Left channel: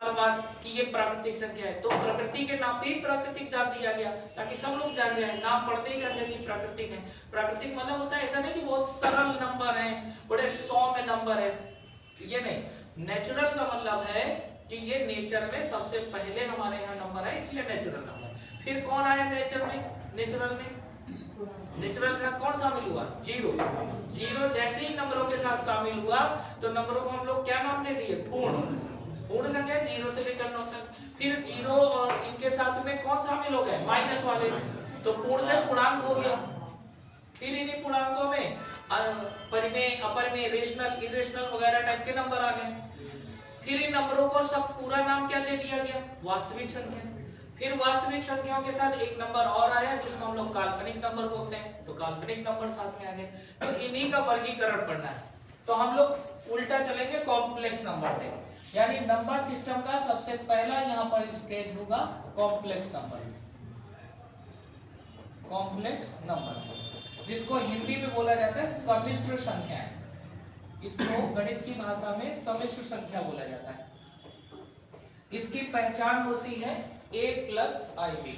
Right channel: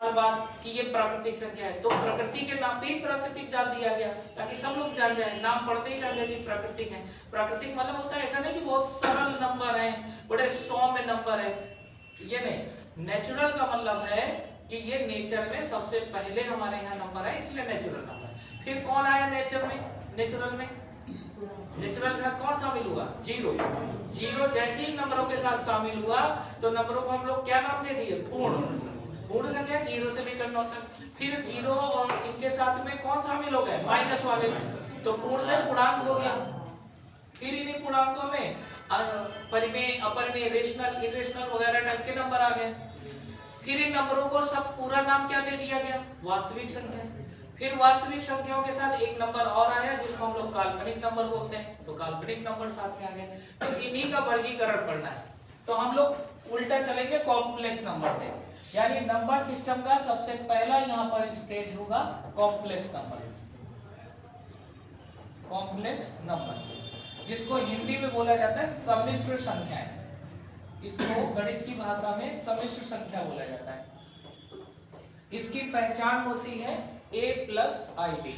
बात कि ये प्राकृतिक संख्या है, तो प्रकृति के नाम पे ही प्राकृतिक डाल दिया गया ताकि सब लोग जान जाए, नाम पढ़ते ही जान जाए कि प्राकृतिक है। प्राकृतिक मतलब होता है ऐसा नहीं कि बहुत सरल नंबर है, बड़े 100 में नंबर है, ये नहीं। नेचुरल का मतलब है कि ये नेचर में सबसे पहले हमारे यहाँ नंबर है, इसलिए नेचुरल नंबर। फिर कौन आया नेचर में, नेचुरल में नेचुरल के साथ कौन शामिल हुआ, जीरो। जीरो जैसे ही नंबरों के साथ शामिल हुआ तो नंबरों को हम लोग क्या नाम दे दिए, पूर्ण। पूर्ण संख्या जीरो से लेकर 9 तक। फिर जीरो और इनके साथ में कौन शामिल हो गए, माइनस वाले, तो पूर्ण से पूर्णांक हो गया। फिर इन्हीं पूर्णांकों में परिमेय, अपरिमेय, रेशनल, इरेशनल वगैरह टाइप के नंबर आ गए। फिर इन नंबरों को सब पूरा नाम क्या दे दिया गया, वास्तविक संख्या। फिर वास्तविक संख्याओं के साथ एक नंबर और आया जिसको हम लोग काल्पनिक नंबर बोलते हैं, तो काल्पनिक नंबर साथ में आ गए। तो इन्हीं का वर्गीकरण पढ़ना है। तो हम लोग उल्टा चलेंगे कॉम्प्लेक्स नंबर से, यानी नंबर सिस्टम का सबसे पहला यहाँ पर स्टेज होगा कॉम्प्लेक्स नंबर। कॉम्प्लेक्स नंबर जिसको हिंदी में बोला जाता है सम्मिश्र संख्याएं, इसको गणित की भाषा में सम्मिश्र संख्या बोला जाता है। इसकी पहचान होती है a प्लस आई बी।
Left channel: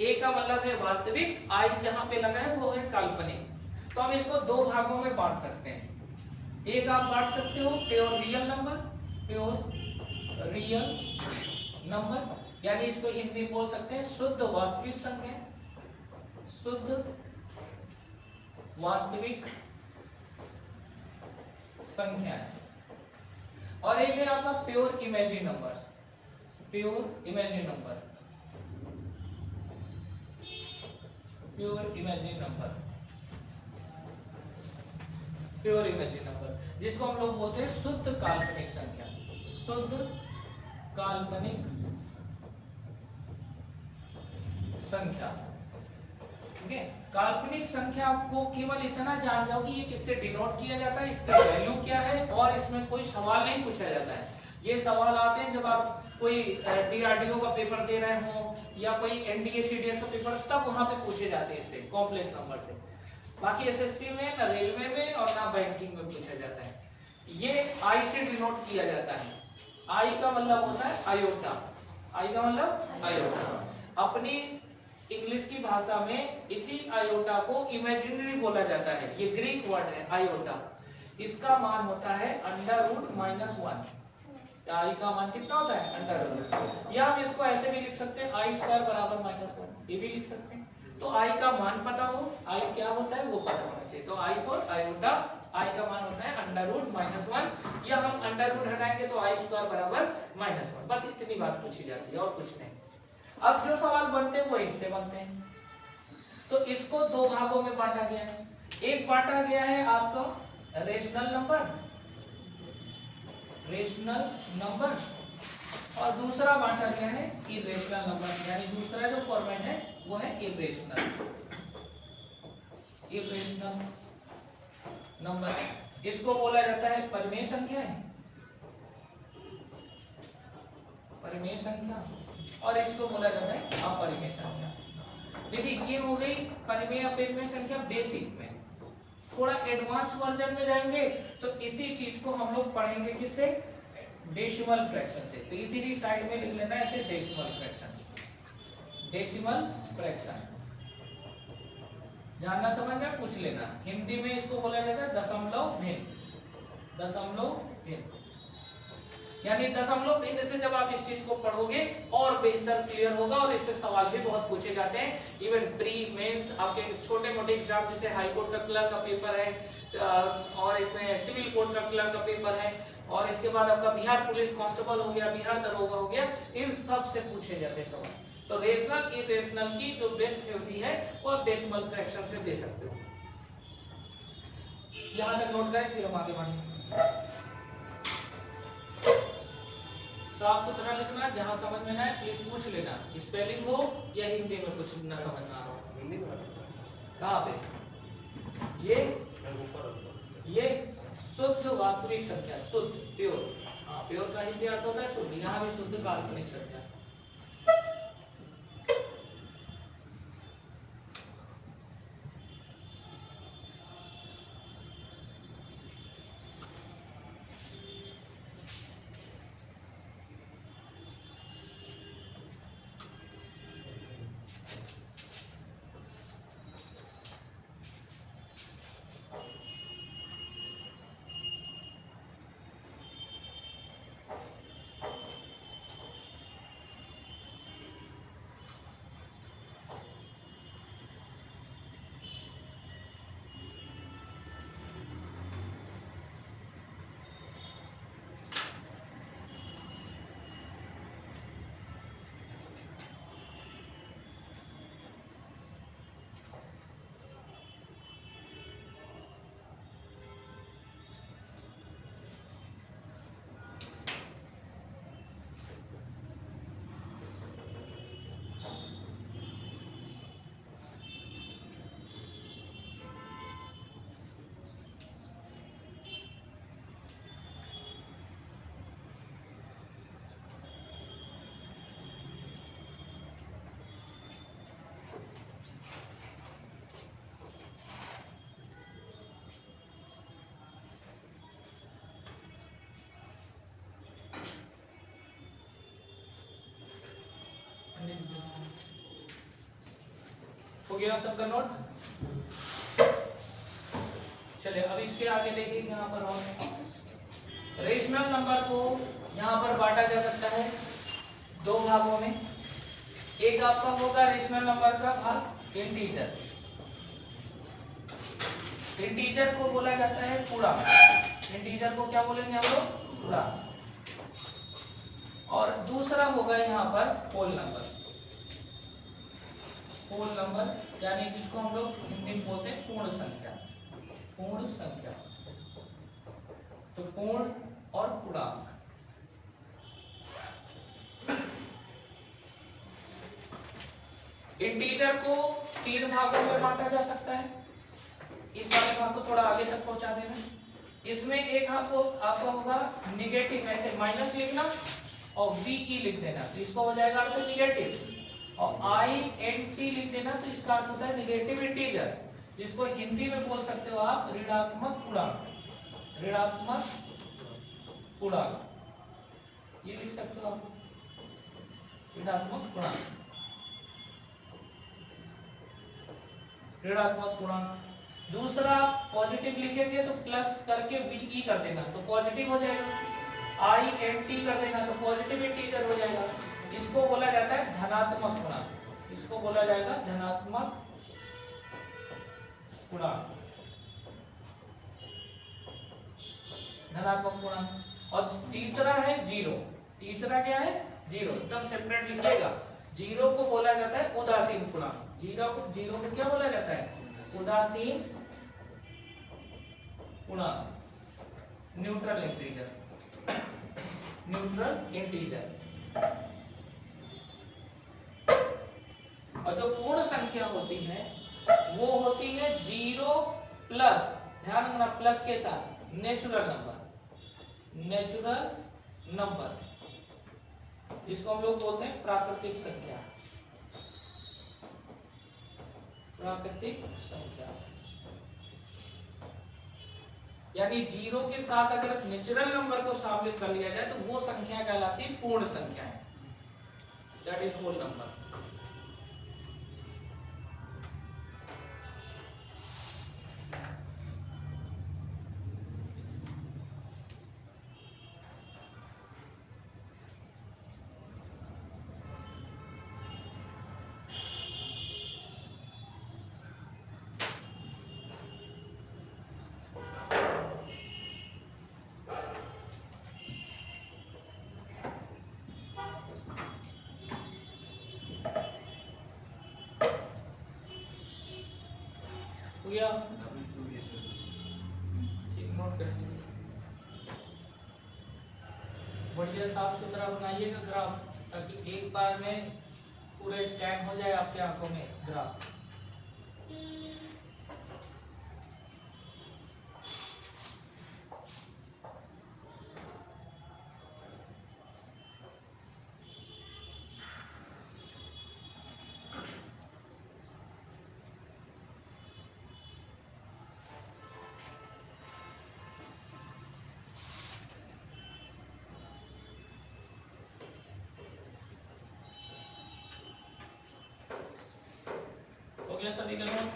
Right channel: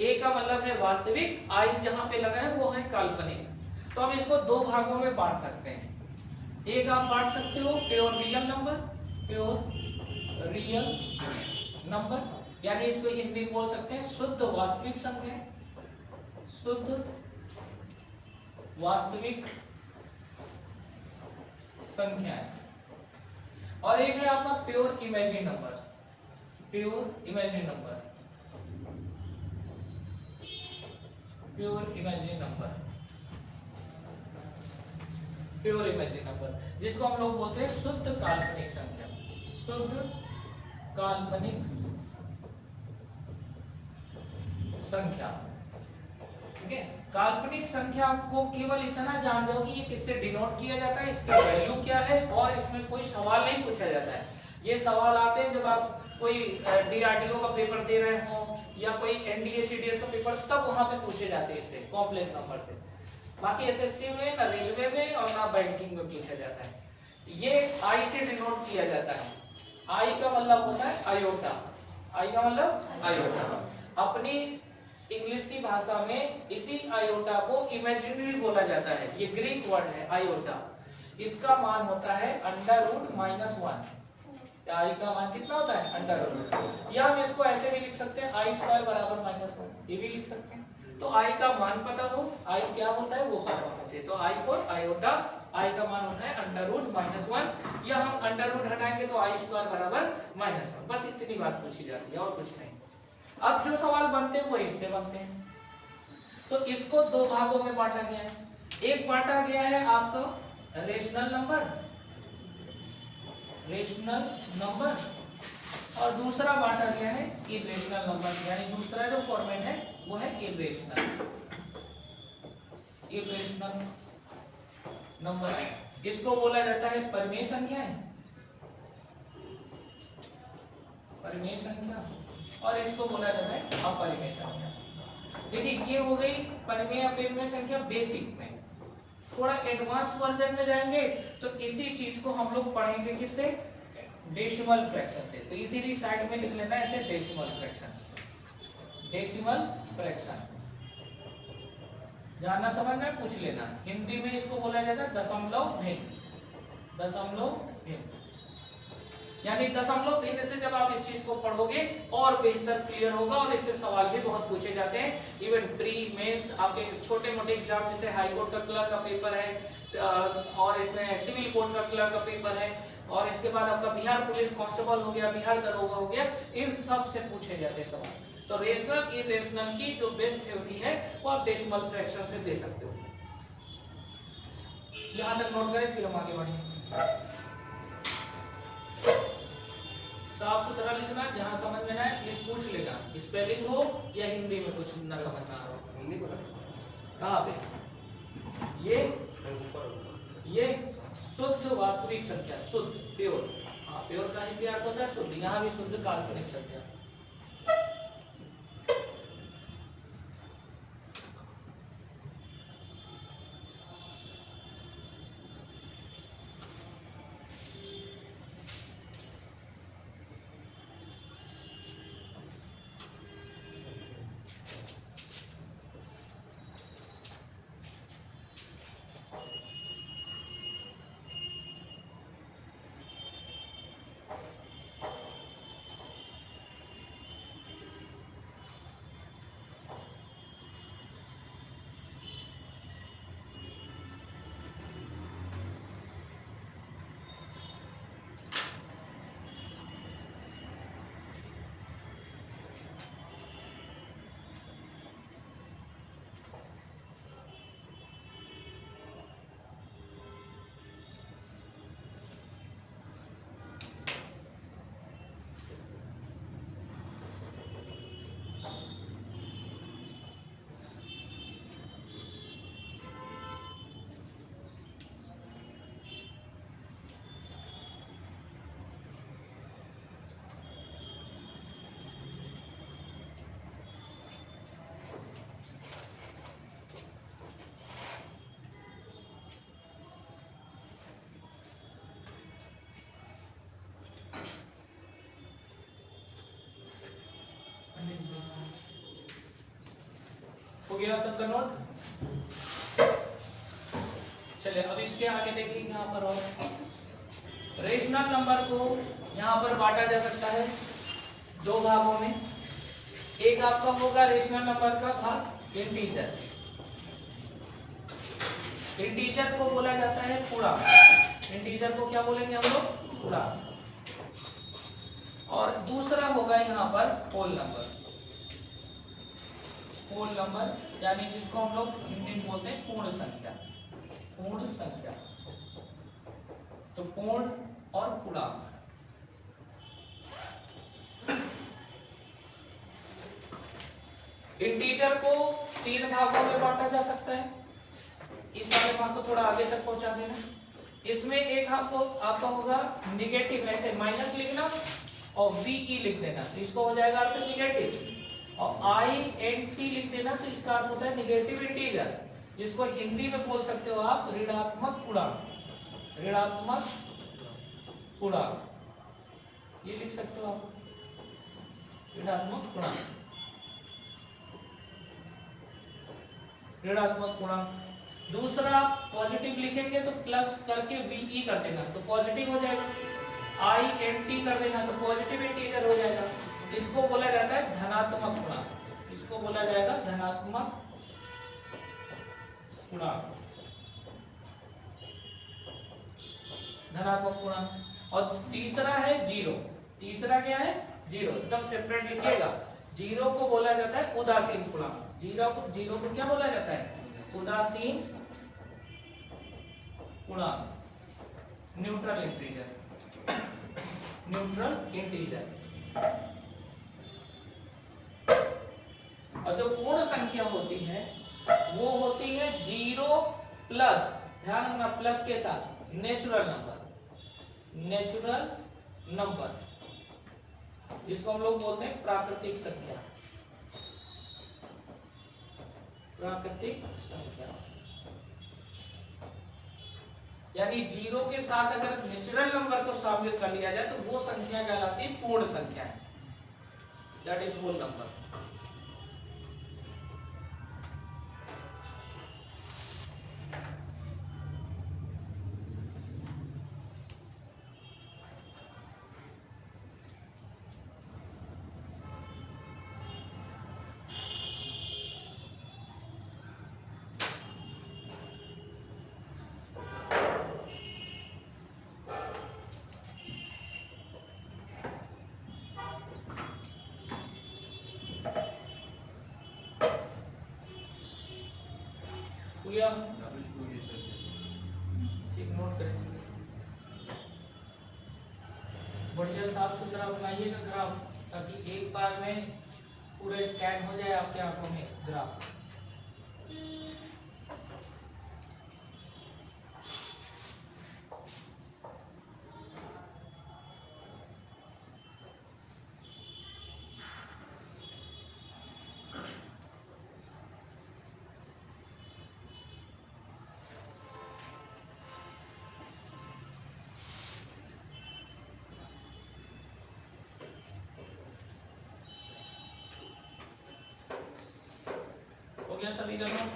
ए का मतलब है वास्तविक, आई जहां पे लगा है वो है काल्पनिक। तो हम इसको दो भागों में बांट सकते हैं। एक आप बांट सकते हो pure real number, pure real number, यानी इसको हिंदी में बोल सकते हैं शुद्ध वास्तविक संख्या, शुद्ध वास्तविक संख्या है। और एक है आपका pure imagine number, pure imagine number, pure imagine number, pure imagine number, जिसको हम लोग बोलते हैं शुद्ध काल्पनिक संख्या, शुद्ध काल्पनिक संख्या। ठीक है, काल्पनिक संख्या आपको केवल इतना जान जाओ कि ये किससे डिनोट किया जाता है, इसका वैल्यू क्या है, और इसमें कोई सवाल नहीं पूछा जाता है। ये सवाल आते हैं जब आप कोई डीआरडीओ का पेपर दे रहे हो या कोई एनडीए सीडीएस का पेपर, तब वहां पे पूछे जाते हैं इससे, कॉम्प्लेक्स नंबर से। बाकी एसएससी में ना रेलवे में और ना बैंकिंग में पूछा जाता है। ये आई से डिनोट किया जाता है। आई का मतलब होता है आयोटा, आई का मतलब आयोटा। अपनी इंग्लिश की भाषा में इसी आयोटा को इमेजिनरी बोला जाता है, ये ग्रीक वर्ड है आयोटा। इसका मान होता है √-1। आई का मान कितना होता है, √। या हम इसको ऐसे भी लिख सकते हैं आई स्क्वायर बराबर -1, ये भी लिख सकते हैं। तो आई का मान पता हो, आई क्या होता है वो पता होना चाहिए। तो आई फॉर आयोटा, आई का मान होता है √-1, या हम अंडर हटाएंगे तो आई स्क्वायर बराबर -1। बस इतनी बात पूछी जाती है और कुछ नहीं। अब जो सवाल बनते हैं वो इससे बनते हैं। तो इसको दो भागों में बांटा गया है। एक बांटा गया है आपका रेशनल नंबर, रेशनल नंबर, और दूसरा बांटा गया है इरेशनल नंबर, यानी दूसरा जो फॉर्मेट है वो है इरेशनल, इरेशनल नंबर। इसको बोला जाता है परिमेय संख्या, परिमेय संख्या, और इसको बोला जाता है अपरिमेय संख्या। देखिए ये हो गई परिमेय अपरिमेय संख्या बेसिक में। थोड़ा एडवांस वर्जन में जाएंगे तो इसी चीज को हम लोग पढ़ेंगे किससे, डेसिमल फ्रैक्शन से। तो इधर साइड में लिख लेना है ऐसे डेसिमल फ्रैक्शन, डेसिमल फ्रैक्शन। जानना समझना पूछ लेना। हिंदी में इसको बोला जाता है दशमलव भिन्न, दशमलव भिन्न। यानी दशमलव भिन्न से जब आप इस चीज को पढ़ोगे और बेहतर क्लियर होगा, और इससे सवाल भी बहुत पूछे जाते हैं। इवन प्री मेंस आपके छोटे मोटे एग्जाम जैसे हाई कोर्ट का क्लर्क का पेपर है, और इसमें सिविल कोर्ट का क्लर्क का पेपर है, और इसके बाद आपका बिहार पुलिस कांस्टेबल हो गया, बिहार दरोगा हो गया, इन सब से पूछे जाते हैं सवाल। तो रेशनल इरेशनल की जो बेस्ट थ्योरी है वो आप डेसिमल फ्रैक्शन से दे सकते हो। यहां तक नोट करें, फिर हम आगे बढ़ेंगे। साफ सुथरा लिखना, जहां समझ में ना आए प्लीज पूछ लेना, स्पेलिंग हो या हिंदी में कुछ ना समझ ना हो। कहाँ पे ये शुद्ध वास्तविक संख्या, शुद्ध प्योर, हाँ प्योर का हिंदी अर्थ होता है शुद्ध, यहाँ भी शुद्ध काल्पनिक संख्या। गया सबका नोट? चलिए अब इसके आगे देखिए यहाँ पर और रेशनल नंबर को यहाँ पर बांटा जा सकता है दो भागों में। एक आपका होगा रेशनल नंबर का भाग इंटीजर। इंटीजर को बोला जाता है पूर्णांक। इंटीजर को क्या बोलेंगे हम लोग? पूर्णांक। और दूसरा होगा यहाँ पर होल नंबर। होल नंबर यानी जिसको हम लोग हिंदी में बोलते हैं पूर्ण संख्या। पूर्ण संख्या तो पूर्ण और पूर्णांक। इंटीजर को तीन भागों में बांटा जा सकता है। इस वाले भाग को थोड़ा आगे तक पहुंचा देना। इसमें एक आपका होगा निगेटिव, ऐसे माइनस लिखना और VE लिख देना, तो इसको हो जाएगा अर्थ निगेटिव। और INT लिख देना, तो इसका अर्थ होता है निगेटिव इंटीजर, जिसको हिंदी में बोल सकते हो आप ऋणात्मक पूर्णांक। ऋणात्मक पूर्णांक ये लिख सकते हो आप, ऋणात्मक पूर्णांक। ऋणात्मक पूर्णांक। दूसरा पॉजिटिव लिखेंगे तो प्लस करके VE कर देना, तो पॉजिटिव हो जाएगा। INT कर देना तो पॉजिटिव इंटीजर हो जाएगा। इसको बोला जाता है धनात्मक पूर्णांक। इसको बोला जाएगा धनात्मक पूर्णांक। धनात्मक पूर्णांक। और तीसरा है जीरो। तीसरा क्या है? जीरो। एकदम सेपरेट लिखिएगा। जीरो को बोला जाता है उदासीन पूर्णांक। जीरो को क्या बोला जाता है? उदासीन पूर्णांक, न्यूट्रल इंटीजर। Neutral integer. और जो पूर्ण संख्या होती है वो होती है जीरो प्लस, ध्यान रखना प्लस के साथ, नेचुरल नंबर। नेचुरल नंबर इसको हम लोग बोलते हैं प्राकृतिक संख्या। प्राकृतिक संख्या यानी जीरो के साथ अगर नेचुरल नंबर को शामिल कर लिया जाए तो वो संख्या कहलाती है पूर्ण संख्या है। That is whole number. Note करें, बढ़िया साफ सुथरा बनाइएगा ग्राफ, ताकि एक बार में पूरा स्कैन हो जाए आपके आंखों में ग्राफ। गया सभी के नोट?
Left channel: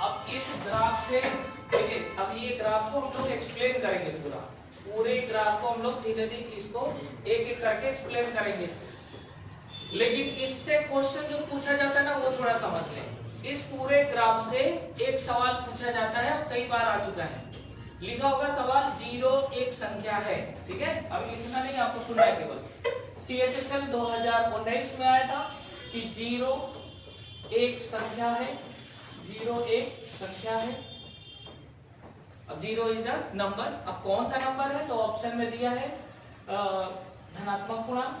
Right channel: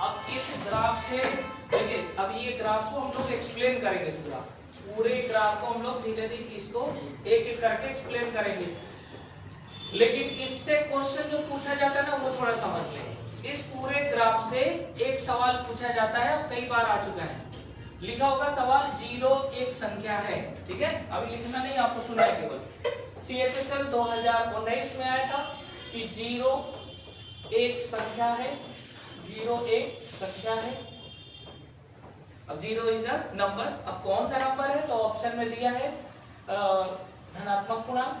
अब इस ग्राफ से देखिए, अब ये ग्राफ को हम लोग एक्सप्लेन करेंगे पूरा। पूरे ग्राफ को हम लोग धीरे धीरे इसको एक एक करके एक्सप्लेन करेंगे, लेकिन इससे क्वेश्चन जो पूछा जाता है ना वो थोड़ा समझ लें। इस पूरे ग्राफ से एक सवाल पूछा जाता है, कई बार आ चुका है, लिखा होगा सवाल जीरो एक संख्या है, ठीक है? अभी लिखना नहीं, आपको सुना है केवल। CHSL 2019 में आया था कि जीरो एक संख्या है। जीरो एक संख्या है। अब जीरो इज अ नंबर। अब कौन सा नंबर है? तो ऑप्शन में दिया है धनात्मक पूर्णांक,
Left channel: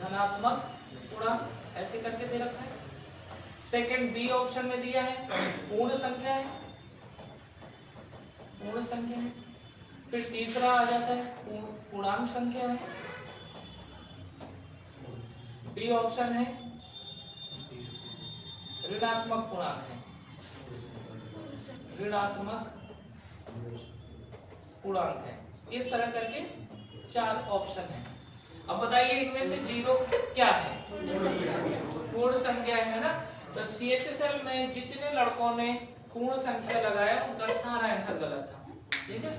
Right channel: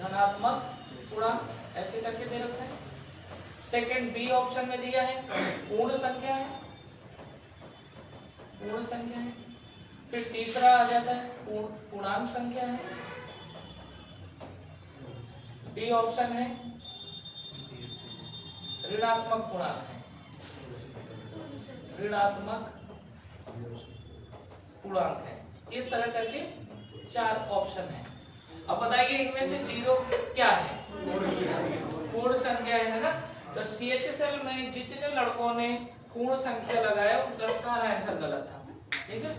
धनात्मक पूर्णांक ऐसे करके दे रखा है। सेकंड बी ऑप्शन में दिया है पूर्ण संख्या है, पूर्ण संख्या है। फिर तीसरा आ जाता है पूर्णांक संख्या है। डी ऑप्शन है ऋणात्मक पूर्णांक है, ऋणात्मक पूर्णांक है। इस तरह करके चार ऑप्शन है। अब बताइए इनमें से जीरो क्या है? पूर्ण संख्या है ना। तो CHSL में जितने लड़कों ने पूर्ण संख्या लगाया उनका सारा आंसर गलत था, ठीक है।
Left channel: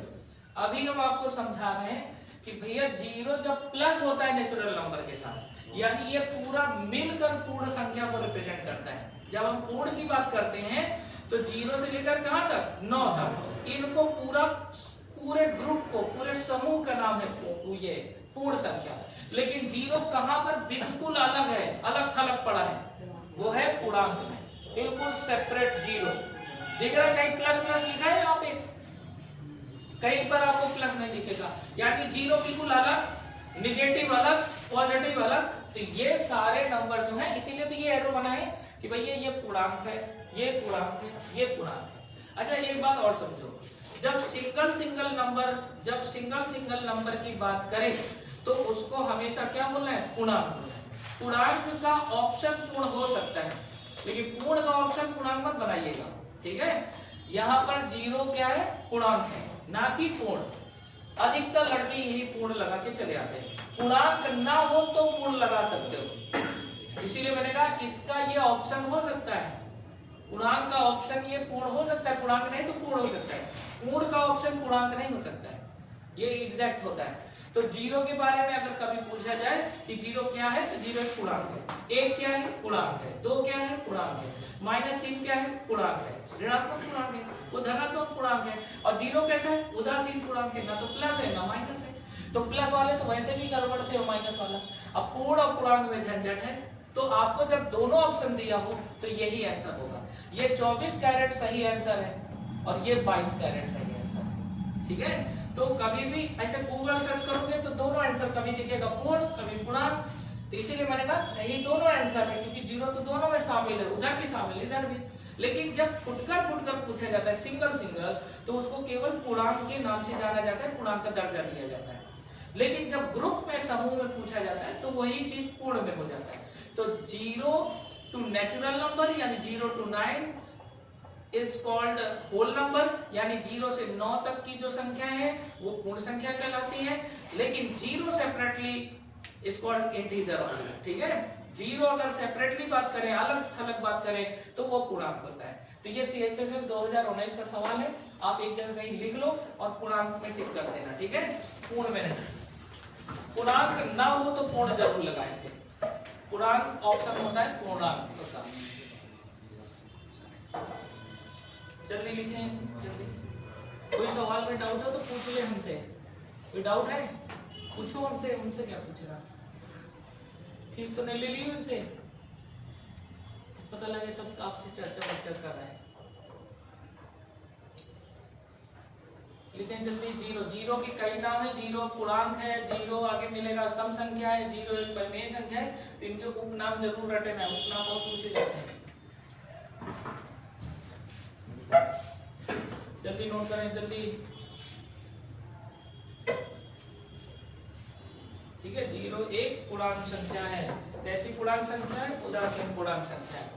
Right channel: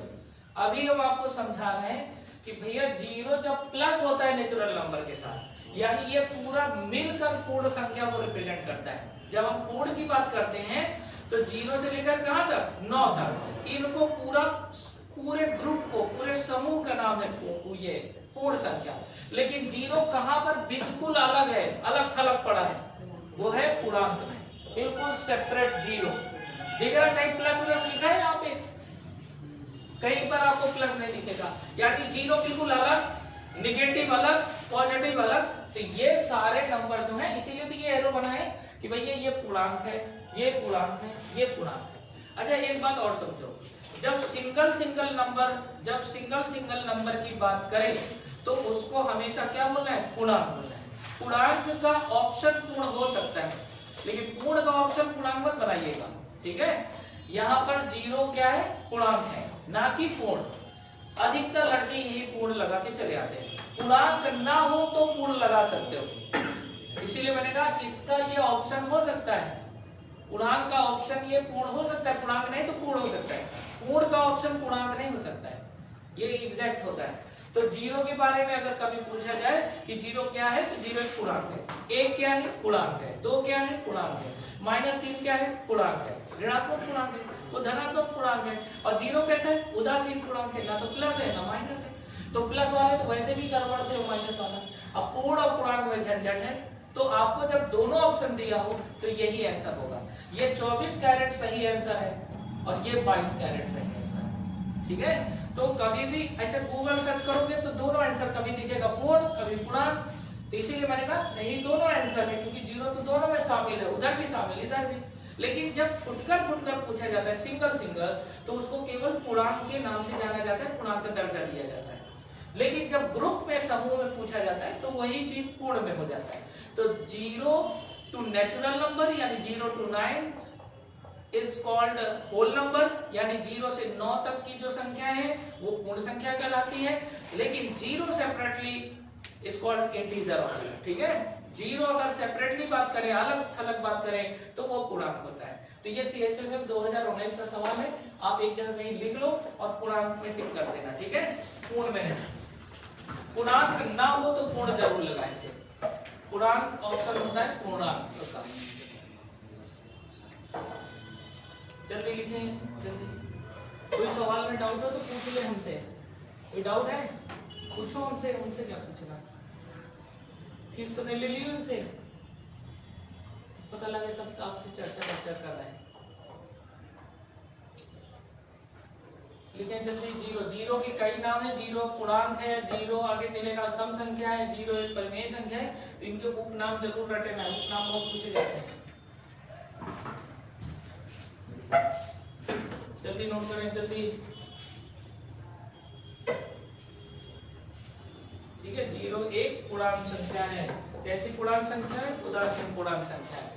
अभी हम आपको समझा रहे हैं कि भैया जीरो जब प्लस होता है नेचुरल नंबर के साथ, यानी ये पूरा मिलकर पूर्ण संख्या को रिप्रेजेंट करता है। जब हम पूर्ण की बात करते हैं तो जीरो से लेकर कहां तक, 9 तक, इनको पूरे ग्रुप को, पूरे समूह का नाम है ये पूर्ण संख्या। लेकिन जीरो कहां पर बिल्कुल अलग है, अलग थलग पड़ा है, वो है पूर्णांक में, बिल्कुल सेपरेट जीरो। देख रहा है कहीं प्लस प्लस लिखा है यहाँ पे, कहीं पर आपको प्लस नहीं दिखेगा, यानी जीरो बिल्कुल अलग, निगेटिव अलग, पॉजिटिव अलग। तो ये सारे नंबर जो हैं, इसीलिए तो ये एरो बना है कि भैया ये पूर्णांक है, ये पूर्णांक है, ये पूर्णांक है। अच्छा एक बात और समझो, जब सिंगल सिंगल नंबर की बात करें तो उसको हमेशा क्या बोलना है, पूर्णांक बोलना है। पूर्णांक का ऑप्शन पूर्ण हो सकता है, लेकिन पूर्ण का ऑप्शन पूर्णांक मत बनाइएगा, ठीक है। यहाँ पर जीरो क्या है, पूर्णांक है, ना कि पूर्ण। अधिकतर लड़के यही पूर्ण लगा के चले आते हैं, पूर्णांक ना हो तो पूर्ण लगा सकते हो। इसीलिए मैंने कहा इसका ये ऑप्शन हो सकता है, पूर्णांक का ऑप्शन ये पूर्ण हो सकता है, पूर्णांक नहीं तो पूर्ण हो सकता है, पूर्ण का ऑप्शन पूर्णांक नहीं हो सकता है, ये एग्जैक्ट होता है। तो जीरो के बारे में अगर कभी पूछा जाए कि जीरो क्या है, तो जीरो एक पूर्णांक है, एक क्या है, पूर्णांक है, दो क्या है, पूर्णांक है, -3 क्या है, पूर्णांक है, ऋणात्मक पूर्णांक है, वो धनात्मक पूर्णांक है। और जीरो कैसा है, उदासीन पूर्णांक है, ना तो प्लस है ना माइनस है। तो प्लस वाले तो वैसे भी गड़बड़ थे, माइनस वाला। अब पूर्ण और पूर्णांक में झंझट है, तो आपको जब दोनों ऑप्शन दिया हो तो यही आंसर होगा। ये 24 कैरेट सही आंसर है और ये 22 कैरेट सही आंसर है, ठीक है। तो कभी भी ऐसे गूगल सर्च करोगे तो दोनों आंसर कभी दिखेगा पूर्ण, कभी पूर्णांक। तो इसीलिए मैंने कहा सही दोनों आंसर है, क्योंकि जीरो तो दोनों में शामिल है, उधर भी शामिल है, इधर भी। लेकिन जब फुटकर पूछा जाता है सिंगल, तो उसको केवल पूर्णांक के नाम से जाना जाता है, पूर्णांक का दर्जा दिया जाता है। लेकिन जब ग्रुप में, समूह में पूछा जाता है तो वही चीज पूर्ण में हो जाता है। तो 0 टू नेचुरल नंबर यानी 0 to 9 is called whole number, यानी 0 से 9 तक की जो संख्या है वो पूर्ण संख्या कहलाती है। लेकिन 0 सेपरेटली इज कॉल्ड इंटीजर, ठीक है। 0 अगर सेपरेटली बात करें, अलग थलग बात करें, तो वो पूर्णांक होता है। तो ये CHSL 2019 का सवाल है, आप एक जगह कहीं लिख लो और पूर्णांक में टिक कर देना, ठीक है। पूर्ण में नहीं, पूर्णांक ना हो तो पूर्ण जरूर लगाएंगे, पूर्णांक ऑप्शन होता है पूर्णांक का। जल्दी लिखें, जल्दी। कोई सवाल में डाउट हो तो पूछ ले हमसे, कोई डाउट है पूछो हमसे, हमसे क्या पूछना। फीस तो नहीं ले ली उनसे, पता लगे सब आपसे चर्चा कर रहा है। लिखें जल्दी। 0 के कई नाम है, 0 पूर्णांक है, 0 आगे मिलेगा सम संख्या है, 0 एक परिमेय संख्या है। तो इनके उपनाम जरूर रटना है, उपनाम बहुत पूछे जाते हैं। जल्दी नोट करें, जल्दी, ठीक है। 0 एक पूर्णांक संख्या है। कैसी पूर्णांक संख्या है, उदासीन पूर्णांक संख्या है।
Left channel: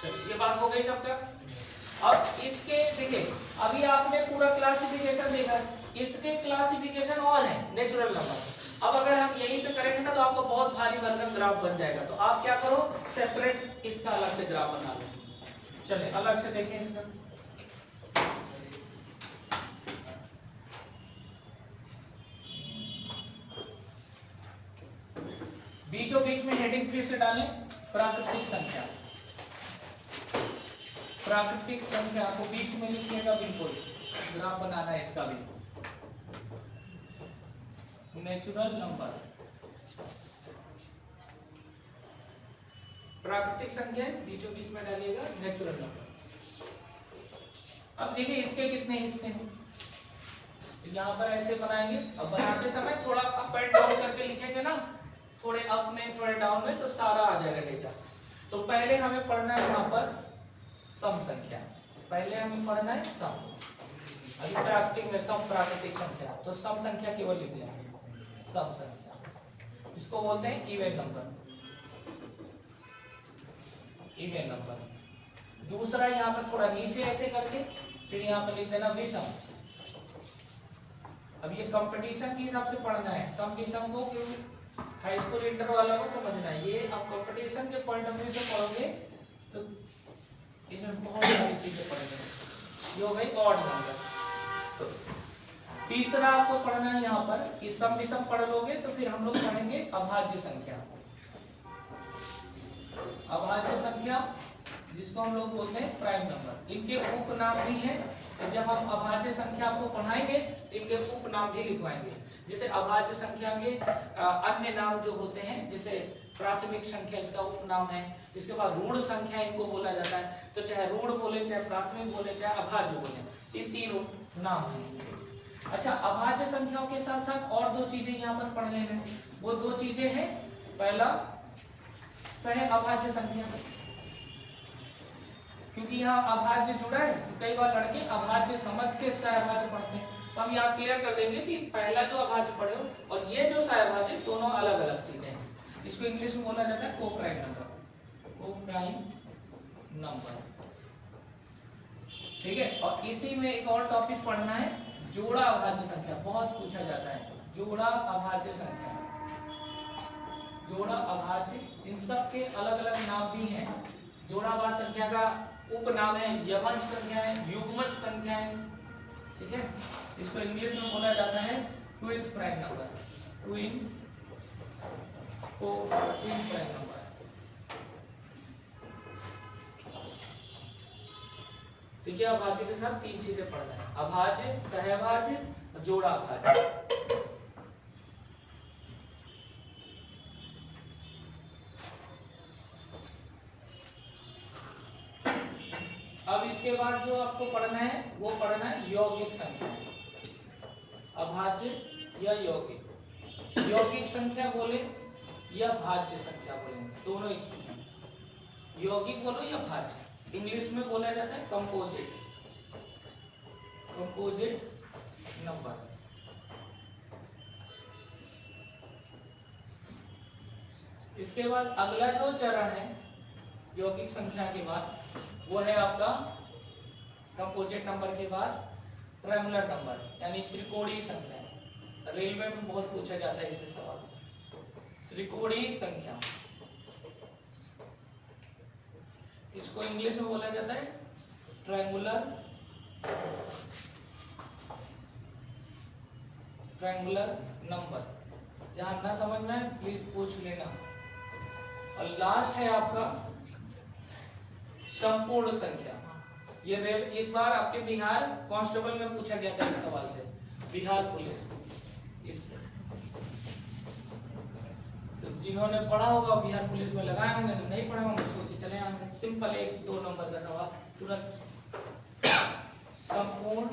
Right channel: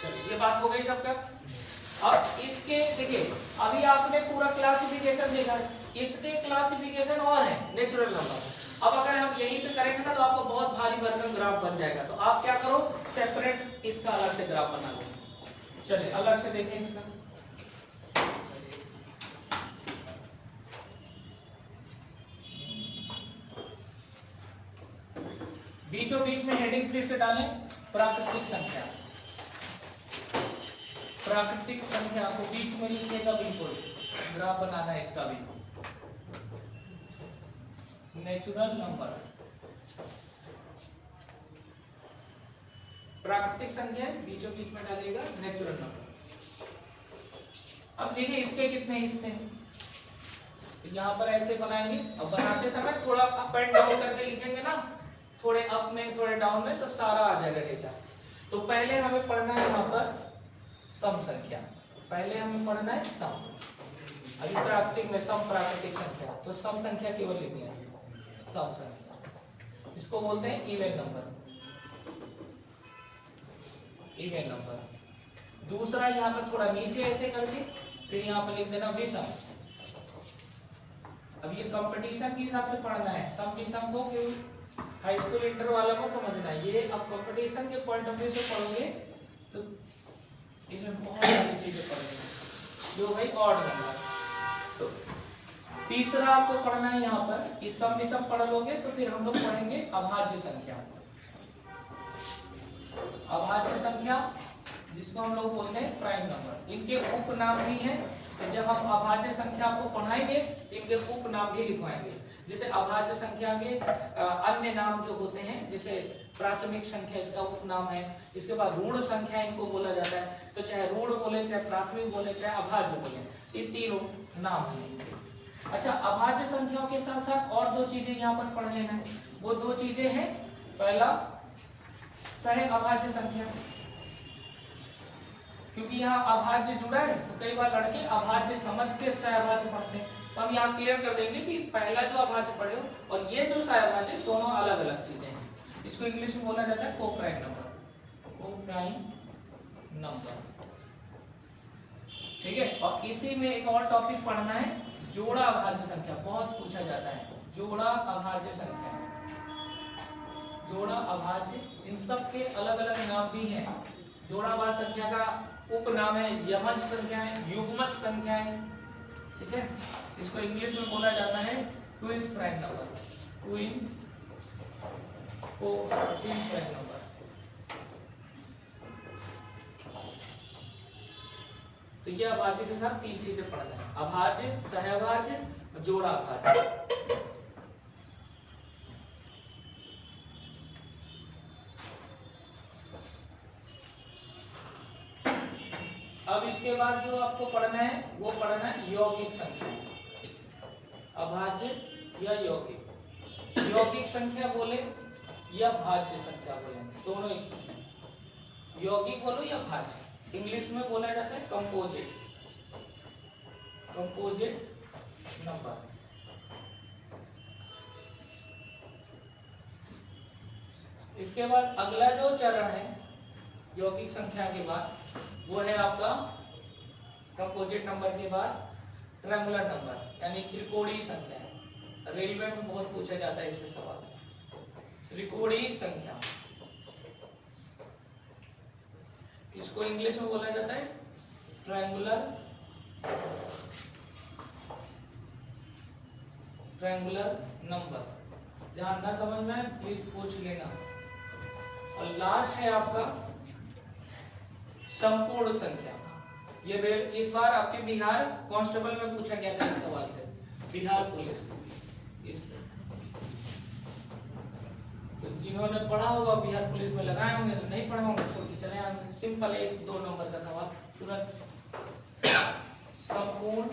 चलिए ये बात हो गई सबका। अब इसके देखिए, अभी आपने पूरा क्लासिफिकेशन देखा, इसके क्लासिफिकेशन और है नेचुरल नंबर। अब अगर हम यही तो करेंगे ना तो आपको बहुत भारी भरकम ग्राफ बन जाएगा। तो आप क्या करो, सेपरेट इसका अलग से ग्राफ बना लो। चलिए अलग से देखें इसका। बीचों बीच में हेडिंग फिर से डालें, प्राकृतिक संख्या। प्राकृतिक संख्या को बीच में लिखिएगा, बिल्कुल ग्राफ बनाना है इसका भी। नेचुरल नंबर, प्राकृतिक संख्या बीचों बीच में डालिएगा, नेचुरल नंबर। अब देखिए इसके कितने हिस्से हैं, यहाँ पर ऐसे बनाएंगे। अब बनाते समय थोड़ा अप एंड डाउन करके लिखेंगे ना, थोड़े अप में थोड़े डाउन में, तो सारा आ जाएगा डेटा। तो पहले हमें पढ़ना है यहाँ पर सम संख्या, पहले हमें पढ़ना है सम। अभी प्राकृतिक में सम प्राकृतिक संख्या, तो सम संख्या केवल लिख लें, सम संख्या। इसको बोलते हैं इवन नंबर, इवन नंबर। दूसरा यहाँ पर थोड़ा नीचे ऐसे करके, फिर यहाँ पर लिख देना विषम, अब ये कंपटीशन के हिसाब से पढ़ना है, सम विषम को क्योंकि हाई स्कूल इंटर वाला को समझना है। ये अब कंपटीशन के पॉइंट ऑफ व्यू से पढ़ोगे तो इसमें बहुत सारी चीजें पढ़ेंगे जो भाई ऑड नंबर। तीसरा आपको पढ़ना है यहाँ पर कि सम विषम पढ़ लोगे तो फिर हम लोग पढ़ेंगे अभाज्य संख्या। अभाज्य संख्या जिसको हम लोग बोलते हैं प्राइम नंबर, इनके उपनाम भी हैं। तो जब हम अभाज्य संख्या आपको पढ़ाएंगे इनके उपनाम भी लिखवाएंगे। जैसे अभाज्य संख्या के अन्य नाम जो होते हैं, जैसे प्राथमिक संख्या इसका उपनाम है, इसके बाद ऋण संख्या इनको बोला जाता है। तो चाहे ऋण बोले, चाहे प्राथमिक बोले, चाहे अभाज्य बोले, ये तीनों नाम है। अच्छा, अभाज्य संख्याओं के साथ साथ और दो चीजें यहाँ पर पढ़ लेना है। वो दो चीजें हैं, पहला सह अभाज्य संख्या, क्योंकि यहाँ अभाज्य जुड़ा है तो कई बार लड़के अभाज्य समझ के सहअभाज्य पढ़ते हैं। तो हम यहाँ क्लियर कर देंगे कि पहला जो अभाज्य पढ़े हो और ये जो सहअभाज्य, दोनों अलग अलग चीजें हैं। इसको इंग्लिश में बोला जाता है को-प्राइम नंबर, को-प्राइम नंबर, ठीक है। और इसी में एक और टॉपिक पढ़ना है, जोड़ा अभाज्य संख्या, बहुत पूछा जाता है। जोड़ा अभाज्य संख्या, जोड़ा अभाज्य, इन सब के अलग अलग नाम भी हैं। जोड़ा अभाज्य संख्या का उपनाम है यमन संख्याएं, युग्मज संख्याएं, ठीक है। इसको इंग्लिश में बोला जाता है twins prime number, twins prime number. तो ये अभाज्य के साथ तीन चीजें पढ़ना है, अभाज्य, सहअभाज्य, जोड़ा अभाज्य। अब इसके बाद जो आपको पढ़ना है वो पढ़ना है यौगिक संख्या, अभाज्य या यौगिक। यौगिक संख्या बोले या भाज्य संख्या बोले, दोनों एक ही है। यौगिक बोलो या भाज्य, इंग्लिश में बोला जाता है कंपोजिट, कंपोजिट नंबर। इसके बाद अगला जो चरण है यौगिक संख्या के बाद, वो है आपका कंपोजिट नंबर के बाद ट्रायंगुलर नंबर, यानी त्रिकोणीय संख्या। रेलवे में बहुत पूछा जाता है इससे सवाल, त्रिकोणीय संख्या। इसको इंग्लिश में बोला जाता है ट्रायंगुलर नंबर। जहां ना समझ में आए प्लीज पूछ लेना। और लास्ट है आपका संपूर्ण संख्या। ये इस बार आपके बिहार कांस्टेबल में पूछा गया था इस सवाल से, बिहार पुलिस इससे। तो जिन्होंने पढ़ा होगा बिहार पुलिस में लगाए होंगे, तो नहीं पढ़ा होंगे छोड़ के चले आएंगे। सिंपल 1-2 नंबर का सवाल तुरंत। संपूर्ण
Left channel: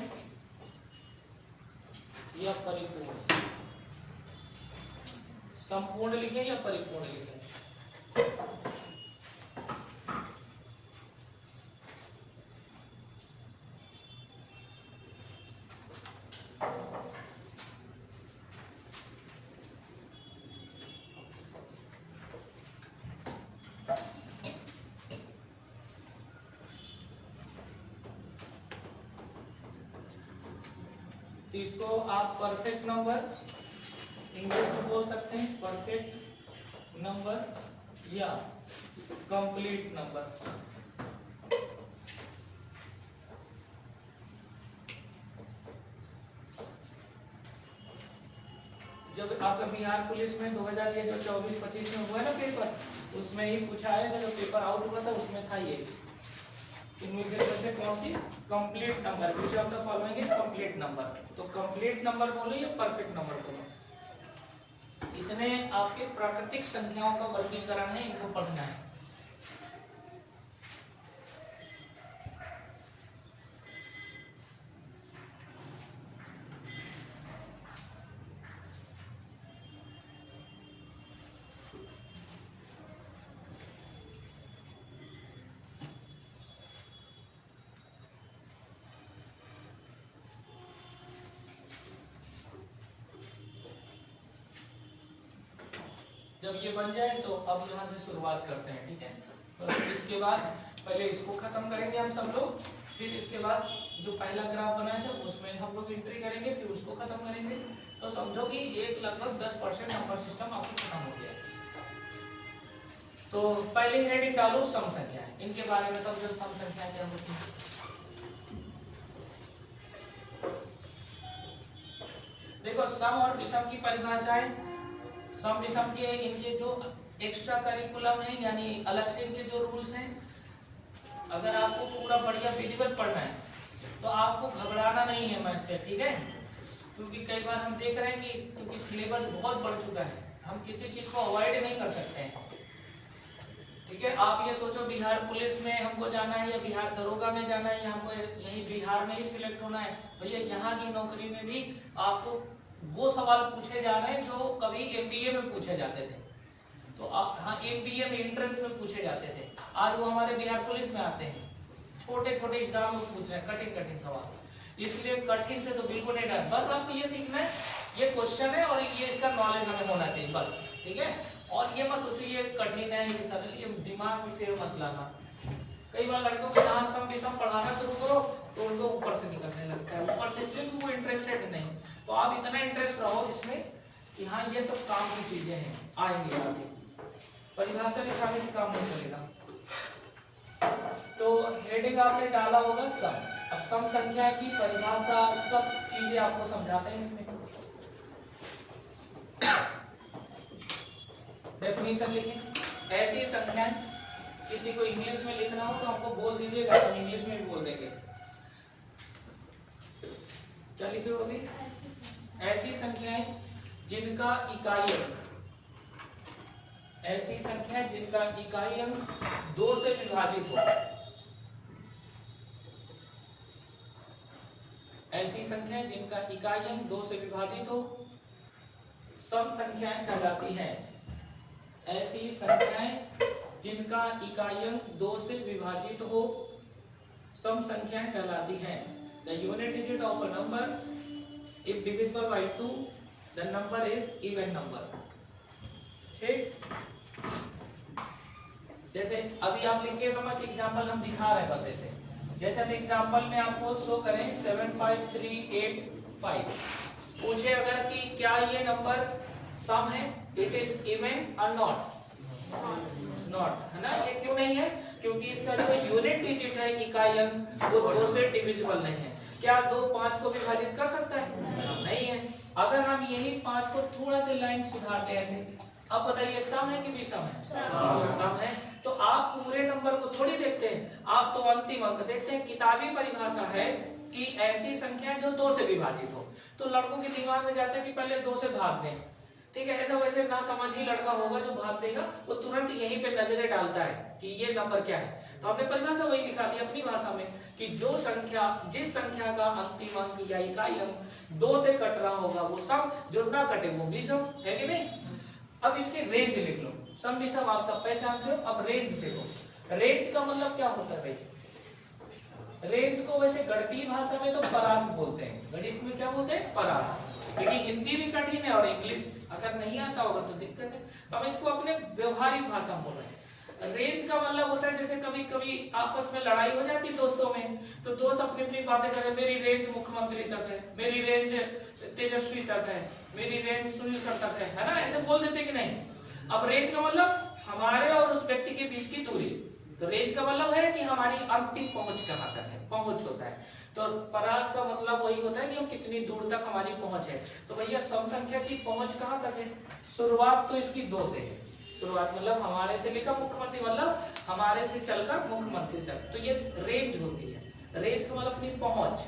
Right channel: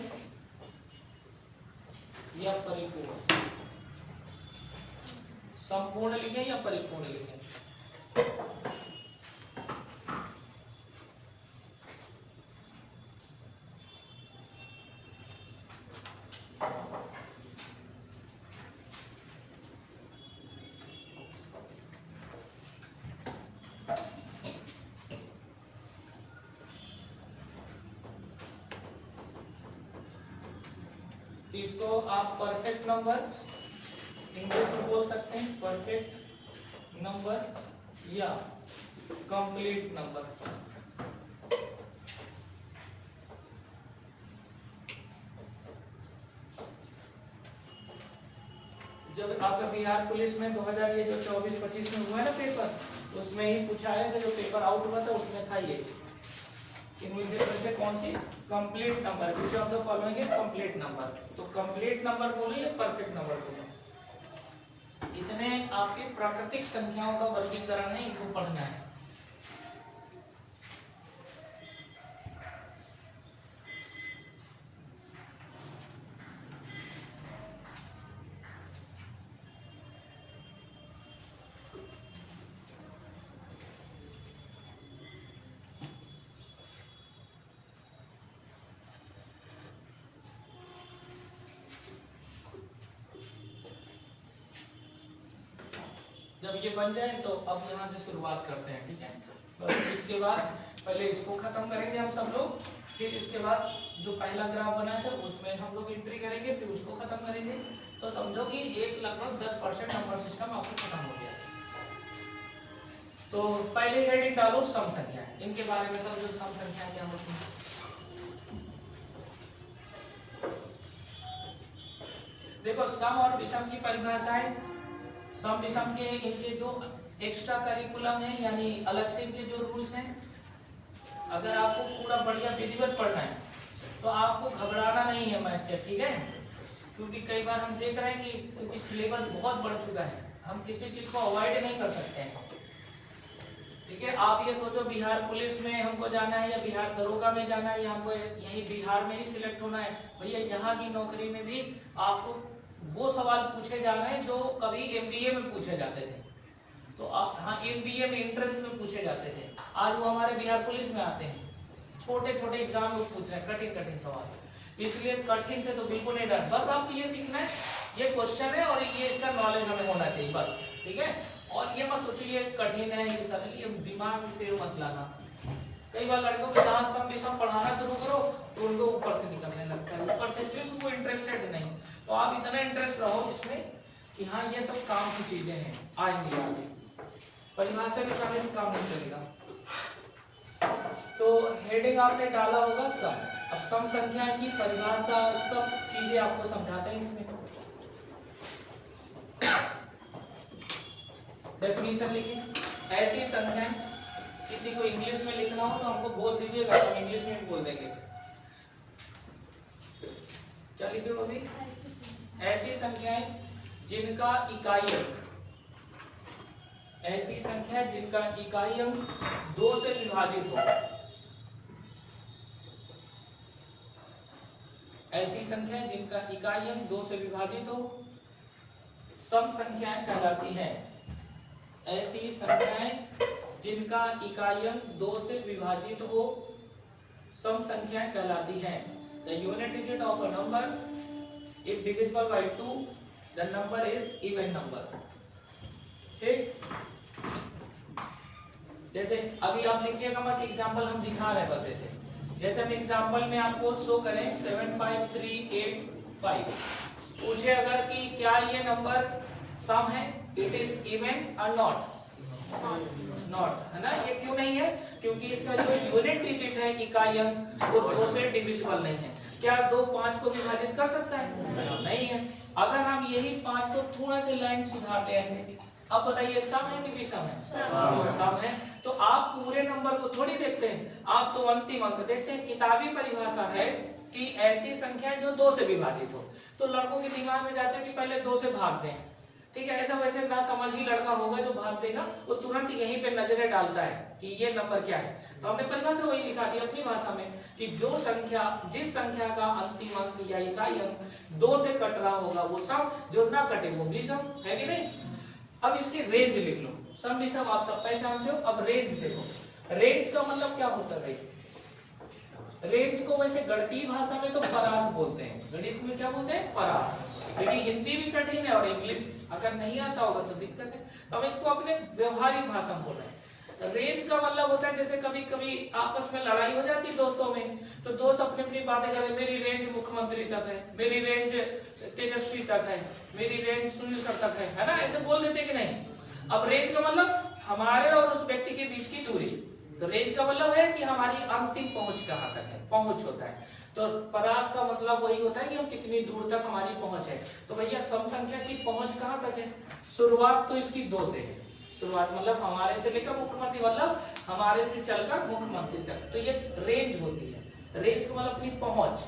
या परिपूर्ण, संपूर्ण लिखे या परिपूर्ण लिखे। इसको आप परफेक्ट नंबर इंग्लिश में बोल सकते हैं, परफेक्ट नंबर या कंप्लीट नंबर। जब आपका बिहार पुलिस में 2024-25 में हुआ ना पेपर, उसमें ही पूछा है, जो पेपर आउट हुआ था उसमें था ये, इनमें से कौन सी complete number, which of the following is complete number. तो कंप्लीट नंबर बोलो या परफेक्ट नंबर बोलो, इतने आपके प्राकृतिक संख्याओं का वर्गीकरण है, इनको पढ़ना है। जब ये बन जाए तो अब यहाँ से शुरुआत करते हैं, ठीक है। तो इसके बाद पहले इसको खत्म करेंगे हम सब लोग, फिर इसके बाद जो पहला ग्राफ बनाया था उसमें हम लोग एंट्री करेंगे, फिर उसको खत्म करेंगे। तो समझो कि एक लगभग 10% नंबर सिस्टम आपको खत्म हो गया। तो पहले हेडिंग डालो सम संख्या, इनके बारे में समझो सम संख्या क्या होती है। देखो सम और विषम की परिभाषा है। सम विषम के इनके जो एक्स्ट्रा करिकुलम है यानी अलग से इनके जो रूल्स हैं, अगर आपको पूरा बढ़िया विधिवत पढ़ना है तो आपको घबराना नहीं है मैथ से, ठीक है। क्योंकि कई बार हम देख रहे हैं कि क्योंकि सिलेबस बहुत बढ़ चुका है, हम किसी चीज को अवॉइड नहीं कर सकते हैं, ठीक है। आप ये सोचो बिहार पुलिस में हमको जाना है या बिहार दरोगा में जाना है या हमको यही बिहार में ही सिलेक्ट होना है, भैया यहाँ की नौकरी में भी आपको वो सवाल पूछे जा रहे हैं जो कभी एमबीए में पूछे जाते थे। तो हाँ, एमबीए में एंट्रेंस में पूछे जाते थे, आज वो हमारे बिहार पुलिस में आते हैं। छोटे छोटे एग्जाम में पूछ रहे हैं कठिन कठिन सवाल, इसलिए कठिन से तो बिल्कुल नहीं डर। बस आपको ये सीखना है, ये क्वेश्चन है और ये इसका नॉलेज हमें होना चाहिए बस, ठीक है। और ये मत सोचिए ये कठिन है ये सरल, ये दिमाग में पेड़ मत लाना। कई बार लड़कों को जहाँ सम विषम पढ़ाना शुरू करो तो उनको ऊपर से निकलने लगता है, ऊपर से इसलिए वो इंटरेस्टेड नहीं। तो आप इतना इंटरेस्ट रहो इसमें कि हाँ ये सब काम की चीजें हैं, आएंगे आगे। परिभाषा के सामने से काम नहीं चलेगा। तो हेडिंग आपने डाला होगा सम। अब सम संख्या की परिभाषा सब चीजें आपको समझाते हैं इसमें। डेफिनेशन लिखें। ऐसी संख्याएं, किसी को इंग्लिश में लिखना हो तो हमको बोल दीजिएगा, हम इंग्लिश में भी बोल देंगे। क्या लिखे हो अभी? ऐसी संख्याएं जिनका इकाई अंक, ऐसी संख्याएं जिनका इकाई अंक 2 से विभाजित हो, ऐसी संख्याएं जिनका इकाई अंक 2 से विभाजित हो सम संख्याएं कहलाती हैं। ऐसी संख्याएं जिनका इकाई अंक 2 से विभाजित हो सम संख्याएं कहलाती हैं। The unit digit of a number if divisible by 2 the number is even number। ठीक, जैसे अभी आप लिखिएगा मत, एग्जांपल हम दिखा रहे हैं बस ऐसे। जैसे हम एग्जांपल में आपको शो करें 75385, पूछे अगर कि क्या ये नंबर सम है, इट इज इवन और नॉट, नॉट है ना। ये क्यों नहीं है? क्योंकि इसका जो यूनिट डिजिट है इकाई अंक वो 2 से डिविजिबल नहीं है। क्या 2 5 को विभाजित कर सकता है? नहीं है। अगर हम यही 5 को थोड़ा सा लाइन सुधारते ऐसे, अब बताइए सम है कि विषम है? सम है। तो आप पूरे नंबर को थोड़ी देखते हैं, आप तो अंतिम अंक देखते हैं। किताबी परिभाषा है कि ऐसी संख्याएं जो 2 से विभाजित हो। तो लड़कों के दिमाग में जाता है कि पहले 2 से भाग दें, ठीक है। ऐसा वैसे ना समझ ही लड़का होगा जो भाग देगा, वो तुरंत यहीं पे नजरें डालता है कि ये नंबर क्या है। तो हमने परिभाषा वही लिखा दी अपनी भाषा में कि जो संख्या, जिस संख्या का अंतिम अंक या इकाई अंक 2 से कट रहा होगा वो सम, जो ना कटे वो विषम, है कि नहीं। अब इसकी रेंज लिख लो। सम विषम आप सब पहचानते हो। अब रेंज देखो, रेंज का मतलब क्या होता है? रेंज को वैसे गणितीय भाषा में तो परास बोलते हैं, गणित में क्या बोलते हैं? परास। क्योंकि हिंदी भी कठिन है और इंग्लिश अगर नहीं आता होगा तो दिक्कत है। तो हम इसको अपने व्यवहारिक भाषा में बोल रहे हैं। रेंज का मतलब होता है जैसे कभी कभी आपस में लड़ाई हो जाती है दोस्तों में, तो दोस्त अपनी अपनी बातें करें, मेरी रेंज मुख्यमंत्री तक है, मेरी रेंज तेजस्वी तक है, मेरी रेंज सुनील सर तक है ना, ऐसे बोल देते कि नहीं। अब रेंज का मतलब हमारे और उस व्यक्ति के बीच की दूरी। तो रेंज का मतलब है कि हमारी अंतिम पहुंच कहाँ तक है, पहुंच होता है। तो परास का मतलब वही होता है कि हम कितनी दूर तक हमारी पहुंच है। तो भैया सम संख्या की पहुंच कहाँ तक है? शुरुआत तो इसकी 2 से है। शुरुआत मतलब हमारे से लेकर मुख्यमंत्री, मतलब हमारे से चलकर मुख्यमंत्री तक, तो ये रेंज होती है। रेंज का मतलब अपनी पहुंच।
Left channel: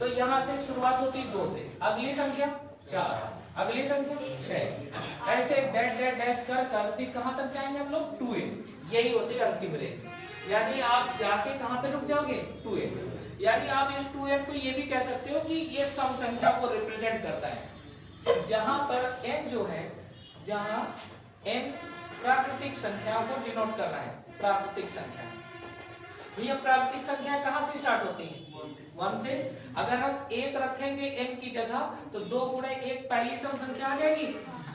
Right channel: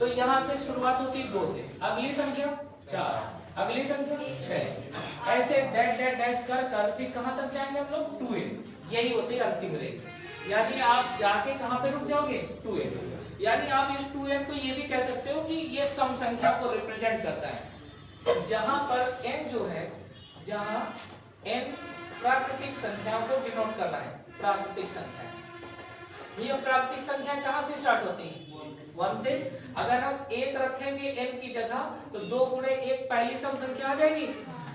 तो यहाँ से शुरुआत होती है 2 से, अगली संख्या 4, अगली संख्या 6, ऐसे डैश डैश डैश कर कर फिर कहाँ तक जाएंगे हम लोग? 2n। यही होती है अंतिम रेंज। यानी आप जाके कहाँ पे रुक जाओगे? 2n। यानी आप इस 2n को ये भी कह सकते हो कि ये सम संख्या को रिप्रेजेंट करता है, जहां पर n जो है, जहां n प्राकृतिक संख्याओं को डिनोट करना है। प्राकृतिक संख्या, ये प्राकृतिक संख्या कहां से स्टार्ट होती है? 1 से। अगर हम 1 रखेंगे n की जगह तो 2 गुणे 1 पहली सम संख्या आ जाएगी।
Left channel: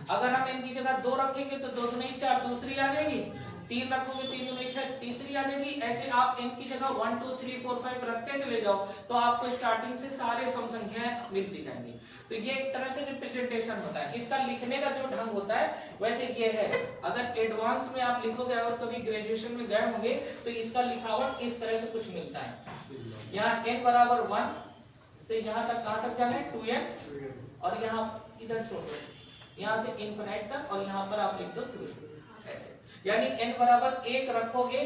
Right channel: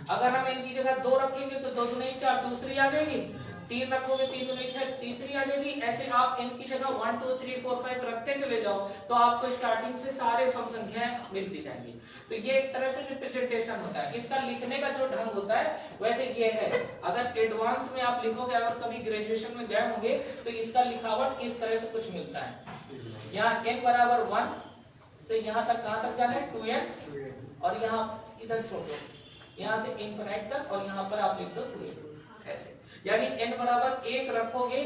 अगर हम n की जगह 2 रखेंगे तो 2 गुणे 4 दूसरी आ जाएगी। 3 रखोगे 3 में 6 तीसरी आ जाएगी। ऐसे आप n की जगह 1 2 3 4 5 रखते चले जाओ तो आपको स्टार्टिंग से सारे सम संख्याएं मिलती जाएंगी। तो ये एक तरह से रिप्रेजेंटेशन होता है। इसका लिखने का जो ढंग होता है वैसे ये है। अगर एडवांस में आप लिखोगे और कभी ग्रेजुएशन में गए होंगे तो इसका लिखावट इस तरह से कुछ मिलता है। यहाँ n बराबर 1 से यहाँ तक कहाँ तक जाना है 2n और यहाँ इधर छोड़ दो, यहाँ से इनफिनिट तक और यहाँ पर आप लिख दो 2n ऐसे। यानी n बराबर 1 रखोगे,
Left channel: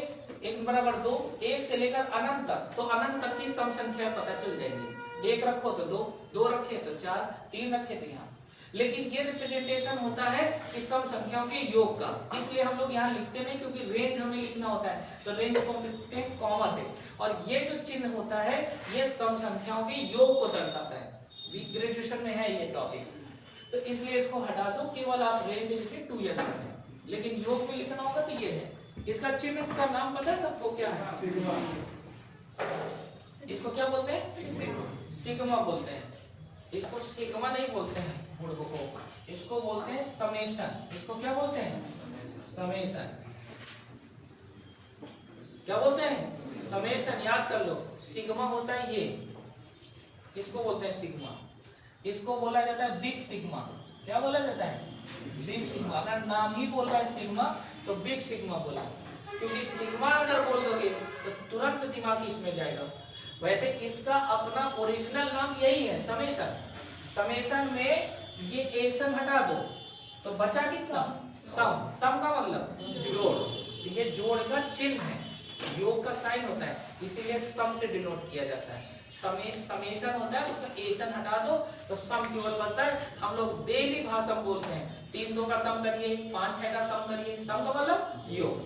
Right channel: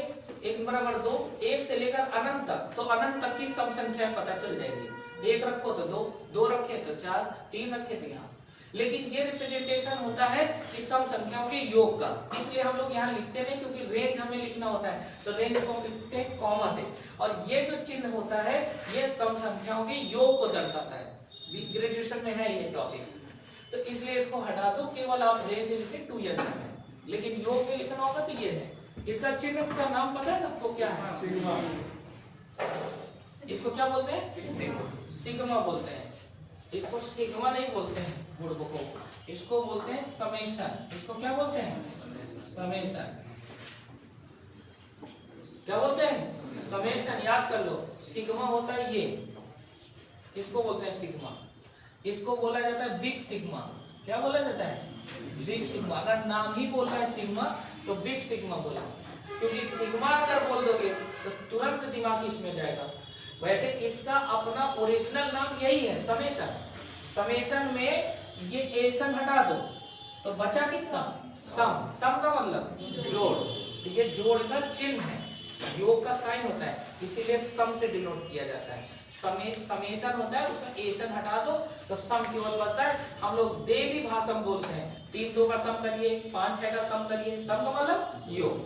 n बराबर 2, 1 से लेकर अनंत तक, तो अनंत तक की सम संख्या पता चल जाएगी। 1 रखो तो 2, 2 रखे तो 4, 3 रखे तो यहाँ। लेकिन ये रिप्रेजेंटेशन होता है इस सम संख्याओं के योग का, इसलिए हम लोग यहाँ लिखते नहीं क्योंकि रेंज हमें लिखना होता है, तो रेंज को हम लिखते हैं कॉमा से। और ये जो चिन्ह होता है ये सम संख्याओं के योग को दर्शाता है। ग्रेजुएशन में है ये टॉपिक, तो इसलिए इसको हटा दो, केवल आप रेंज लिखे 2n है। लेकिन योग में लिखना होगा तो ये है। इसका चिन्ह का नाम पता है सबको क्या है? सिग्मा। इसको क्या बोलते हैं? सिग्मा बोलते हैं। इसको सिग्मा नहीं बोलते हैं मूर्खों को, इसको बोलते हैं समेशन। इसको क्या बोलते हैं? समेशन। क्या बोलते हैं? समेशन। याद कर लो, सिग्मा होता है ये, इसको बोलते हैं सिग्मा। इसको बोला जाता है बिग सिग्मा। क्या बोला जाता है? Big sigma. अगर नाम ही बोल रहा है सिग्मा तो बिग सिग्मा बोला, क्योंकि सिग्मा अगर बोल दोगे तो तुरंत दिमाग इसमें जाएगा। वैसे इसका अपना ओरिजिनल नाम यही है, समेशन। समेशन में ये एशन हटा दो तो बचा कितना? सम। सम का मतलब जोड़, तो ये जोड़ का चिन्ह है, योग का साइन होता है, इसीलिए सम से डिनोट किया जाता है। समेशन होता है, उसका एशन हटा दो तो सम केवल बनता है। हम लोग डेली भाषा में बोलते हैं 3 2 का सम करिए, 5 6 का सम करिए। सम का मतलब योग।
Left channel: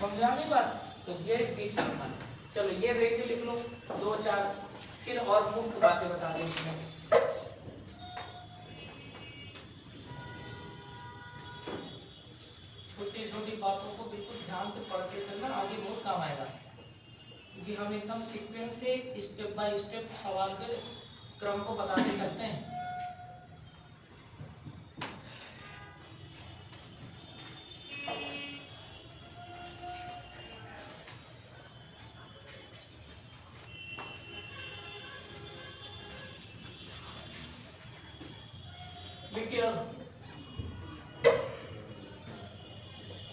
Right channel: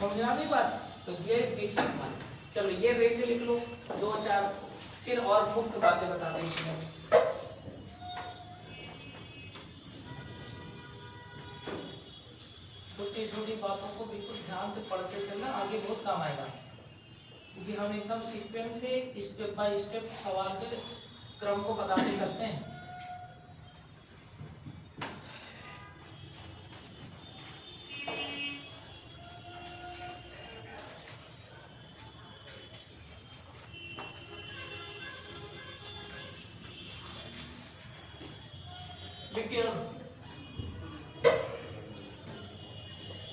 समझा मेरी बात? तो ये बीच संख्या। चलो ये रेंज लिख लो 2 4, फिर और मुख्य बातें बता दें इसमें। छोटी छोटी बातों को बिल्कुल ध्यान से पढ़ते चलना, आगे बहुत काम आएगा, क्योंकि हम एकदम सीक्वेंस से स्टेप बाय स्टेप सवाल के क्रम को बताते चलते हैं।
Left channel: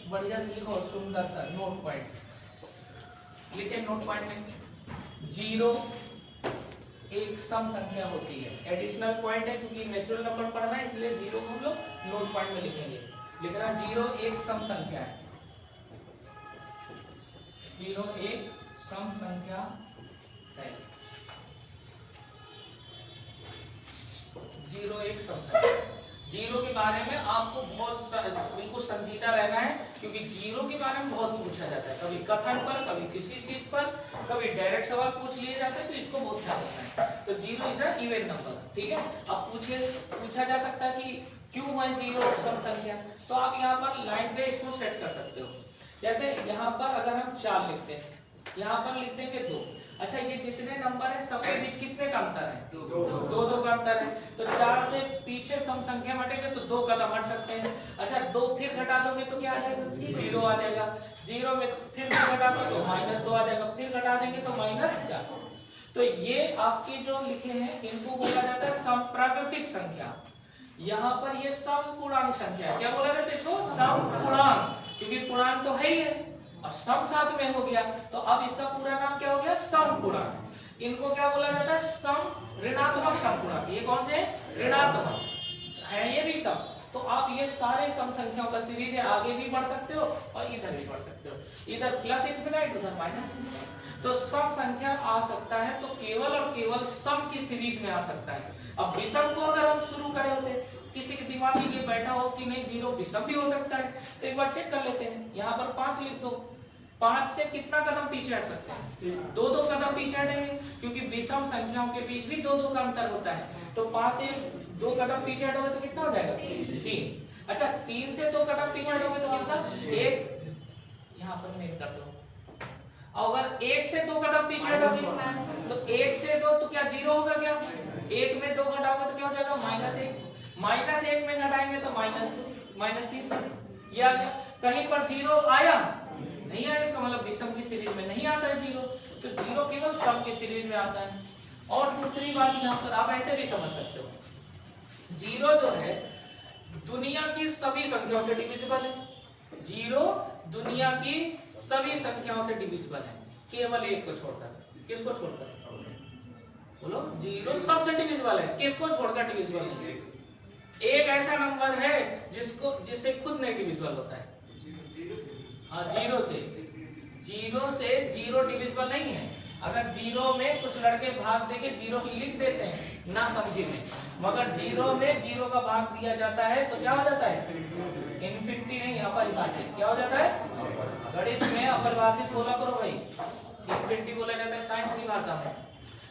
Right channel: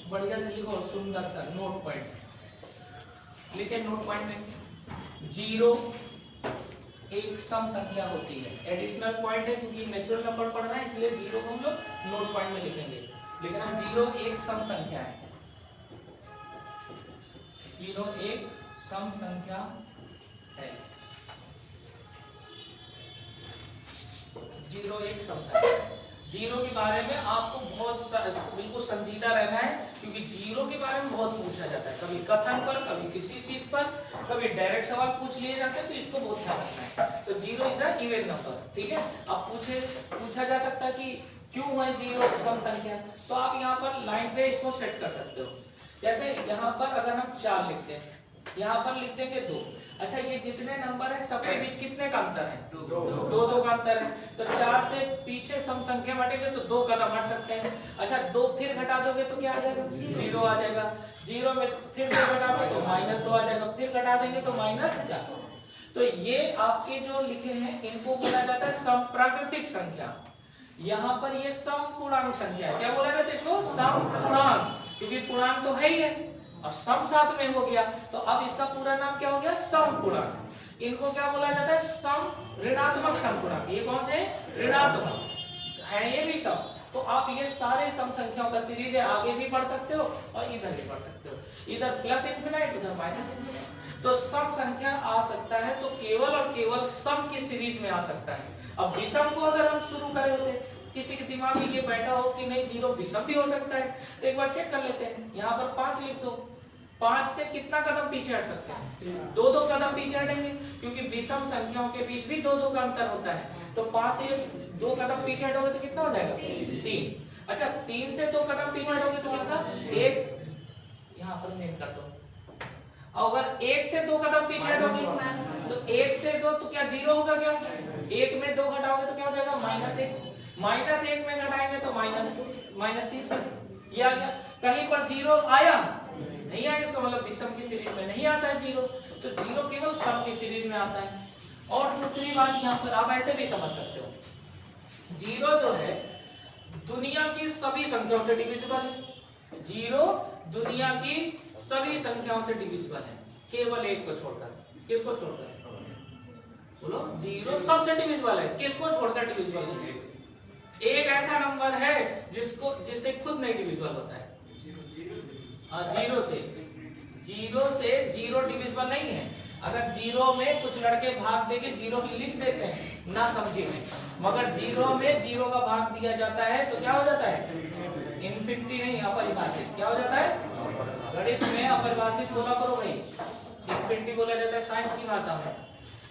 बढ़िया से लिखो, सुंदर सा नोट पॉइंट लिखे। नोट पॉइंट में 0 एक सम संख्या होती है, एडिशनल पॉइंट है क्योंकि नेचुरल नंबर पढ़ना है, इसलिए 0 को हम लोग नोट पॉइंट में लिखेंगे। लिखना 0 एक सम संख्या है। 0 एक सम संख्या है। 0 एक सम संख्या। 0 के बारे में आपको बहुत बिल्कुल संजीदा रहना है, क्योंकि 0 के बारे में बहुत पूछा जाता है, कभी कथन पर, कभी किसी चीज पर, कभी डायरेक्ट सवाल पूछ लिए जाते हैं, तो इसको बहुत ध्यान रखना है। तो 0 इज अ इवन नंबर, ठीक है। अब पूछा जा सकता है कि क्यों है 0 सम संख्या, तो आप यहाँ पर लाइन पे इसको सेट कर सकते हो। जैसे यहाँ पर अगर हम 4 लिखते हैं, यहाँ पर लिख देंगे 2। अच्छा, ये जितने नंबर है सबके बीच कितने का अंतर है? 2 का अंतर है। तो 4 से पीछे सम संख्या हटेंगे तो 2 कदम हट सकते हैं। अच्छा, 2 फिर घटा दोगे तो क्या आ जाएगा? 0 आ जाएगा। 0 में फिर 2 घटा दो तो -2 आ जाएगा, फिर घटा देंगे तो -4। तो ये आपके जो लिखे हैं इनको बोला जाता है समप्राकृतिक संख्या। यहाँ पर ये समपूर्णांक संख्या है। क्या बोला जाता है इसको? समपूर्णांक, क्योंकि पूर्णांक तो है ही है और सम साथ में हो गया, तो अब इसका पूरा नाम क्या हो गया? समपूर्णांक। इनको क्या बोला जाता है? सम ऋणात्मक समपूर्णांक। ये कौन से? ऋणात्मक है ये भी सम। तो आप ये सारे सम संख्याओं का सीरीज है, आगे भी बढ़ सकते हो और इधर भी बढ़ सकते हो, इधर प्लस इंफिनिट उधर माइनस इंफिनिट। तो सम संख्या आ सकता है तो केवल और केवल सम की सीरीज में आ सकता है। अब विषम को अगर हम शुरू करे होते, किसी के दिमाग में ये बैठा हो कि नहीं 0 विषम भी हो सकता है, तो एक बार चेक कर लेते हैं। यहाँ पर 5 लिख दो, 5 से कितना कदम पीछे हट सकते हैं? 2-2 कदम पीछे हटेंगे, क्योंकि विषम संख्याओं के बीच भी 2-2 का अंतर होता है। तो 5 से 2 कदम पीछे हटोगे तो कितना हो जाएगा? 3। अच्छा, 3 से 2 कदम पीछे हटोगे तो कितना? 1। यहाँ पर मेन कर दो। अगर 1 से 2 कदम पीछे हटोगे तो 1 से 2 तो क्या 0 होगा? क्या 1 में 2 घटाओगे तो क्या हो जाएगा? -1। -1 में घटाएंगे तो -2, -3। ये आ गया। कहीं पर जीरो आया नहीं आया, इसका मतलब विषम की सीरीज में नहीं आता है जीरो, तो जीरो केवल सम की सीरीज में आता है। और दूसरी बात यहाँ पर आप ऐसे भी समझ सकते हो, जीरो जो है दुनिया की सभी संख्याओं से डिविजिबल है। जीरो दुनिया की सभी संख्याओं से डिविजिबल है, केवल एक को छोड़कर। किसको छोड़कर? बोलो। जीरो सबसे डिविजिबल है, किसको छोड़कर डिविजिबल है? एक ऐसा नंबर है जिससे खुद नहीं डिविजिबल होता है। जीरो से जीरो डिविजिबल नहीं है। अगर जीरो में कुछ लड़के भाग देके जीरो लिख देते हैं ना समझी में, मगर जीरो में जीरो का भाग दिया जाता है तो क्या हो जाता है? इन्फिनिटी नहीं, अपरिभाषित। क्या हो जाता है? गणित में अपरिभाषित बोला करो भाई, इन्फिनिटी बोला जाता है साइंस की भाषा में।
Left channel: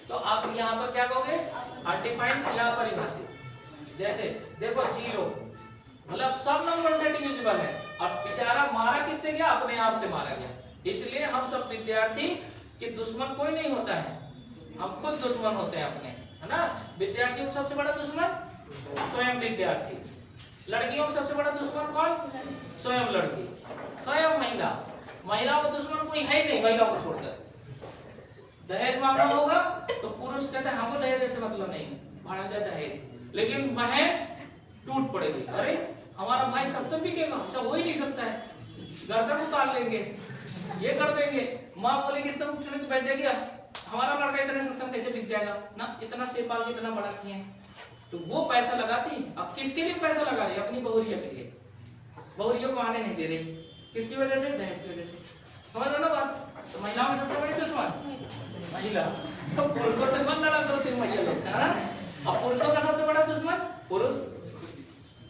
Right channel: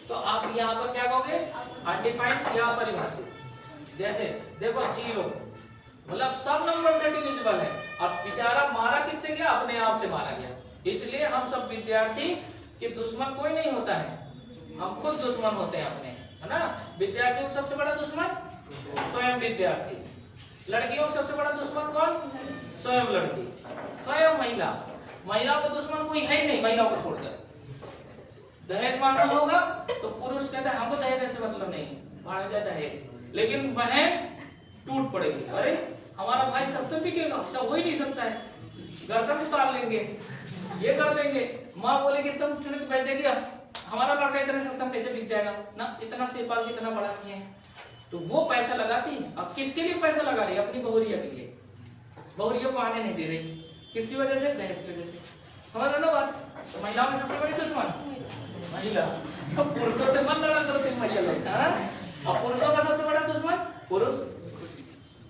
तो आप यहाँ पर क्या कहोगे? अनडिफाइंड या परिभाषित। जैसे देखो जीरो मतलब सब नंबर से डिविजिबल है। अब बेचारा मारा किससे गया? अपने आप से मारा गया। इसलिए हम सब विद्यार्थी कि दुश्मन कोई नहीं होता है, हम खुद दुश्मन होते हैं अपने, है ना। विद्यार्थी को सबसे बड़ा दुश्मन स्वयं विद्यार्थी। लड़कियों को सबसे बड़ा दुश्मन कौन? स्वयं लड़की, स्वयं महिला। महिलाओं का दुश्मन कोई है ही नहीं महिलाओं को छोड़कर। दहेज मांगना होगा तो पुरुष कहता है हमको दहेज से मतलब नहीं, भाड़ जाए दहेज, लेकिन बहन टूट पड़ेगी, अरे हमारा भाई सस्ता बिकेगा, ऐसा हो ही नहीं सकता है, गर्दन उतार लेंगे, ये कर देंगे। माँ बोलेगी तुम ठंड बैठ जाएगी, हमारा लड़का इतने सस्ता में कैसे बिक जाएगा ना, इतना सेपाल के इतना बड़ा किए हैं। तो वो पैसा लगाती, अब किसके लिए पैसा लगा रही है? अपनी बहुरिया के लिए। बहुरियों को आने नहीं दे रही, किसकी वजह से? दहेज की वजह से। समझ लो ना बात। तो महिलाओं में सबसे बड़ी दुश्मन महिला। तो पुरुषों से मत लड़ा करो तुम महिला लोग, और पुरुषों का सबसे बड़ा दुश्मन पुरुष।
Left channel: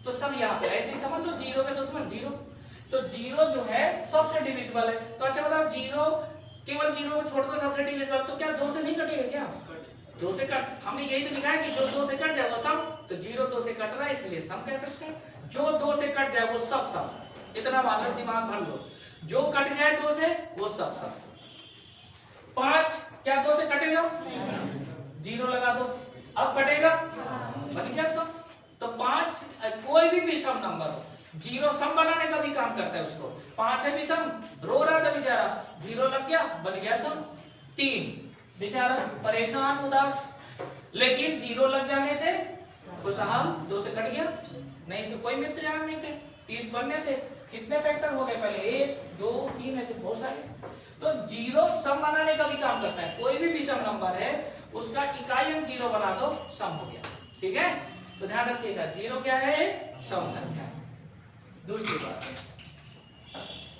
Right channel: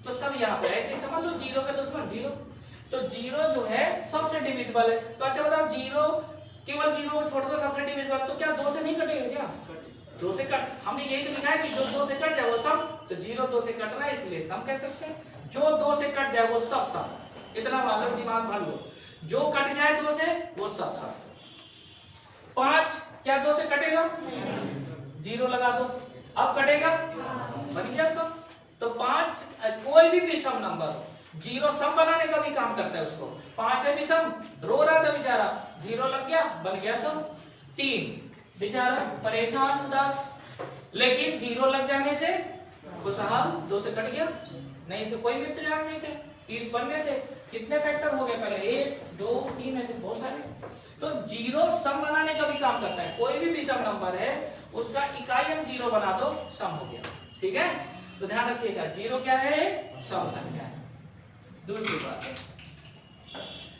तो सब यहाँ पे ऐसे ही समझ लो, जीरो का दुश्मन जीरो। तो जीरो जो है सबसे डिविजिबल है। तो अच्छा बताओ, जीरो केवल जीरो को छोड़ दो सबसे डिविजिबल, तो क्या दो से नहीं कटेगा क्या? दो से कट, हमने यही तो लिखा है कि जो दो से कट जाए वो सम। तो जीरो दो से कट रहा है इसलिए सम कह सकते हैं। जो दो से कट जाए वो सब सम। इतना मान लो, दिमाग भर लो, जो कट जाए दो से वो सब सम। 5 क्या दो से कटेगा? जीरो लगा दो, अब कटेगा, बन गया सम। तो 5 कोई भी विषम नंबर, जीरो सम बनाने का भी काम करता है उसको। 5 है विषम, रो रहा था बेचारा, जीरो लग गया, बन गया सम। 3 बेचारा परेशान उदास, लेकिन जीरो लग जाने से खुशहाल, 2 से कट गया, नहीं इसके कोई मित्र नहीं थे। 30 बनने से कितने फैक्टर हो गए पहले? 1 2 3 ऐसे बहुत सारे। तो जीरो सम बनाने का भी काम करता है। कोई भी विषम नंबर है उसका इकाई हम जीरो बना दो, सम हो गया। ठीक है, तो ध्यान रखिएगा, जीरो क्या है? सम संख्या है। दूसरी बात,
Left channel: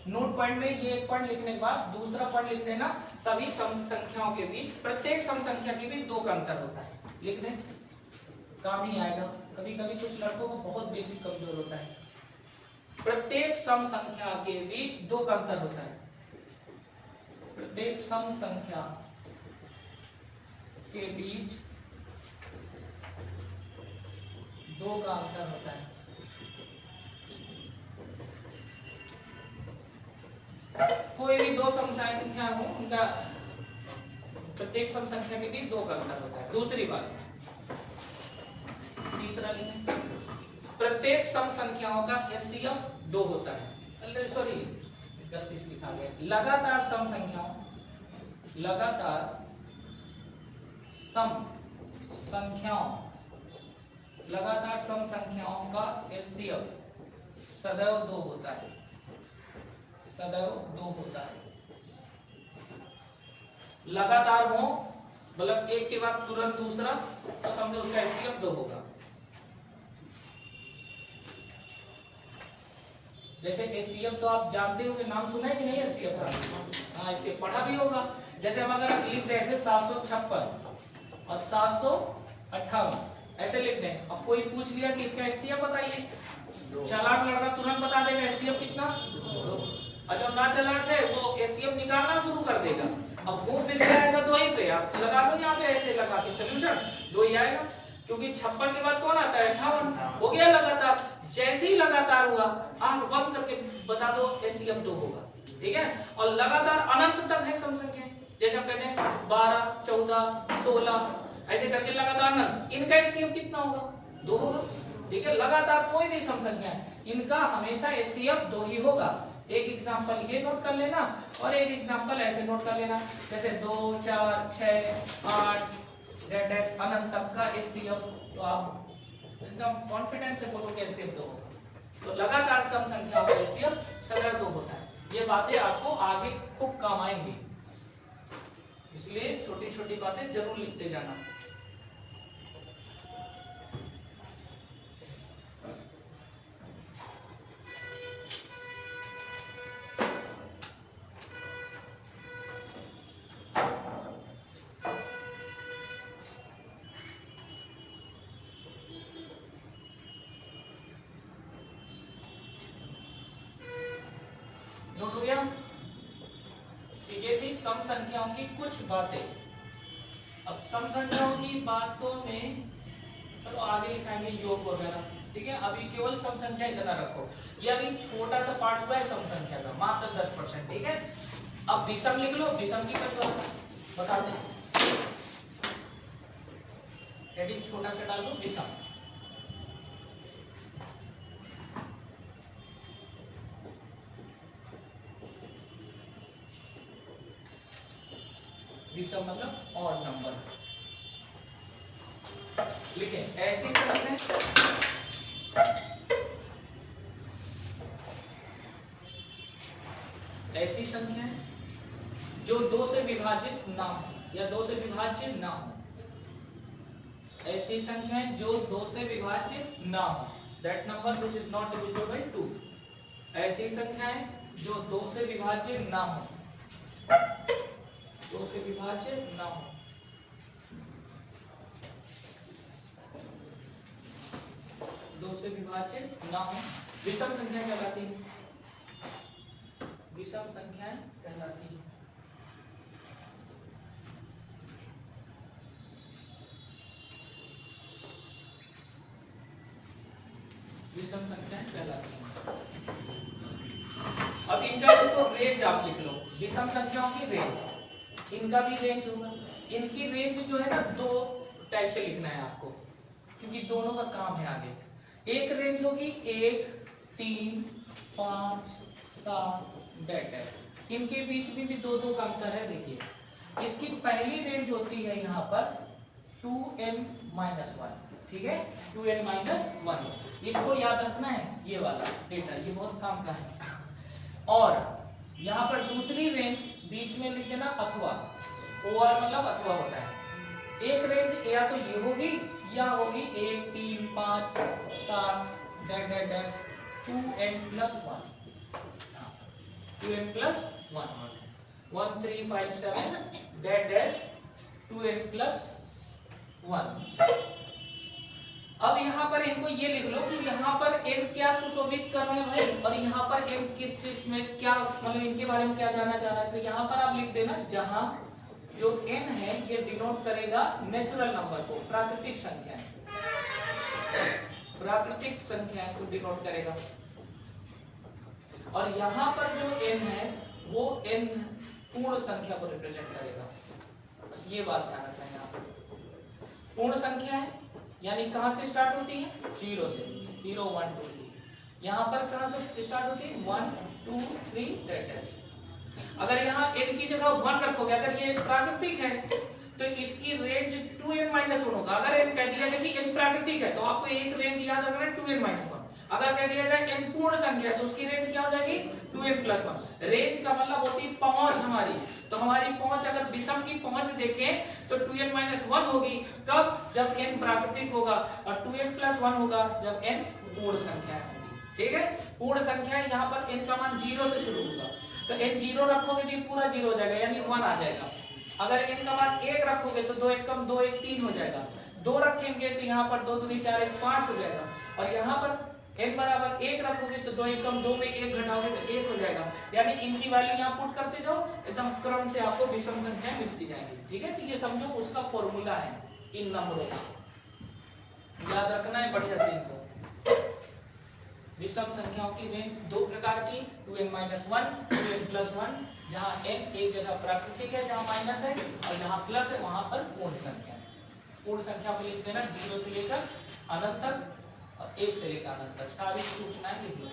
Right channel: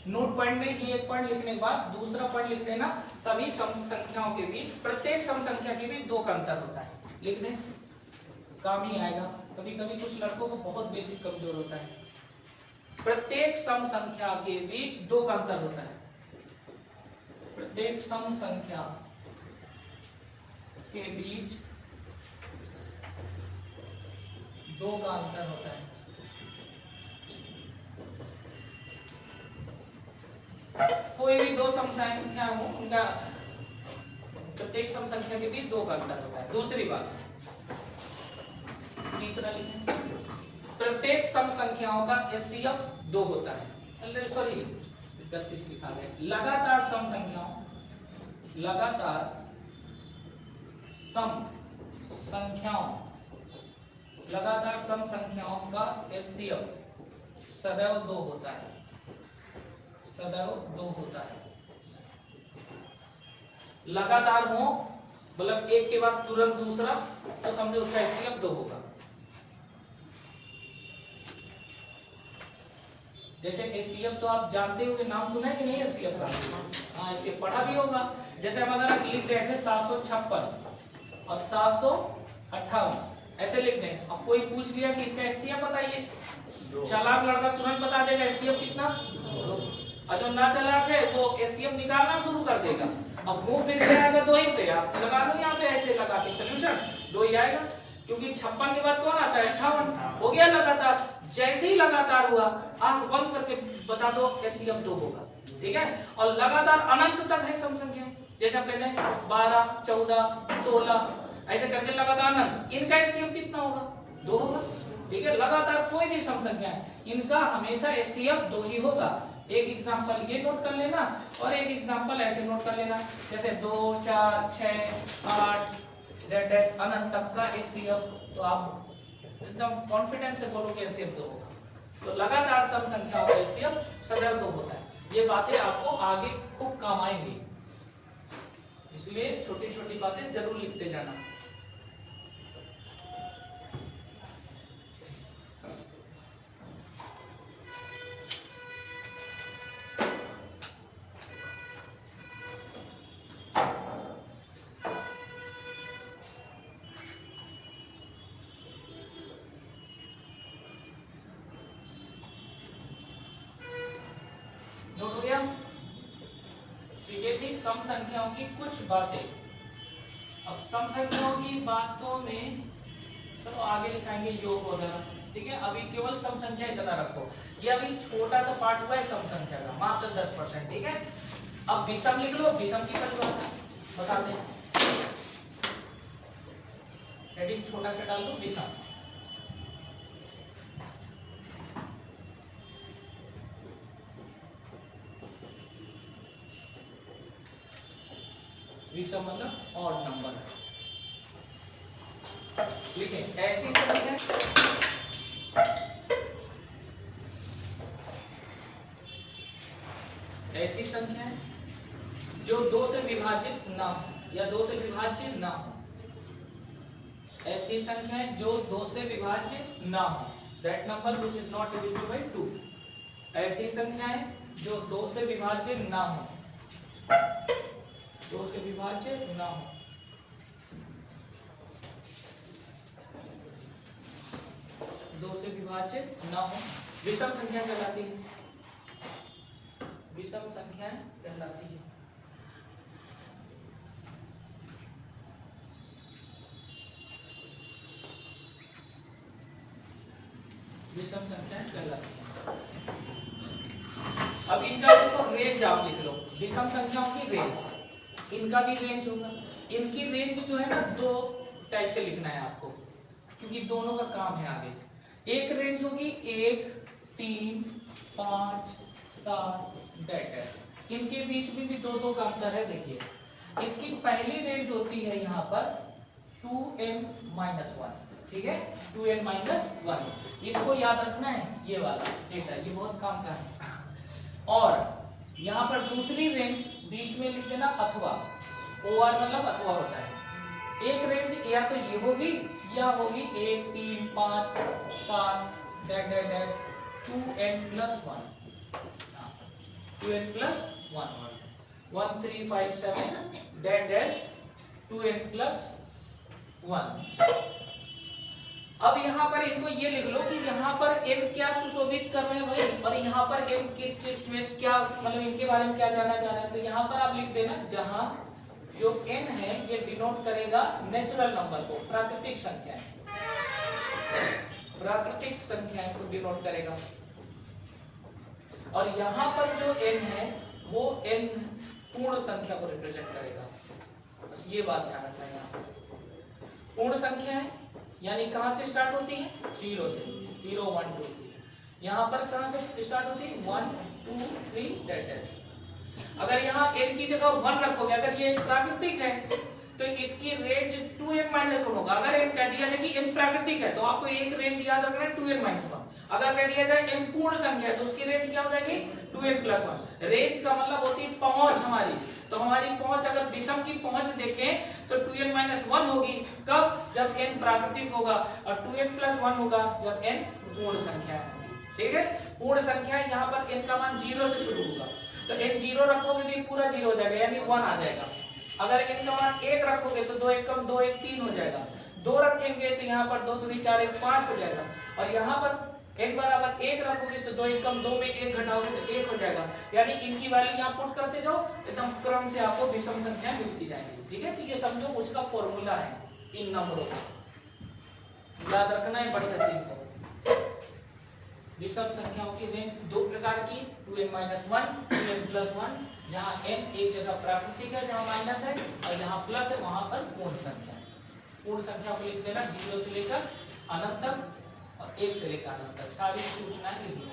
नोट पॉइंट में ये एक पॉइंट लिखने के बाद दूसरा पॉइंट लिख देना, सभी सम संख्याओं के बीच, प्रत्येक सम संख्या के बीच 2 का अंतर होता है। लिख दें, काम ही आएगा। कभी कभी कुछ लड़कों को बहुत बेसिक कमजोर होता है। प्रत्येक सम संख्या के बीच 2 का अंतर होता है। प्रत्येक सम संख्या के बीच 2 का अंतर होता है। कोई भी 2 सम संख्या हो, उनका प्रत्येक सम संख्या के बीच 2 का अंतर होता है। दूसरी बात, तीसरा लिखें, प्रत्येक सम संख्याओं का एचसीएफ 2 होता है। सॉरी 31 लिखा गया। लगातार सम संख्याओं, लगातार सम संख्याओं, लगातार सम संख्याओं का एचसीएफ सदैव 2 होता है, सदैव 2 होता है। लगातार हो मतलब एक के बाद तुरंत दूसरा, तो समझो उसका एचसीएफ 2 होगा। जैसे एचसीएफ तो आप जानते हो कि नाम सुना है कि नहीं एचसीएफ का? हाँ, इसे पढ़ा भी होगा। जैसे हम अगर लिख दें ऐसे 756 और 758 ऐसे लिख दें, अब कोई पूछ लिया कि इसका एचसीएफ बताइए, चालाक लड़का तुरंत बता देगा एचसीएफ कितना, और जो ना चालाक है वो एचसीएफ निकालना शुरू कर देगा। अब घूम फिर के आएगा 2 ही पे, आप लगा लो यहाँ पे ऐसे लगा के सोल्यूशन 2 ही आएगा, क्योंकि 56 के बाद कौन आता है? 58 हो गया लगातार। जैसे ही लगातार हुआ, आंख बंद करके बता दो एचसीएफ 2 होगा। ठीक है, और लगातार अनंत तक है सम संख्या, जैसे हम कहते हैं 12 14 16 ऐसे करके लगातार अनंत, इनका एचसीएफ कितना होगा? 2 होगा। ठीक है, लगातार कोई भी सम संख्या है, इनका हमेशा HCF 2 ही होगा। एक एग्जांपल ये नोट कर लेना और एक एग्जांपल ऐसे नोट कर लेना, जैसे 2 4 6 8 डैश अनंत तक का HCF, तो आप एकदम कॉन्फिडेंस से बोलोगे HCF 2 होगा। तो लगातार सम संख्याओं का HCF सदैव 2 होता है। ये बातें आपको आगे खूब काम आएंगी, इसलिए छोटी छोटी बातें जरूर लिखते जाना। सम संख्याओं की कुछ बातें। अब सम संख्याओं की बातों में चलो आगे लिखाएंगे योग वगैरह, ठीक है। अभी केवल सम संख्या इतना रखो, ये अभी छोटा सा पार्ट हुआ है सम संख्या का, मात्र 10%, ठीक है। अब विषम लिख लो, विषम की क्या बता दें, हेडिंग छोटा सा डाल लो विषम। विषम मतलब ऑड नंबर, लिखे ऐसी संख्या ऐसी संख्या है जो 2 से विभाजित ना हो या 2 से विभाज्य ना हो। ऐसी संख्या है जो 2 से विभाज्य ना हो, that number which is not divisible by 2। ऐसी संख्या है जो 2 से विभाज्य ना हो, 2 से विभाज्य ना हो। दो से विभाज्य ना हो विषम संख्या कहलाती है, विषम संख्याएं कहलाती है। विषम संख्याएं कहलाती है। अब इनका देखो रेंज आप लिख लो, विषम संख्याओं की रेंज, इनका भी रेंज होगा। इनकी रेंज जो है ना 2 टाइप से लिखना है आपको, क्योंकि दोनों का काम है आगे। एक रेंज होगी 1 3 5 7 डैट, इनके बीच में भी 2 का अंतर है। देखिए इसकी पहली रेंज होती है यहाँ पर 2n-1, ठीक है, 2n-1, इसको याद रखना है, ये वाला डेटा ये बहुत काम का है। और यहाँ पर दूसरी रेंज बीच में लिख देना अथवा, OR मतलब अथवा होता है। एक रेंज या तो ये होगी या होगी 1 3 5 7 dash dash dash 2n+1, 2n+1 1 3 5 7 dash dash 2n+1। अब यहाँ पर इनको ये लिख लो कि यहाँ पर n क्या सुशोभित कर रहे हैं भाई, और यहाँ पर n किस चीज में क्या, मतलब इनके बारे में क्या जानना चाह रहे हैं। तो यहाँ पर आप लिख देना जहां जो n है ये डिनोट करेगा नेचुरल नंबर को, प्राकृतिक संख्याएं, प्राकृतिक संख्याएं को डिनोट करेगा। और यहाँ पर जो n है वो n पूर्ण संख्या को रिप्रेजेंट करेगा, बस ये बात ध्यान रखना है। यहाँ पूर्ण संख्या है यानी कहां से स्टार्ट होती है, 0 से, 0 1 2 3। यहाँ पर कहां से स्टार्ट होती है, 1 2 3 डैश। अगर यहाँ n की जगह 1 रखोगे, अगर ये प्राकृतिक है तो इसकी रेंज 2n-1 होगा। अगर n कह दिया जाए कि n प्राकृतिक है तो आपको एक रेंज याद रखना है 2n-1। अगर कह दिया जाए n पूर्ण संख्या है तो उसकी रेंज क्या हो जाएगी, 2n+1। रेंज का मतलब होती है पहुंच हमारी, तो हमारी पहुंच अगर विषम की पहुंच देखें तो 2n-1 होगी, कब, जब n प्राकृतिक होगा, और 2n+1 होगा जब n पूर्ण संख्या है, ठीक है। पूर्ण संख्या यहाँ पर n का मान 0 से शुरू होगा, तो n 0 रखोगे तो ये पूरा 0 हो जाएगा यानी 1 आ जाएगा। अगर n का मान 1 रखोगे तो 2 1 कम 2 1 3 हो जाएगा, 2 रखेंगे तो यहाँ पर 2 3 4 1 5 हो जाएगा, और यहाँ पर n बराबर 1 रखोगे तो 2 1 कम 2 में 1 घटाओगे तो 1 हो जाएगा। यानी इनकी वैल्यू यहाँ पुट करते जाओ, एकदम क्रम से आपको विषम संख्या मिलती जाएगी, ठीक है। तो ये समझो उसका फॉर्मूला है इन नंबरों का, याद रखना है बढ़िया से इनको। विषम संख्याओं की रेंज 2 प्रकार की, 2n-1 2n+1, जहाँ n एक जगह प्राकृतिक है जहाँ माइनस है, और जहाँ प्लस है वहां पर पूर्ण संख्या। पूर्ण संख्या को लिख देना 0 से लेकर अनंत तक, और 1 से लेकर अनंत तक सारी सूचनाएं लिख लो।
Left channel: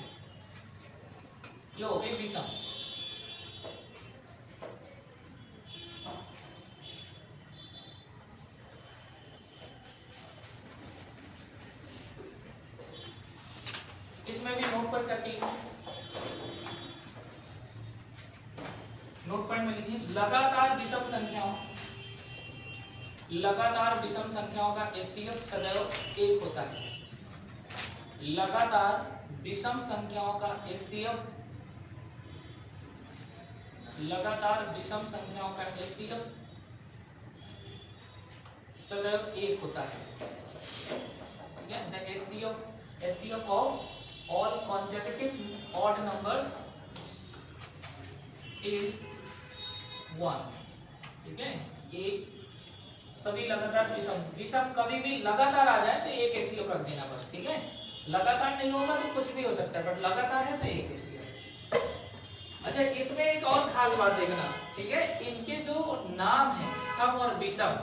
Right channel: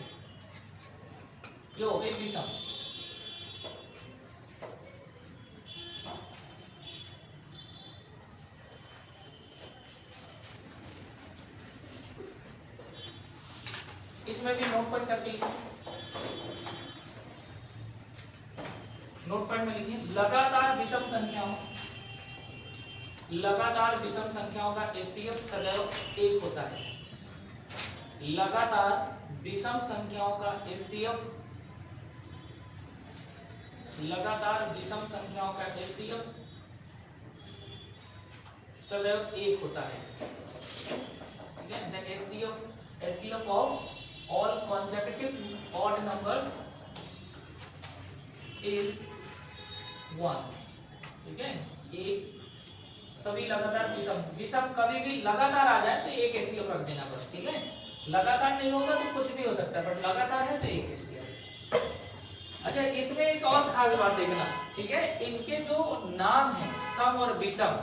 ये हो गई विषम। इसमें भी नोट पॉइंट करके लिखो। नोट पॉइंट में लिखिए लगातार विषम संख्याओं, लगातार विषम संख्याओं का एचसीएफ सदैव 1 होता है। लगातार विषम संख्याओं का एचसीएफ, लगातार विषम संख्याओं का एचसीएफ सदैव 1 होता है। ठीक है, the HCF of all consecutive odd numbers is 1। ठीक है, एक सभी लगातार विषम, विषम कभी भी लगातार आ जाए तो 1 एचसीएफ रख देना बस। ठीक है, लगातार नहीं होगा तो कुछ भी हो सकता है, बट लगातार है तो 1 एचसीएफ। अच्छा, इसमें एक और खास बात देखना। ठीक है, इनके जो नाम है सम और विषम,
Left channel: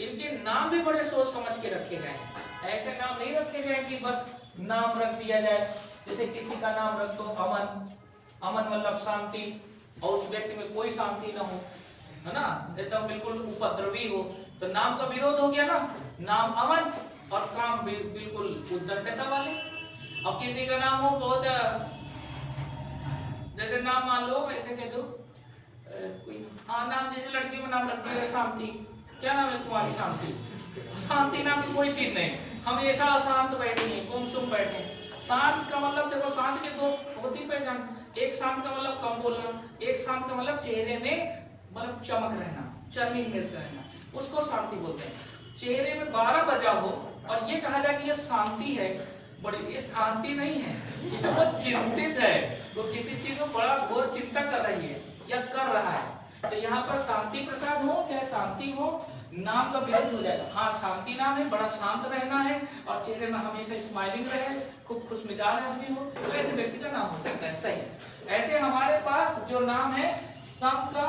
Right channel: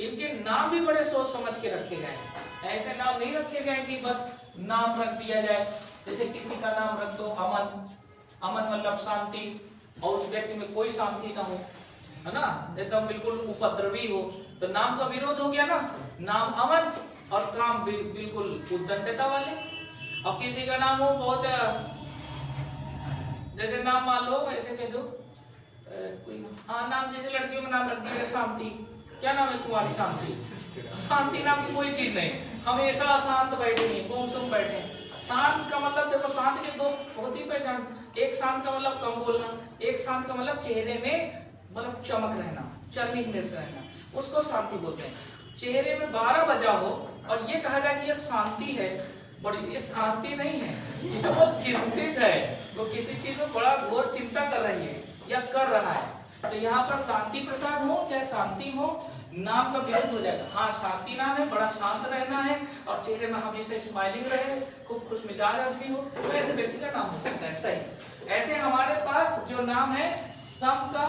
इनके नाम भी बड़े सोच समझ के रखे गए हैं। ऐसे नाम नहीं रखे गए कि बस नाम रख दिया जाए। जैसे किसी का नाम रख दो अमन, अमन मतलब शांति, और उस व्यक्ति में कोई शांति ना हो, है ना, एकदम बिल्कुल उपद्रवी हो, तो नाम का विरोध हो गया ना। नाम अमन और काम बिल्कुल उद्दंडता वाले। और किसी का नाम हो बहुत, जैसे नाम मान लो ऐसे कह दो कोई नाम, जैसे लड़की का नाम रख दिया शांति, क्या नाम है तुम्हारी? शांति। शांति नाम की कोई चीज नहीं, हमेशा अशांत बैठे हैं, गुमसुम बैठे हैं। शांत का मतलब देखो, शांत के दो होती पहचान। एक शांत का मतलब कम बोलना, एक शांत का मतलब चेहरे में मतलब चमक रहना, चर्निंग में रहना, उसको शांति बोलते हैं। चेहरे में 12 बजा हो और ये कहा जाए कि ये शांति है, बड़ी ये शांति नहीं है, ये बहुत चिंतित है, तो किसी चीज में बड़ा घोर चिंता कर रही है या कर रहा है। तो यहाँ पर शांति प्रसाद हो चाहे शांति हो, नाम का विरोध हो जाएगा। हाँ, शांति नाम है, बड़ा शांत रहना है और चेहरे में हमेशा स्माइलिंग रहे, खूब खुश मिजाज आदमी हो, तो ऐसे व्यक्ति का नाम हो सकता है। सही। ऐसे हमारे पास जो नाम है सम का,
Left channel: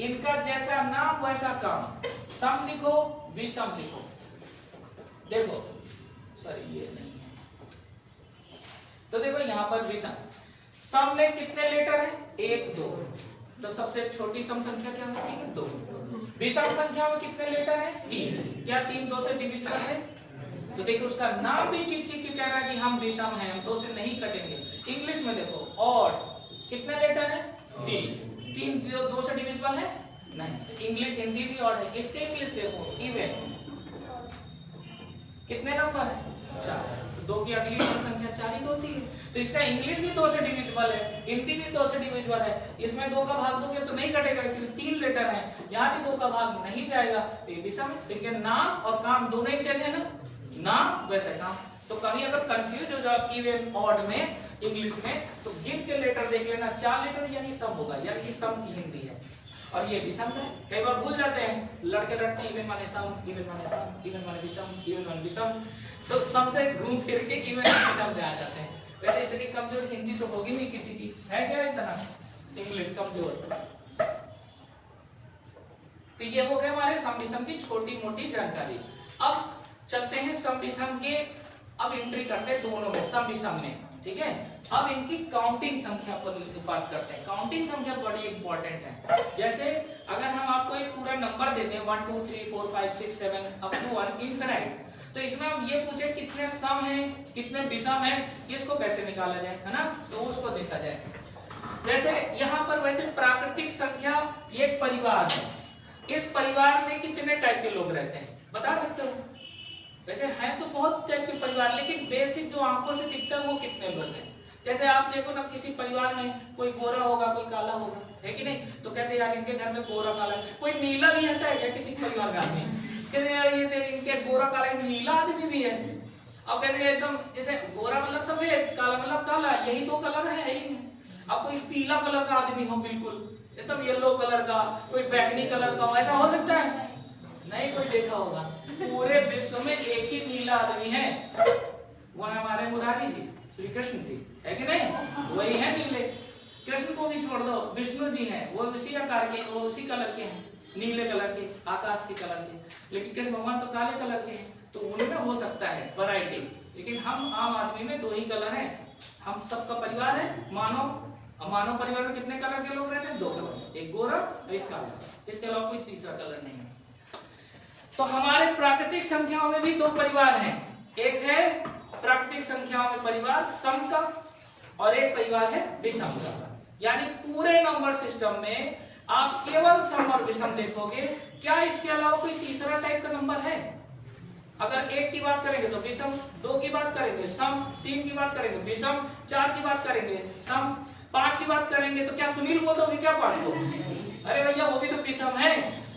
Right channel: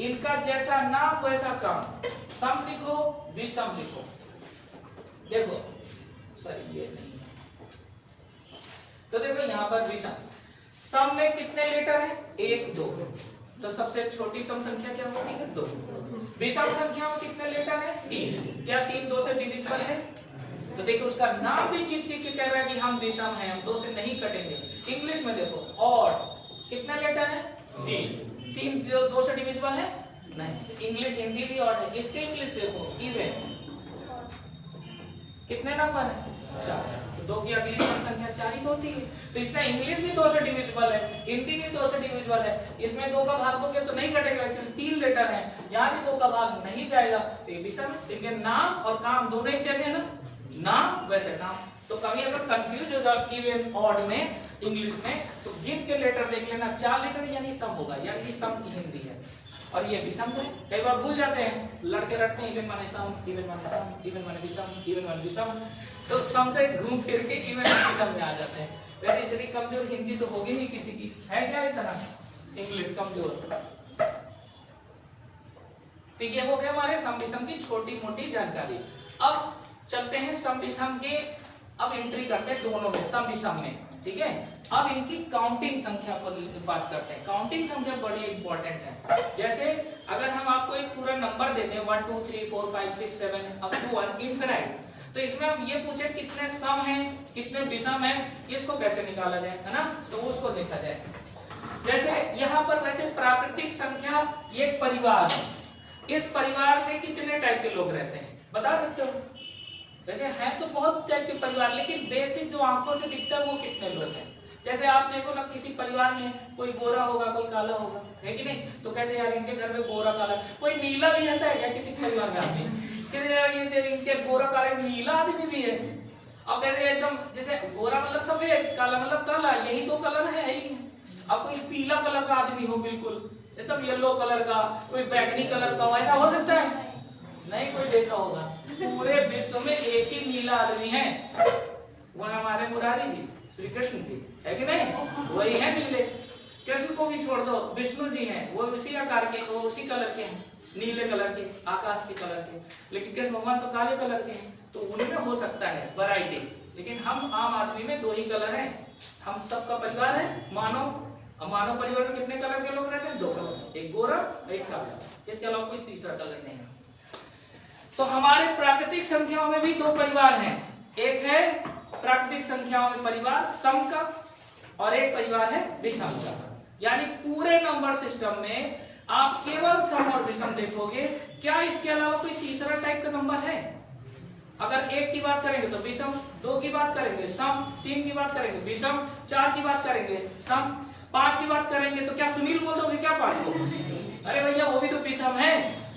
इनका जैसा नाम वैसा काम। सम लिखो, विषम लिखो। देखो सॉरी ये नहीं है, तो देखो यहाँ पर विषम। सम में कितने लेटर है? 1 2, तो सबसे छोटी सम संख्या क्या होती है? 2। विषम संख्या में कितने लेटर है? 3। क्या 3 2 से डिविजिबल है? तो देखो उसका नाम भी चिक चिक के कह रहा है कि हम विषम हैं, हम 2 से नहीं कटेंगे। इंग्लिश में देखो ऑड, कितने लेटर है? 3। 3 2 से डिविजिबल है? नहीं। इंग्लिश हिंदी भी ऑड है। इसके इंग्लिश देखो इवन, कितने नंबर है? 4। 2 की अगली संख्या 4 ही होती है, तो इसका इंग्लिश भी 2 से डिविजिबल है, हिंदी भी 2 से डिविजिबल है। इसमें 2 का भाग दोगे तो नहीं कटेगा क्योंकि 3 लेटर है, यहाँ भी 2 का भाग नहीं जाएगा, तो ये विषम। इनके नाम और काम दोनों एक जैसे है ना, नाम वैसे काम। तो कभी अगर कंफ्यूज हो जाओ इवन ऑड में इंग्लिश में, तो गिन के लेटर देख लेना, 4 लेटर यानी सम होगा, यानी सम की हिंदी है और ये विषम है। कई बार भूल जाते हैं, लड़के रटते हैं इवन माने सम, इवन माने सम, इवन माने विषम, इवन माने विषम, तो सम से घूम फिर के इवन विषम में आ जाते हैं। वैसे इतनी कमजोर हिंदी तो होगी नहीं किसी की, है क्या इतना इंग्लिश कमजोर? तो ये हो गए हमारे सम विषम की छोटी मोटी जानकारी। अब चलते हैं सम विषम के, अब एंट्री करते हैं दोनों में, सम विषम में। ठीक है, अब इनकी काउंटिंग संख्या पर बात करते हैं। काउंटिंग संख्या बड़ी इंपॉर्टेंट है। जैसे अगर हम आपको एक पूरा नंबर देते हैं 1 2 3 4 5 6 7 अप टू 1 इनफिनिट, तो इसमें हम ये पूछे कितने सम हैं, कितने विषम हैं, इसको कैसे निकाला जाए, है ना, तो उसको देखा जाए। जैसे यहाँ पर वैसे प्राकृतिक संख्या एक परिवार है, इस परिवार में कितने टाइप के लोग रहते हैं बता सकते हो? वैसे है तो बहुत टाइप के परिवार, लेकिन बेसिक जो आंखों से दिखता है वो कितने लोग हैं। जैसे आप देखो ना, किसी परिवार में कोई गोरा होगा कोई काला होगा, है कि नहीं, तो कहते हैं यार इनके घर में गोरा काला, कोई नीला भी रहता है या किसी परिवार में आदमी, कहते यार ये इनके गोरा काला, नीला आदमी भी है। अब कहते हैं एकदम जैसे गोरा मतलब सफेद, काला मतलब काला, यही 2 कलर है यही। अब कोई पीला कलर का आदमी हो, बिल्कुल एकदम येलो कलर का, कोई बैगनी कलर का हो, ऐसा हो सकता है? नहीं कोई देखा होगा। पूरे विश्व में एक ही नीला आदमी है, वो हमारे मुरारी जी, श्री कृष्ण जी, है कि नहीं, वही है नीले। कृष्ण को भी छोड़ दो, विष्णु जी हैं, वो उसी आकार के, वो उसी कलर के हैं, नीले कलर के, आकाश के कलर के। लेकिन कृष्ण भगवान तो काले कलर के हैं, तो उनमें हो सकता है वैरायटी, लेकिन हम आम आदमी में 2 ही कलर हैं। हम सबका परिवार है मानव। मानव परिवार में कितने कलर के लोग रहते हैं? 2 कलर, एक गोरा एक काला, इसके अलावा कोई तीसरा कलर नहीं है। तो हमारे प्राकृतिक संख्याओं में भी 2 परिवार हैं। एक है प्राकृतिक संख्याओं में परिवार सम का और एक परिवार है विषम का। यानी पूरे नंबर सिस्टम में आप केवल सम और विषम देखोगे। क्या इसके अलावा कोई तीसरा टाइप का नंबर है? अगर 1 की बात करेंगे तो विषम, 2 की बात करेंगे सम, 3 की बात करेंगे विषम, 4 की बात करेंगे सम, 5 की बात करेंगे तो क्या सुनील बोल दोगे क्या 5 को? अरे भैया वो भी तो विषम है।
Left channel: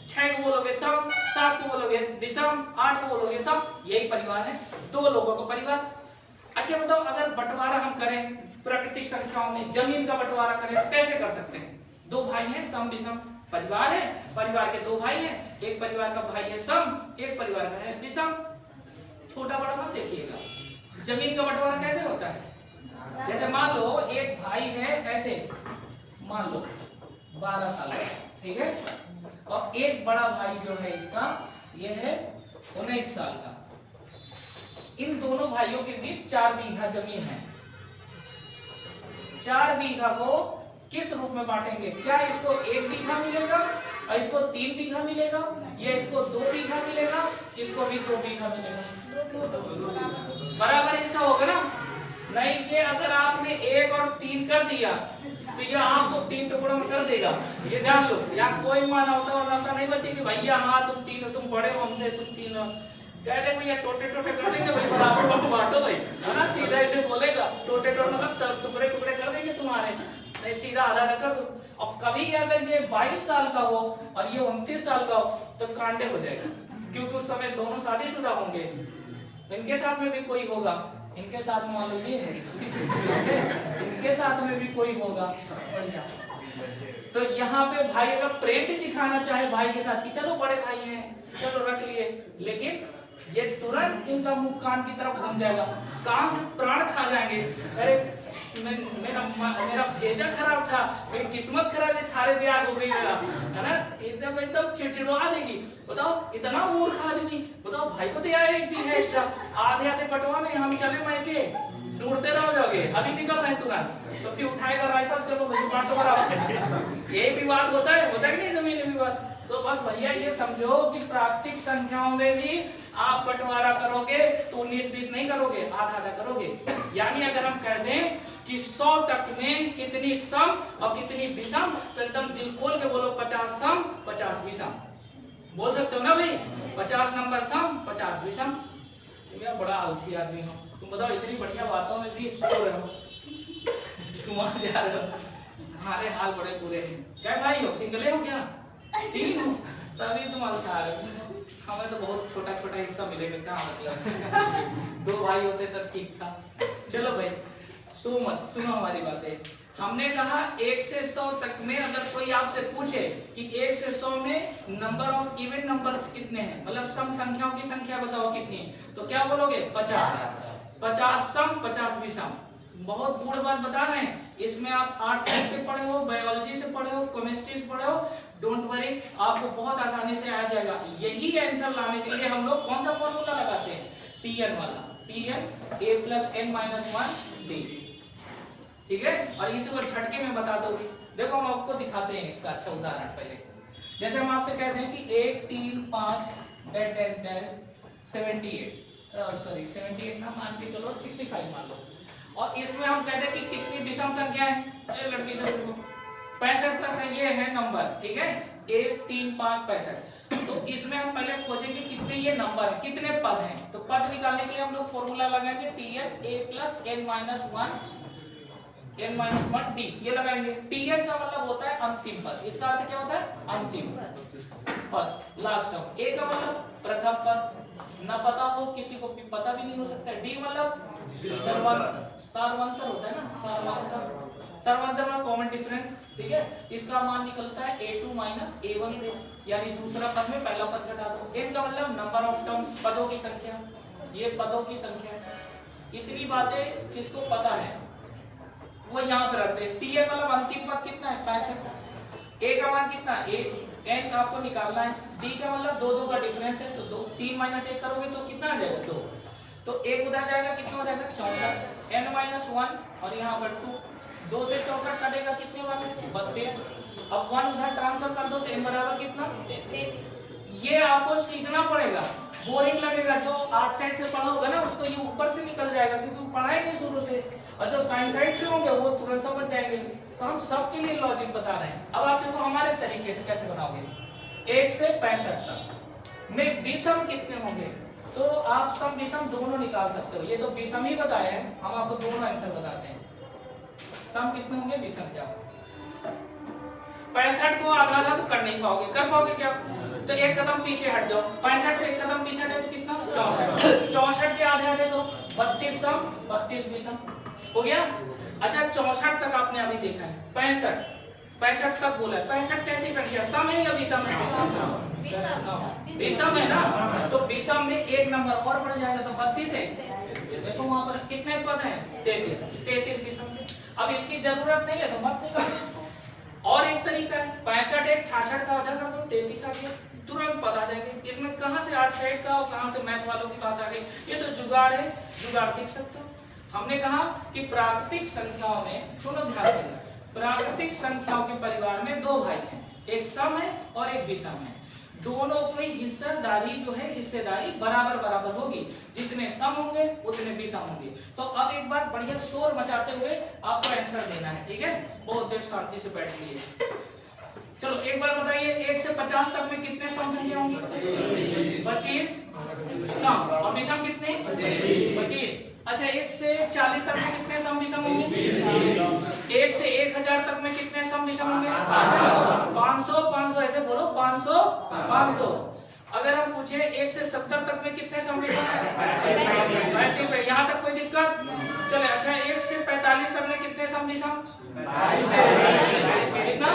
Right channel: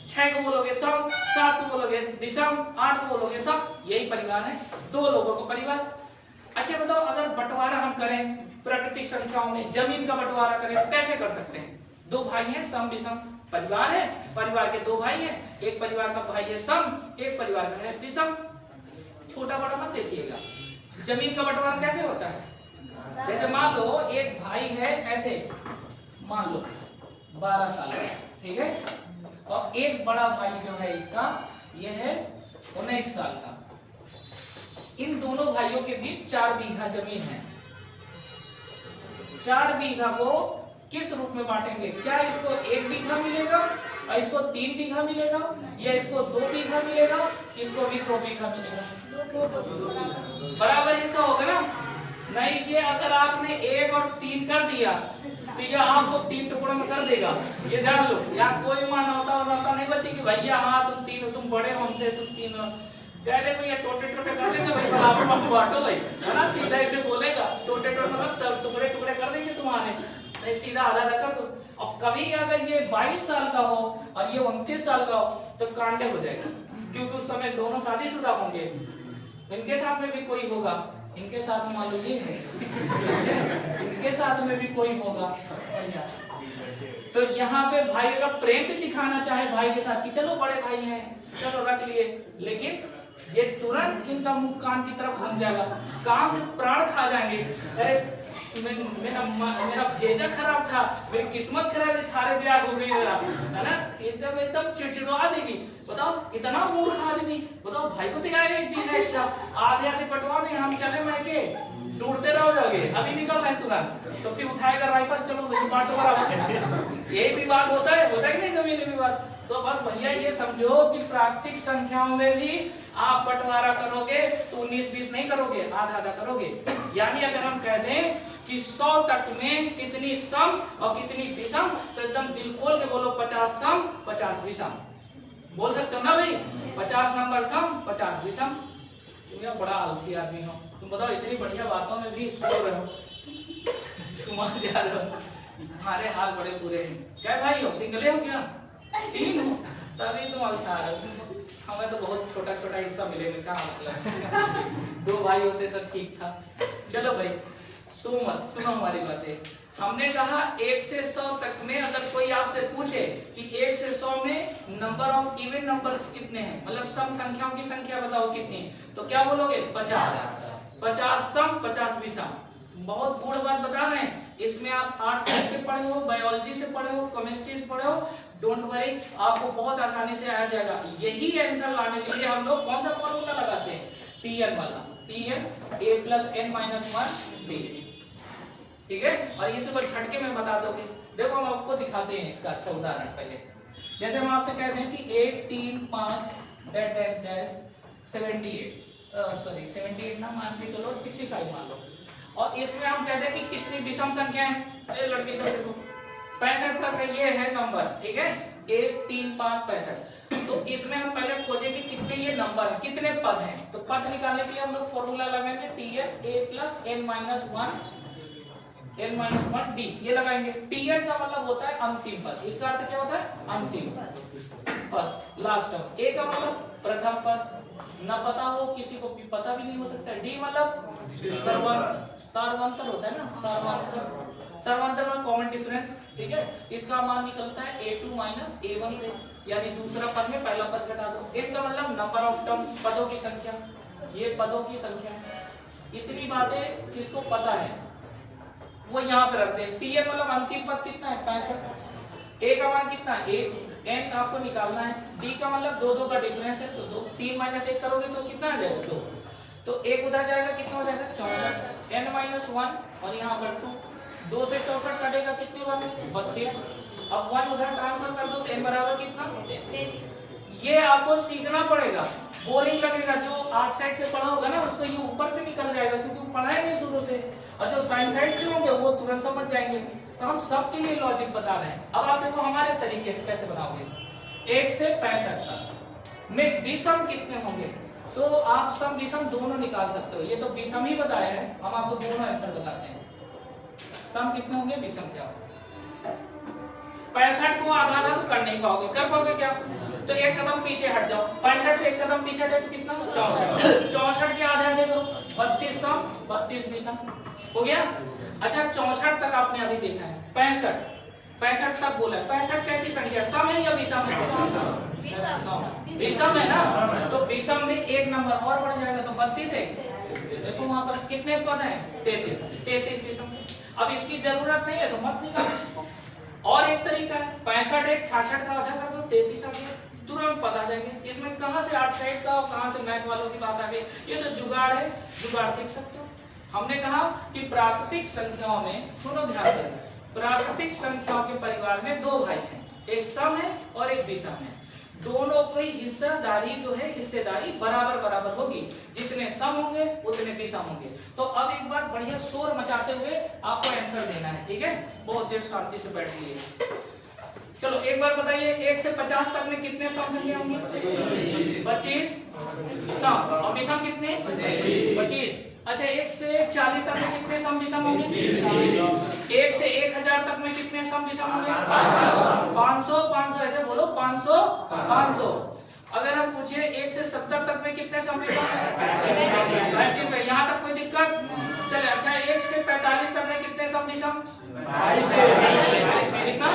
6 को बोलोगे सम, 7 को बोलोगे विषम, 8 को बोलोगे सम। यही परिवार है, 2 लोगों का परिवार। अच्छा बताओ, अगर बंटवारा हम करें प्राकृतिक संख्याओं में, जमीन का बंटवारा करें तो कैसे कर सकते हैं? 2 भाई हैं, सम विषम परिवार है, परिवार के 2 भाई हैं, एक परिवार का भाई है सम, एक परिवार का है विषम। छोटा बड़ा मत देखिएगा। जमीन का बंटवारा कैसे होता है? जैसे मान लो एक भाई है, ऐसे मान लो 12 साल का, ठीक है, और एक बड़ा भाई जो है इसका ये है 19 साल का। इन दोनों भाइयों के बीच 4 बीघा जमीन है। 4 बीघा को किस रूप में बांटेंगे? क्या इसको 1 बीघा मिलेगा और इसको 3 बीघा मिलेगा, या इसको 2 बीघा मिलेगा, इसको भी 2 बीघा मिलेगा? बराबर हिस्सा होगा ना? नहीं, ये अगर आपने 1 और 3 कर दिया तो ये आपको 3 टुकड़ों में कर देगा, ये जान लो। यहाँ कोई मानवता नहीं बचेगी। भैया हाँ तुम 3 तुम बड़े हमसे, तुम 3 कह दे भैया टोटे टोटे कर देंगे भाई, बराबर में बांटो भाई, है ना? सीधा ऐसे बोलेगा टोटे टोटे मतलब टुकड़े टुकड़े कर देंगे तुम्हारे, नहीं सीधा आधा कर दो। और कभी अगर ये 22 साल का हो और ये 29 साल का हो तो कांटे हो जाएगा, क्योंकि उस समय दोनों शादीशुदा होंगे। इनके साथ में भी कोई होगा, इनके साथ में मान लो ये है, इनके साथ में भी कोई होगा। तो यहाँ पे भाई का प्रेम भी दिखाना चाहे भाई के साथ कि चलो बड़े भाई हैं, चलो रख लिए, लेकिन ये तुरंत इनका मुख कान की तरफ घूम जाएगा, कान से प्राण खा जाएंगे। अरे मेरा भेजा खराब था, मेरी किस्मत खराब थी, थारे ब्याह हो गई मेरा, है ना? एकदम चिड़चिड़वा देगी। बताओ इतना मूर्ख आदमी, बताओ भाई को तो यार एक भी है इसका, आधे आधे बंटवा नहीं, हम चले मायके, ढूंढते रहो जाओगे, अभी निकल रहे तुरंत, तो फिर उठाएगा राइफल, चलो बांटो। ये भी बात होता है कि नहीं जमीन विवाद? तो बस भैया ये समझो कि प्राकृतिक संख्याओं में भी आप बंटवारा करोगे तो 19-20 नहीं करोगे, आधा आधा करोगे। यानी अगर हम कह दें कि 100 तक में कितनी सम और कितनी विषम, तो एकदम दिल खोल के बोलो 50 सम 50 विषम। बोल सकते हो ना भाई? 50 नंबर सम 50 विषम। तुम यार बड़ा आलसी आदमी हो, तुम बताओ इतनी बढ़िया बातों में भी सो रहे हो, तुम जा रहे हो, हमारे हाल बड़े बुरे हैं। क्या भाई हो, सिंगले हो क्या? 3 हो, तभी तुम आलसा रहे हो। हमें तो बहुत छोटा छोटा हिस्सा मिलेगा, क्या मतलब 2 भाई होते तो ठीक था। चलो भाई सुनो हमारी बातें। हमने कहा 1 से 100 तक में अगर कोई आपसे पूछे कि 1 से 100 में नंबर ऑफ इवन नंबर्स कितने हैं, मतलब सम संख्याओं की संख्या बताओ कितनी, तो क्या बोलोगे? 50। 50 सम 50 विषम। बहुत गुड़ बात बता रहे हैं। इसमें आप आर्ट्स से पढ़े हो, बायोलॉजी से पढ़े हो, केमिस्ट्री से पढ़े हो, डोंट वरी, आपको बहुत आसानी से आ जाएगा। यही आंसर लाने के लिए हम लोग कौन सा फॉर्मूला लगाते हैं? Tn वाला, Tn a + n - 1 b, ठीक है? और इस ऊपर झटके में बता दोगे। देखो हम आपको दिखाते हैं इसका अच्छा उदाहरण। पहले जैसे हम आपसे कहते हैं कि 1 3 5 78 ना मान के चलो 65 मान लो, और इसमें हम कहते हैं कि कितनी विषम संख्या है? अरे लड़के का देखो 65 तक है, ये है नंबर, ठीक है? 1 3 5 65। तो इसमें हम पहले खोजेंगे कितने ये नंबर है, कितने पद हैं। तो पद निकालने के लिए हम लोग फॉर्मूला लगाएंगे Tn a + n - 1 d, ये लगाएंगे। Tn का मतलब होता है अंतिम पद, इसका अर्थ क्या होता है? अंतिम पद, लास्ट टर्म। a का मतलब प्रथम पद, न पता हो किसी को भी पता भी नहीं हो सकता। d मतलब सर्वांतर होता है ना, सर्वांतर में कॉमन डिफरेंस, ठीक है? इसका मान निकलता है a2 - a1 से, यानी दूसरा पद में पहला पद घटा दो। n का मतलब नंबर ऑफ टर्म्स, पदों की संख्या, ये पदों की संख्या है। इतनी बातें जिसको पता है वो यहाँ पे रख दे। Tn मतलब अंतिम पद कितना है? 65। a का मान कितना है? 1। n आपको निकालना है। d का मतलब 2 का डिफरेंस है, तो 3 - 1 करोगे तो कितना आ जाएगा? 2। तो एक उधर जाएगा, कितना हो जाएगा 64, n-1 और यहाँ पर 2, 2 से 64 कटेगा कितने बार में 32। अब 1 उधर ट्रांसफर कर दो तो n बराबर कितना 33। ये आपको सीखना पड़ेगा, बोरिंग लगेगा, जो 8 साइड से पढ़ा होगा ना उसको ये ऊपर से निकल जाएगा क्योंकि वो पढ़ा ही नहीं शुरू से, और जो साइन साइड से होंगे वो तुरंत समझ जाएंगे। तो हम सबके लिए लॉजिक बता रहे हैं। अब आप देखो हमारे तरीके से कैसे बनाओगे। 1 से 65 तक में विषम कितने होंगे, तो आप सम विषम दोनों निकाल सकते हो। ये तो विषम ही बताया है, हम आपको दोनों आंसर बताते हैं। सम कितने होंगे, विषम क्या होगा। 65 को आधा आधा तो कर नहीं पाओगे, कर पाओगे क्या, तो एक कदम पीछे हट जाओ। 65 से एक कदम पीछे हटे तो कितना 64, 64 के आधे आधे करो 32 सम 32 विषम हो गया। अच्छा 64 तक आपने अभी देखा है, 65 तक बोला है। 65 कैसी संख्या, सम है या विषम है, विषम है ना, तो विषम में एक नंबर और बढ़ जाएगा तो 32 है। देखो वहां पर कितने पद हैं 33 विषम है। अब इसकी जरूरत नहीं है तो मत निकालो इसको। और एक तरीका है 65 एक 66 का आधा कर दो 33 आ गया, तुरंत पता आ जाएंगे। इसमें कहां से 8 साइड का और कहां से मैथ वालों की बात आ गई, ये तो जुगाड़ है, जुगाड़ सीख सकते हो। हमने कहा कि प्राकृतिक संख्याओं में, सुनो ध्यान से, प्राकृतिक संख्याओं के परिवार में 2 भाई हैं, एक सम है और एक विषम है। दोनों की हिस्सेदारी जो है, हिस्सेदारी बराबर बराबर होगी, जितने सम होंगे उतने विषम होंगे। तो अब एक बार बढ़िया शोर मचाते हुए आपको आंसर देना है, ठीक है, बहुत देर शांति से बैठिए। चलो एक बार बताइए, 1 से 50 तक में कितने सम संख्या होंगी, 25 सम, और विषम कितने 25। अच्छा 1 से 40 तक में कितने सम विषम होंगे, 1 से 1000 तक में कितने सम विषम होंगे, 500 ऐसे बोलो 500। अगर हम पूछे 1 से 70 तक में कितने सम विषम होंगे, यहाँ तक कोई दिक्कत चले। अच्छा 1 से 45 तक में कितने सम विषम, कितना,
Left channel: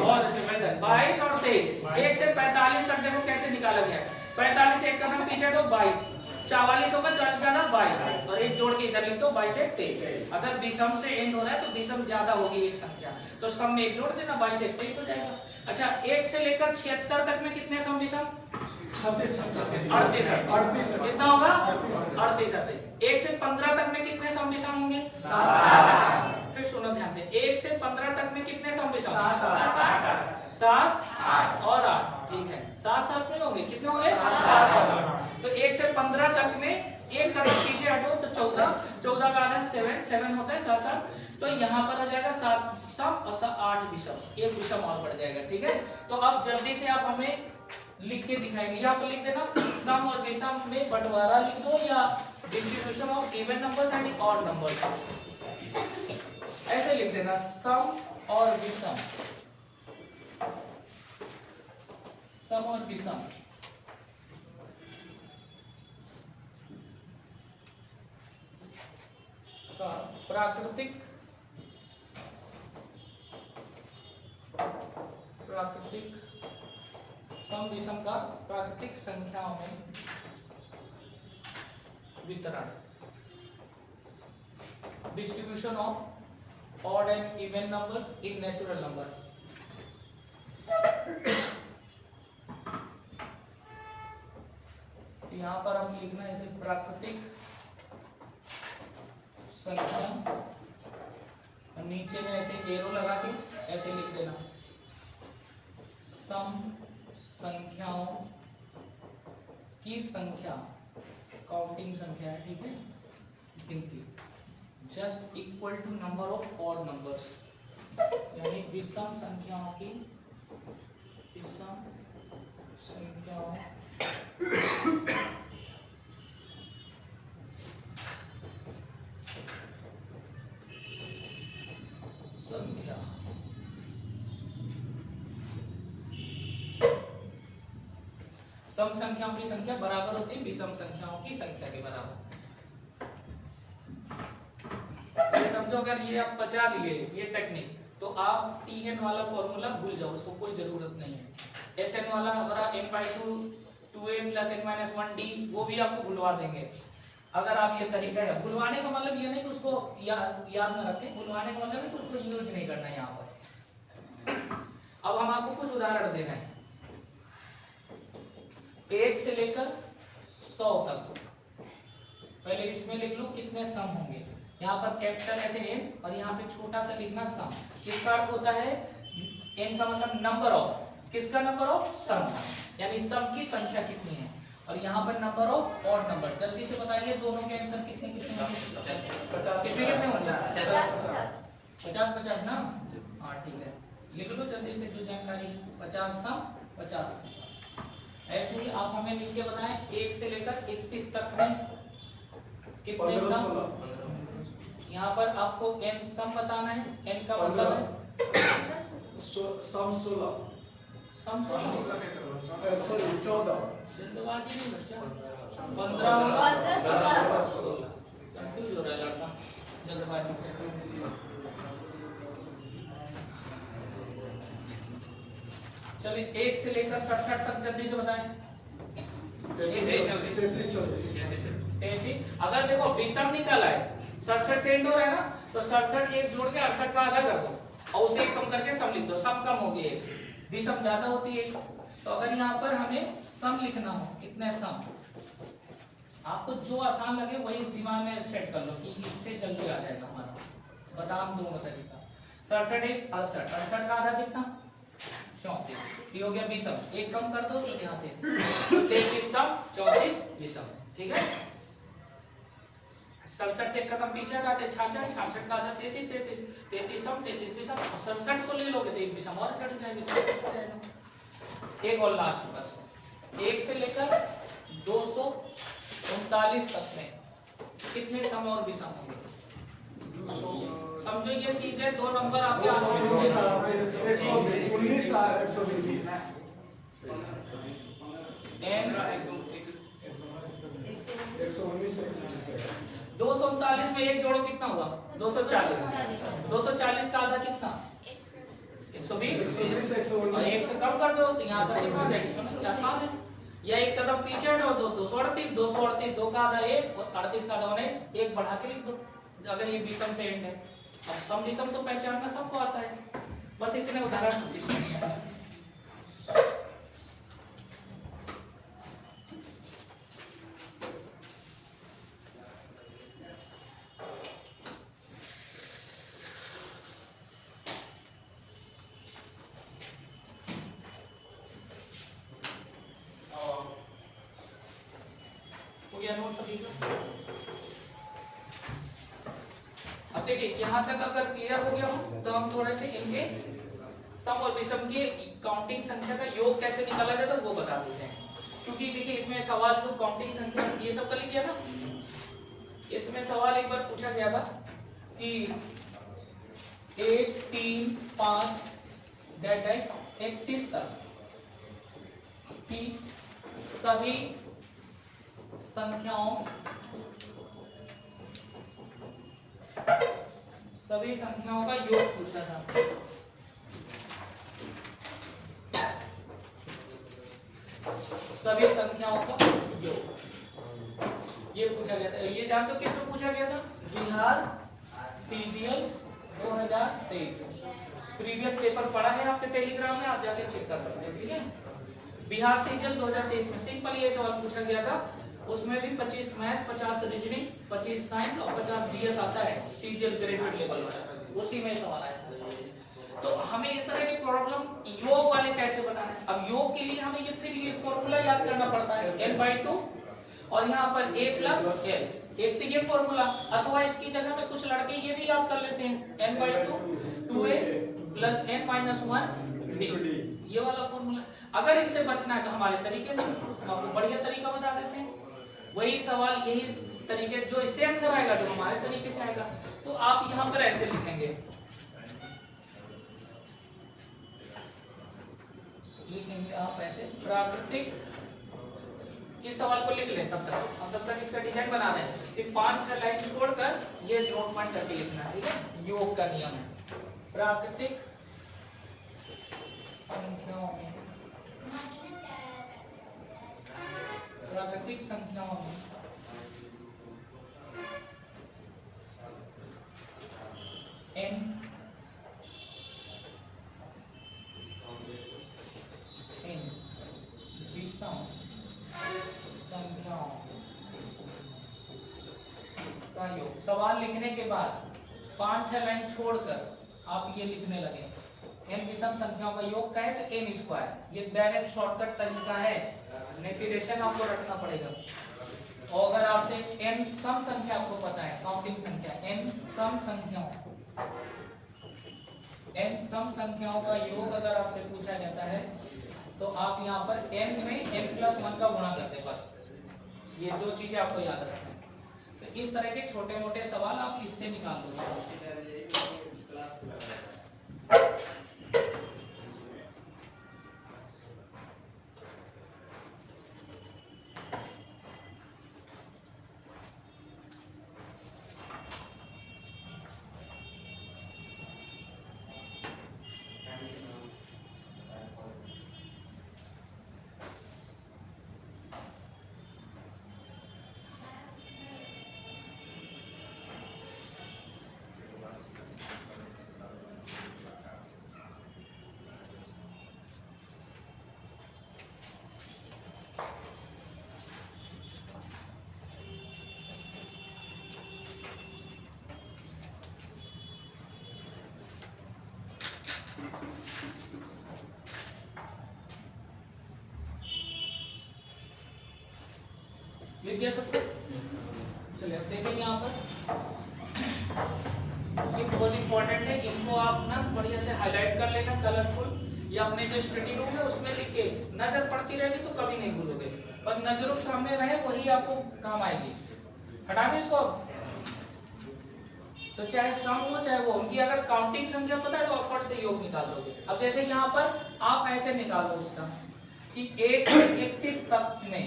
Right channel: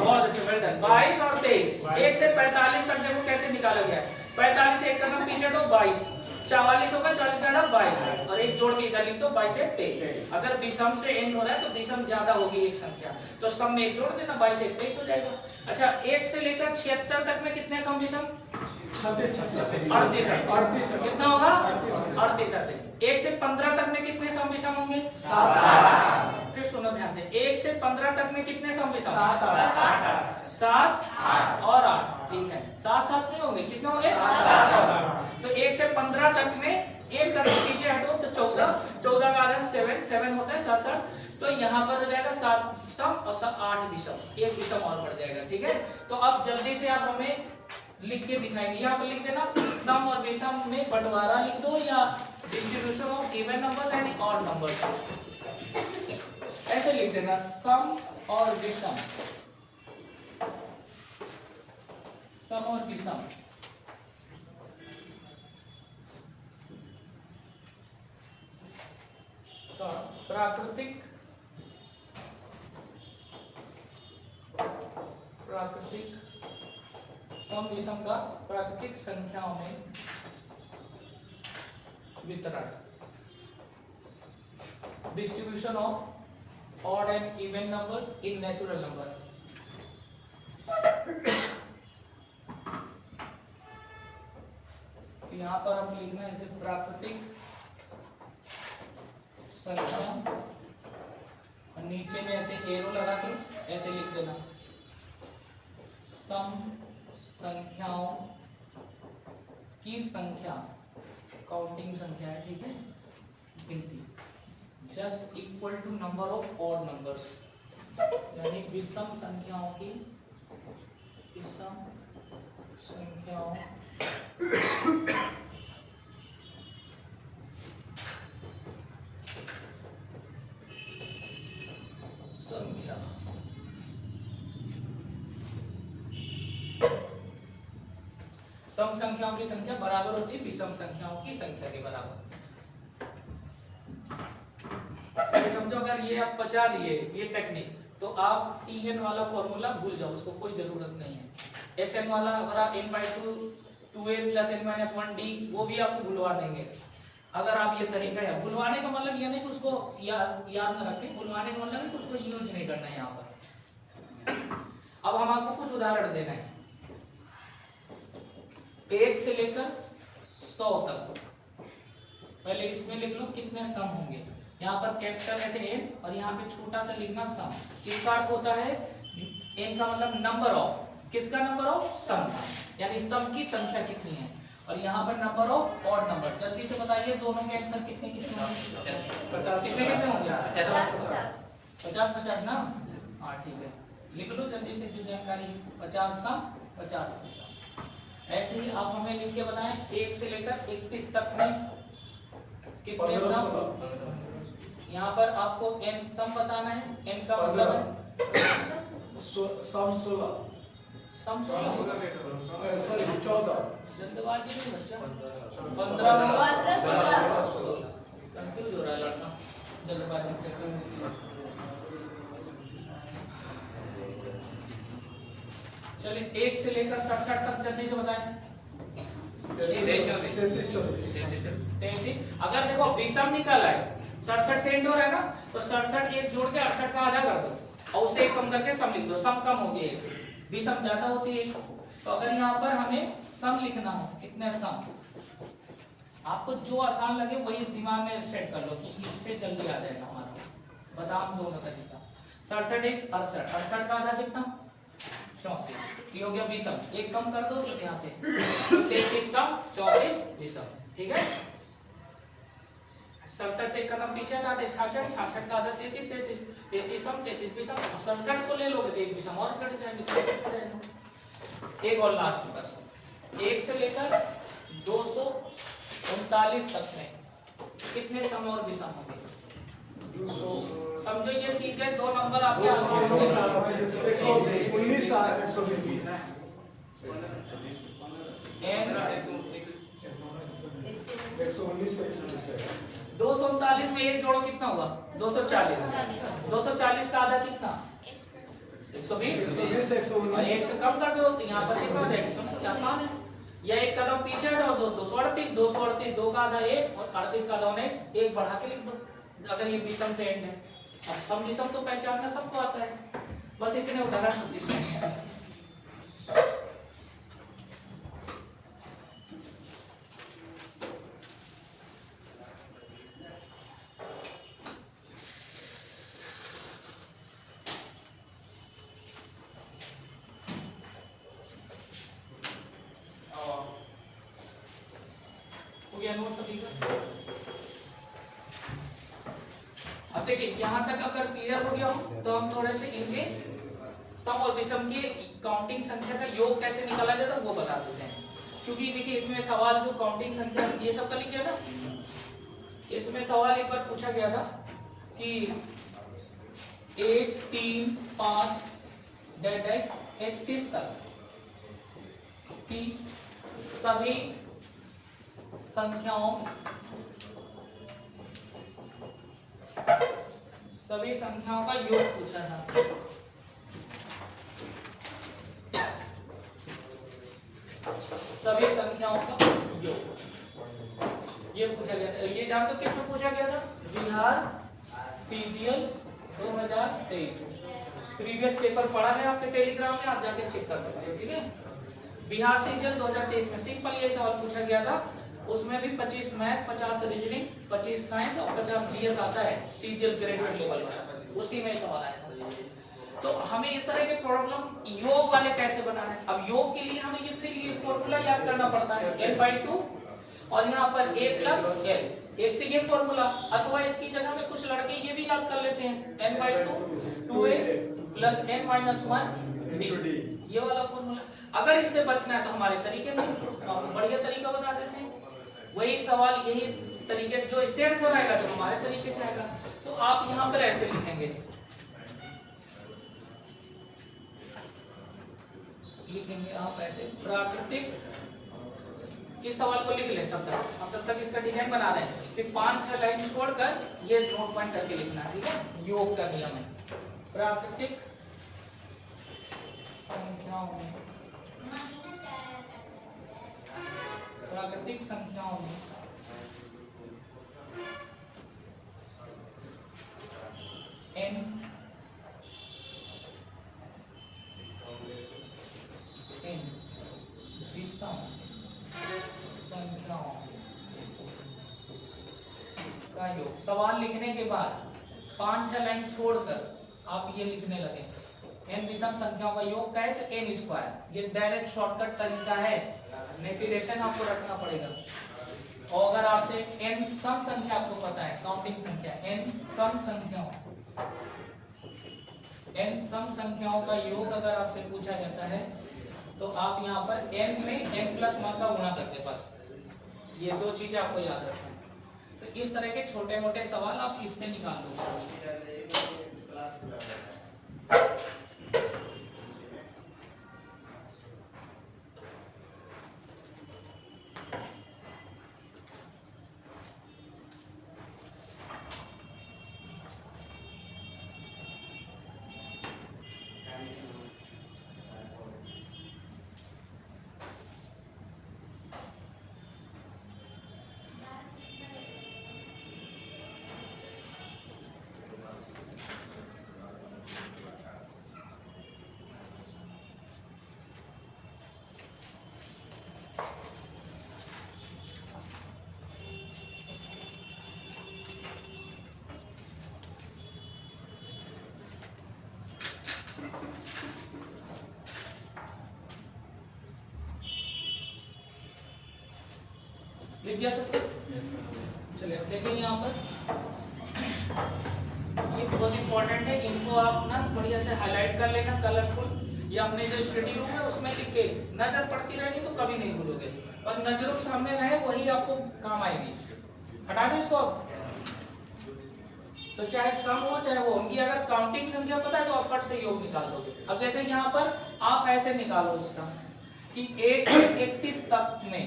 बहुत अच्छा, वेल डन, 22 और 23। 1 से 45 तक देखो कैसे निकाला गया है, 45 से एक कदम पीछे तो 22, 44 होगा, 40 का 22 और एक जोड़ के इधर लिख दो 22 से 23। अगर विषम से एंड हो रहा है तो विषम ज्यादा होगी एक संख्या, तो सम में एक जोड़ देना 22 से 23 हो जाएगा। अच्छा 1 से लेकर 76 तक में कितने सम विषम, 38 कितना होगा 38। 1 से 15 तक में कितने सम विषम होंगे, 7। फिर सुनो ध्यान से, 1 से 15 तक में कितने सम विषम, 7 और 8, ठीक है, 7 नहीं होंगे, कितने होंगे 7। तो 1 से 15 तक में एक कदम पीछे हटो तो 14 का आधा 7 होता है 7। तो यहाँ पर हो जाएगा 7 सम और 8 विषम, एक विषम और बढ़ जाएगा, ठीक है। तो अब जल्दी से आप हमें लिख के दिखाएंगे, यहाँ पर लिख देना सम और विषम में बंटवारा लिख दो या distribution of even numbers and odd numbers, ऐसे लिख देना सम और विषम, सम और विषम। प्राकृतिक सम विषम का प्राकृतिक संख्याओं में वितरण, distribution of odd and even numbers in natural number. यहां पर हम लिखना है इसे प्राकृतिक संख्या, नीचे में ऐसे एरो लगा के ऐसे लिख देना सम संख्याओं की संख्या, काउंटिंग संख्या है, ठीक है, गिनती, just equal to number of odd numbers, यानी विषम संख्याओं की, विषम संख्याओं संख्या, सम संख्याओं की संख्या बराबर होती है विषम संख्याओं की संख्या के बराबर। समझो अगर ये आप बचा लिए ये टेक्निक, तो आप Tn वाला फॉर्मूला भूल जाओ, उसको कोई जरूरत नहीं है। Sn वाला अगर n/2 2n + n-1d वो भी आपको भूलवा देंगे अगर आप ये तरीका है। भूलवाने का मतलब ये नहीं कि उसको याद न रखें, भूलवाने का मतलब है कि उसको यूज नहीं करना है यहाँ पर। अब हम आपको कुछ उदाहरण देना है। 1 से लेकर 100 तक पहले इसमें लिख लो कितने सम होंगे। यहाँ पर कैपिटल ऐसे n और यहाँ पे छोटा सा लिखना सम। किसका अर्थ होता है? n का मतलब नंबर ऑफ, किसका नंबर ऑफ? सम का, यानी सम की संख्या कितनी है। और यहाँ पर नंबर ऑफ ऑड नंबर। जल्दी से बताइए दोनों के आंसर कितने कितने होंगे? 50 कितने कैसे होंगे? 50 50 ना। हाँ ठीक है, लिख लो जल्दी से जो जानकारी है। 50 सम 50 सम। ऐसे ही आप हमें लिख के बताएं 1 से लेकर 31 तक में कितने सम। यहाँ पर आपको n सम बताना है। n का मतलब है सम 16, सम 16 14, जल्दबाजी नहीं बच्चा, 15 16 कंफ्यूज हो रहा है लड़का जल्दबाजी के चक्कर में। चलिए 1 से लेकर 67 तक जल्दी से बताएं। 33। अगर देखो विषम निकल आए, 67 से एंड हो रहा है ना, तो 67 एक जोड़ के 68 का आधा कर दो और उसे एक कम करके सम लिख दो। सम कम हो गई है, विषम ज्यादा होती है। तो अगर यहाँ पर हमें सम लिखना हो, कितने सम, आपको जो आसान लगे वही दिमाग में सेट कर लो कि इससे जल्दी आ जाएगा हमारा। बताओ दोनों तरीका। 67 एक 68, 68 का आधा कितना? 34। ये हो गया विषम। एक कम कर दो तो यहाँ से 33 सम 34 विषम। ठीक है, 67 से एक कदम पीछे हटाते 66, 66 का आधा 33, 33 सम 33 विषम। 67 को ले लोगे तो एक विषम और चढ़ जाएंगे। एक और लास्ट बस, 1 से लेकर 239 तक में कितने सम और विषम होंगे? समझो ये सीख गए, दो नंबर आपके आसपास होंगे। 239 में एक जोड़ो कितना हुआ? 240। 240 का आधा कितना? 120। एक से कम कर दो तो यहाँ पर कितना जाएगा? आसान है। या एक कदम पीछे हटाओ, 238, 238 2 का आधा 1 और 38 का आधा 19, एक बढ़ा के लिख दो अगर ये विषम से एंड है। अब सम विषम तो पहचानना सबको आता है, बस इतने उदाहरण। अब देखिए यहाँ तक अगर क्लियर हो गया हो तो हम थोड़े से इनके सम और विषम की काउंटिंग संख्या का योग कैसे निकाला जाता है वो बता देते हैं। क्योंकि देखिए इसमें सवाल जो काउंटिंग संख्या ये सब कर लीजिए ना, इसमें सवाल एक बार पूछा गया था कि 1 3 5 31 तक की सभी संख्याओं का योग पूछा था। सभी संख्याओं का योग ये पूछा गया था। ये जान तो किसमें पूछा गया था? बिहार सीजीएल 2023। प्रीवियस पेपर पढ़ा है आपके टेलीग्राम में, आप जाके चेक कर सकते हो। ठीक है, बिहार सीजीएल 2023 में सिंपल ये सवाल पूछा गया था। उसमें भी 25 मैथ, 50 रीजनिंग, 25 साइंस और 50 जीएस आता है सीजीएल ग्रेजुएट लेवल वाला, उसी में सवाल आया था। तो हमें इस तरह के प्रॉब्लम योग वाले कैसे बनाना है। अब योग के लिए हमें ये फिर ये फॉर्मूला याद करना पड़ता है, n/2 और यहाँ पर a + l। एक तो ये फॉर्मूला, अथवा इसकी जगह में कुछ लड़के ये भी याद कर लेते हैं, n/2 2a + n - 1 b, ये वाला फॉर्मूला। अगर इससे बचना है तो हमारे तरीके से हम आपको बढ़िया तरीका बता देते हैं। वही सवाल यही तरीके जो इससे आंसर आएगा जो हमारे तरीके से आएगा। तो आप यहाँ पर ऐसे लिखेंगे, आप ऐसे प्राकृतिक, इस सवाल को लिख लें तब तक इसका डिजाइन बना दें। फिर 5-6 लाइन छोड़कर ये नोट पॉइंट करके लिखना है। ठीक है, योग का नियम है। प्राकृतिक संख्याओं में n विषम संख्याओं का योग। सवाल लिखने के बाद 5-6 लाइन छोड़कर आप ये लिखने लगे n विषम संख्याओं का योग का है तो n स्क्वायर। ये डायरेक्ट शॉर्टकट तरीका है, डेफिनेशन आपको रखना पड़ेगा। और अगर आपसे n सम संख्या आपको पता है, काउंटिंग संख्या n सम संख्याओं का योग अगर आपसे पूछा जाता है तो आप यहाँ पर n में n+1 का गुणा करते, बस ये दो चीजें आपको याद रखना है। तो इस तरह के छोटे मोटे सवाल आप इससे निकाल दो। लिख दिया सबको? चलिए अब देखेंगे यहाँ पर, ये बहुत इंपॉर्टेंट है, इनको आप ना बढ़िया से हाईलाइट कर लेना कलरफुल, या अपने जो स्टडी रूम है उसमें लिख के नजर पड़ती रहेगी तो कभी नहीं भूलोगे, पर नजरों के सामने रहे वही आपको काम आएगी। हटा दें इसको। तो चाहे सम हो चाहे वो, उनकी अगर काउंटिंग संख्या पता है तो आप फट से योग निकाल दोगे। अब जैसे यहाँ पर आप ऐसे निकालो इसका कि 1 से 31 तक में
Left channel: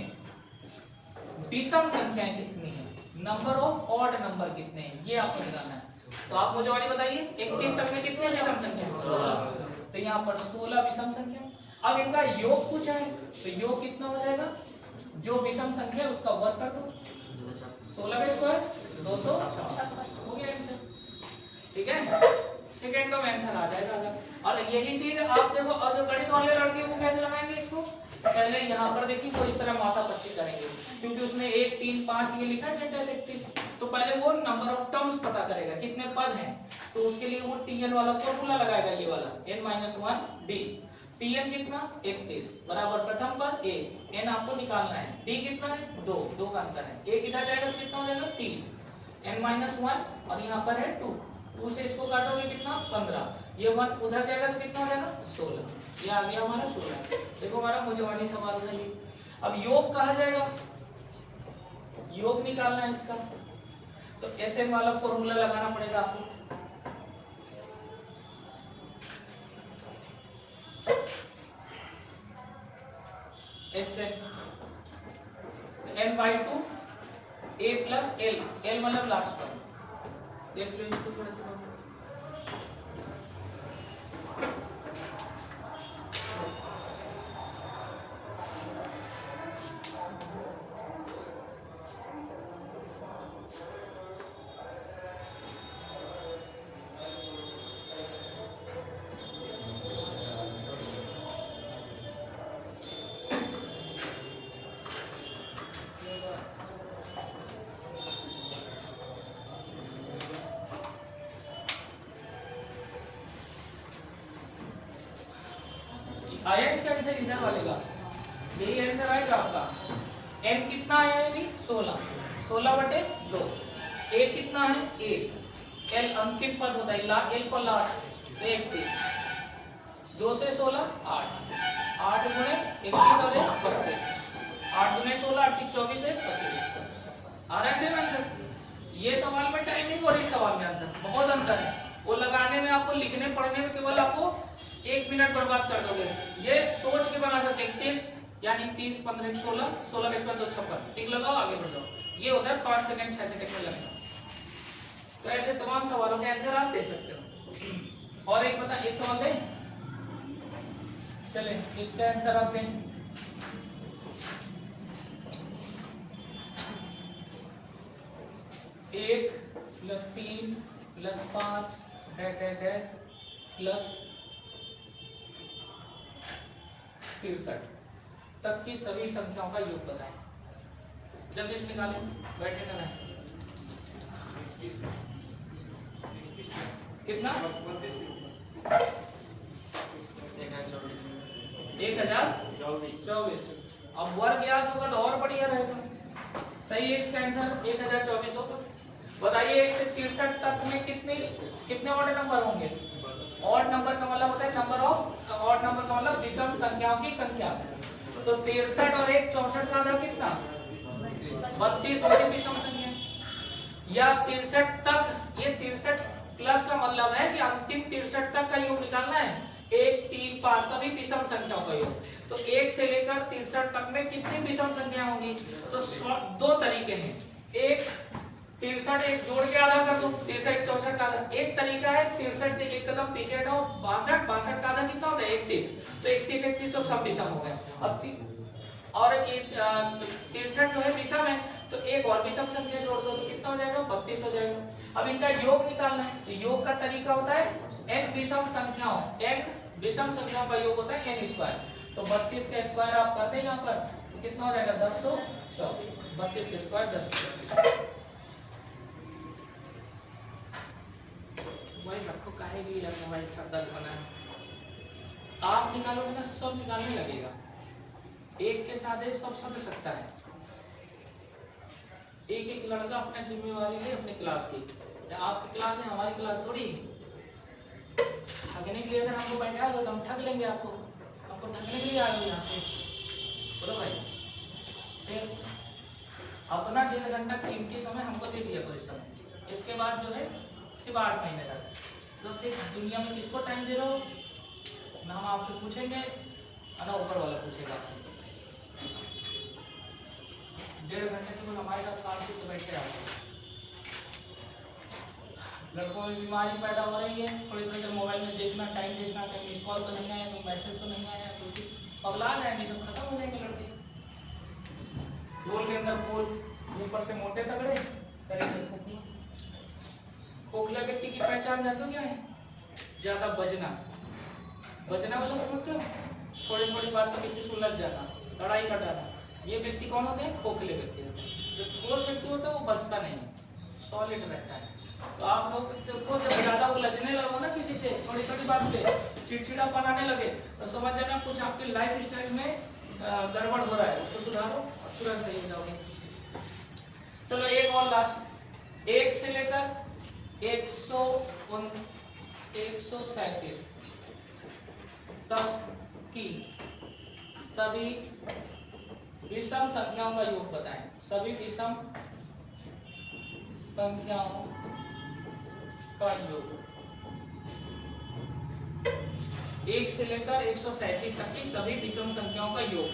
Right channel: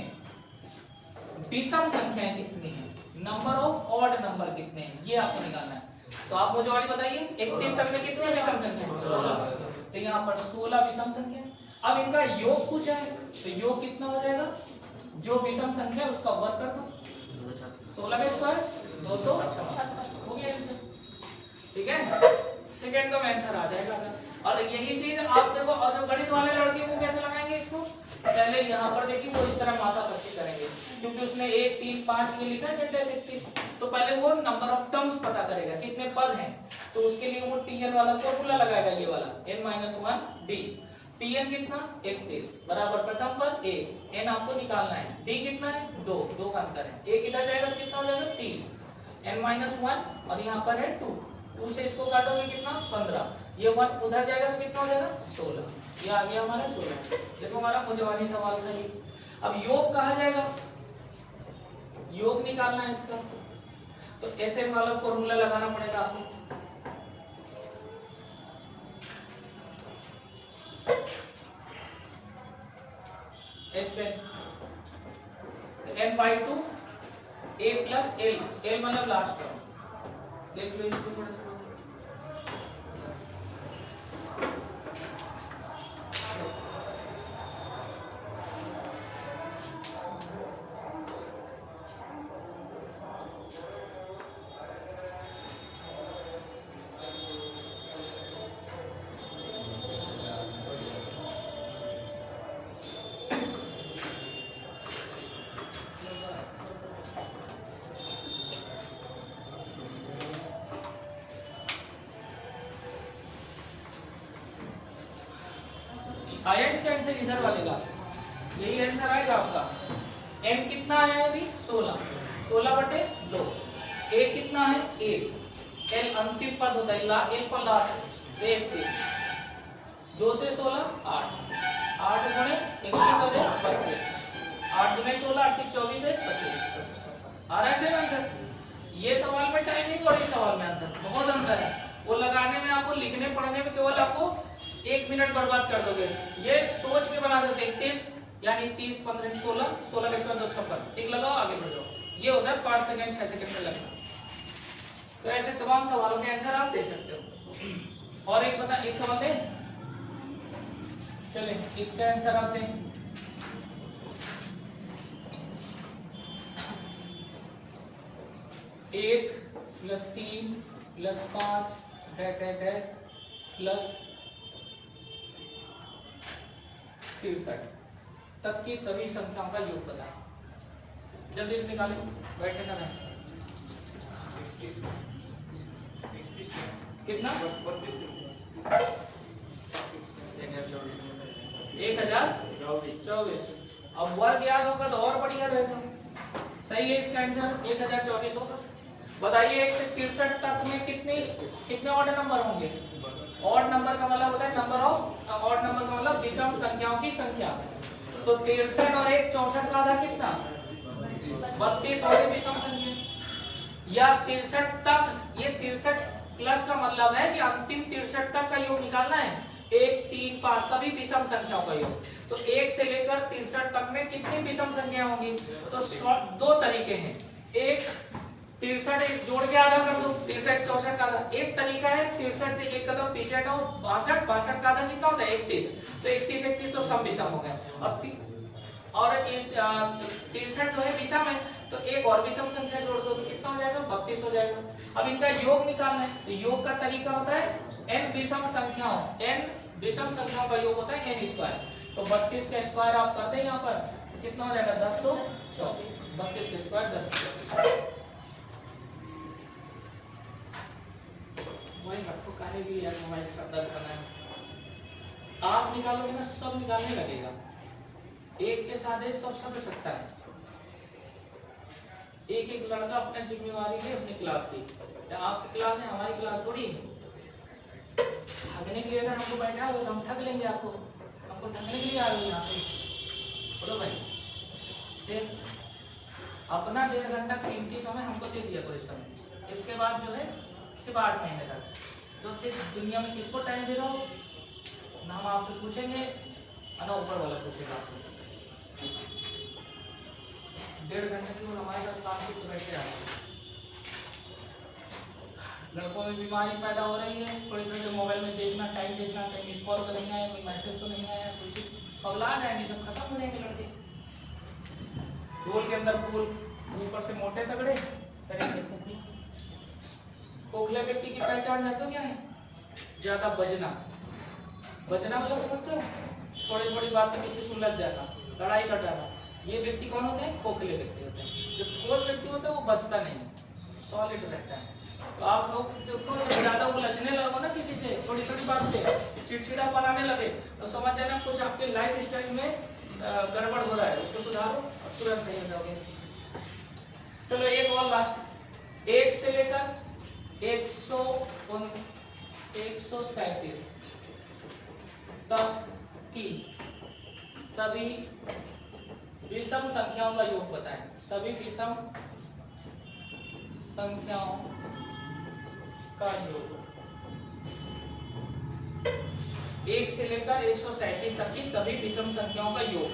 विषम संख्याएं कितनी है, नंबर ऑफ ऑड नंबर कितने हैं, ये आपको निकालना है। तो आप मुझे वाली बताइए 31 तक में कितनी विषम संख्या, 16। तो यहाँ पर 16 विषम संख्या। अब इनका योग पूछा है तो योग कितना हो जाएगा, जो विषम संख्या है उसका वर्ग कर दो, 16 का स्क्वायर 256 हो गया आंसर। ठीक है, सेकंड का आंसर आ जाएगा। और यही चीज आप देखो, और जो गणित वाले लड़के वो कैसे लगाएंगे इसको, पहले यहाँ पर देखिए वो इस तरह माथा पच्ची करेंगे, क्योंकि उसने 1 3 5 ये लिखा है जैसे 31, तो पहले वो नंबर ऑफ टर्म्स पता करेगा कितने पद हैं, तो उसके लिए वो tn वाला फॉर्मूला लगाएगा, ये वाला n-1 d। tn कितना 31 बराबर प्रथम पद a, n आपको निकालना है, d कितना है 2, 2 का अंतर है, a कितना जाएगा तो कितना हो जाएगा 30, n-1 और यहाँ पर है 2 से इसको काटोगे कितना 15, ये 1 उधर जाएगा तो कितना हो जाएगा 16, ये आ गया हमारा 16। देखो हमारा मुझे सवाल था ये। अब योग कहा जाएगा, योग निकालना है इसका, तो ऐसे वाला फॉर्मूला लगाना पड़ेगा आपको। ऐसे n/2 a plus l, l मतलब लास्ट टर्म, देख लो इसको थोड़ा सा। आया इसका आंसर इधर वाले का, यही आंसर आएगा आपका। m कितना आया है अभी 16, 16/2, a कितना है 1, l अंतिम पद होता है, l फॉर लास्ट, 1 2 से 16 8, 8 गुणे 21 और 25, 8 गुणे 16 8 24 है 25। आ रहा है सर आंसर। ये सवाल में टाइमिंग और इस सवाल में अंतर, बहुत अंतर है। वो लगाने में आपको, लिखने पढ़ने में केवल आपको 1 मिनट बर्बाद कर दोगे। ये सोच के बना सकते हैं 30 यानी 30 15 16, 16 के बाद 256, टिक लगाओ आगे बढ़ जाओ। ये उधर 5 सेकंड 6 सेकंड में लगता है। तो ऐसे तमाम सवालों के आंसर आप दे सकते हो। और एक बता, एक सवाल दे, चले इसका आंसर आप दें। एक plus 3 plus 5 dash dash dash plus 63 तक की सभी संख्याओं का योग बताएं। जल्दी से निकालें, बैठने का है। कितना 1024। अब वर्ग याद होगा तो और बढ़िया रहेगा। सही है, इसका आंसर 1024 होगा। बताइए 1 से 63 तक में कितने ऑड नंबर होंगे? ऑड नंबर का मतलब होता है नंबर ऑफ ऑड नंबर का मतलब विषम संख्याओं की संख्या। तो 63 और 1 64 का आधा कितना 32 और एक विषम संख्या। या 63 तक, ये 63 प्लस का मतलब है कि अंतिम 63 तक का योग निकालना है। 1 3 5 सभी विषम संख्या का योग। तो 1 से लेकर 63 तक में कितनी विषम संख्या होंगी? तो दो तरीके हैं। एक 63 एक जोड़ के आधा कर दो, 63 64 का आधा। एक तरीका है 63 से एक कदम पीछे हटो 62, 62 का आधा कितना होता है 31। तो 31 31 तो सब विषम हो गए। अब और 63 जो है विषम है, तो एक और विषम संख्या जोड़ दो तो कितना हो जाएगा 32 हो जाएगा। अब इनका योग निकालना है, तो योग का तरीका होता है n विषम संख्याओं, n विषम संख्याओं का योग होता है n स्क्वायर। तो 32 का स्क्वायर आप कर दें यहाँ पर, तो कितना हो जाएगा 1024। 32 का स्क्वायर 1024। वही रखो काहे की यार मोबाइल शब्द बनाए। आप निकालोगे ना सब निकालने लगेगा, एक के साथ सब सद सकता है। एक एक लड़का अपना जिम्मेवारी ले अपनी क्लास की। तो आपकी क्लास है, हमारी क्लास थोड़ी है। ठगने के लिए अगर हमको बैठा हो तो हम ठग लेंगे आपको ठगने के लिए आ रहे हो यहाँ पे, बोलो भाई। फिर अपना 1.5 घंटा कीमती समय हमको दे दिया करो इस समय। इसके बाद जो है सिर्फ 8 महीने तक, तो फिर दुनिया में किसको टाइम दे रहे हो ना हम आपसे पूछेंगे ना ऊपर वाला पूछेगा आपसे। 1.5 घंटे केवल हमारे साथ शांति तो बैठे आ रहे हैं। लड़कों में बीमारी पैदा हो रही है, थोड़ी देर मोबाइल में देखना, टाइम देखना, कहीं मिस कॉल तो नहीं आया, कोई मैसेज तो नहीं आया, कुछ पगला जाएंगे, सब खत्म हो जाएंगे लड़के। डोल के अंदर फूल, ऊपर से मोटे तगड़े, शरीर से खोखले। खोखले व्यक्ति की पहचान जानते हो क्या है? ज्यादा बजना वाला समझते हो? थोड़ी थोड़ी बात में किसी से उलझ जाना, लड़ाई का डरना। ये व्यक्ति कौन होते हैं? खोखले व्यक्ति होते हैं। जो ठोस व्यक्ति होता है वो बचता नहीं, सॉलिड रहता है। तो आप लोग देखो जब ज्यादा उलझने लगो ना किसी से, थोड़ी थोड़ी बात पे चिड़चिड़ा बनाने लगे, तो समझ जाना कुछ आपके लाइफ स्टाइल में गड़बड़ हो रहा है। उसको सुधारो और तुरंत सही हो जाओगे। चलो एक और लास्ट, 1 से लेकर 137 तक की सभी विषम संख्याओं का योग बताएं। सभी विषम संख्याओं का योग 1 से लेकर 137 तक की सभी विषम संख्याओं का योग।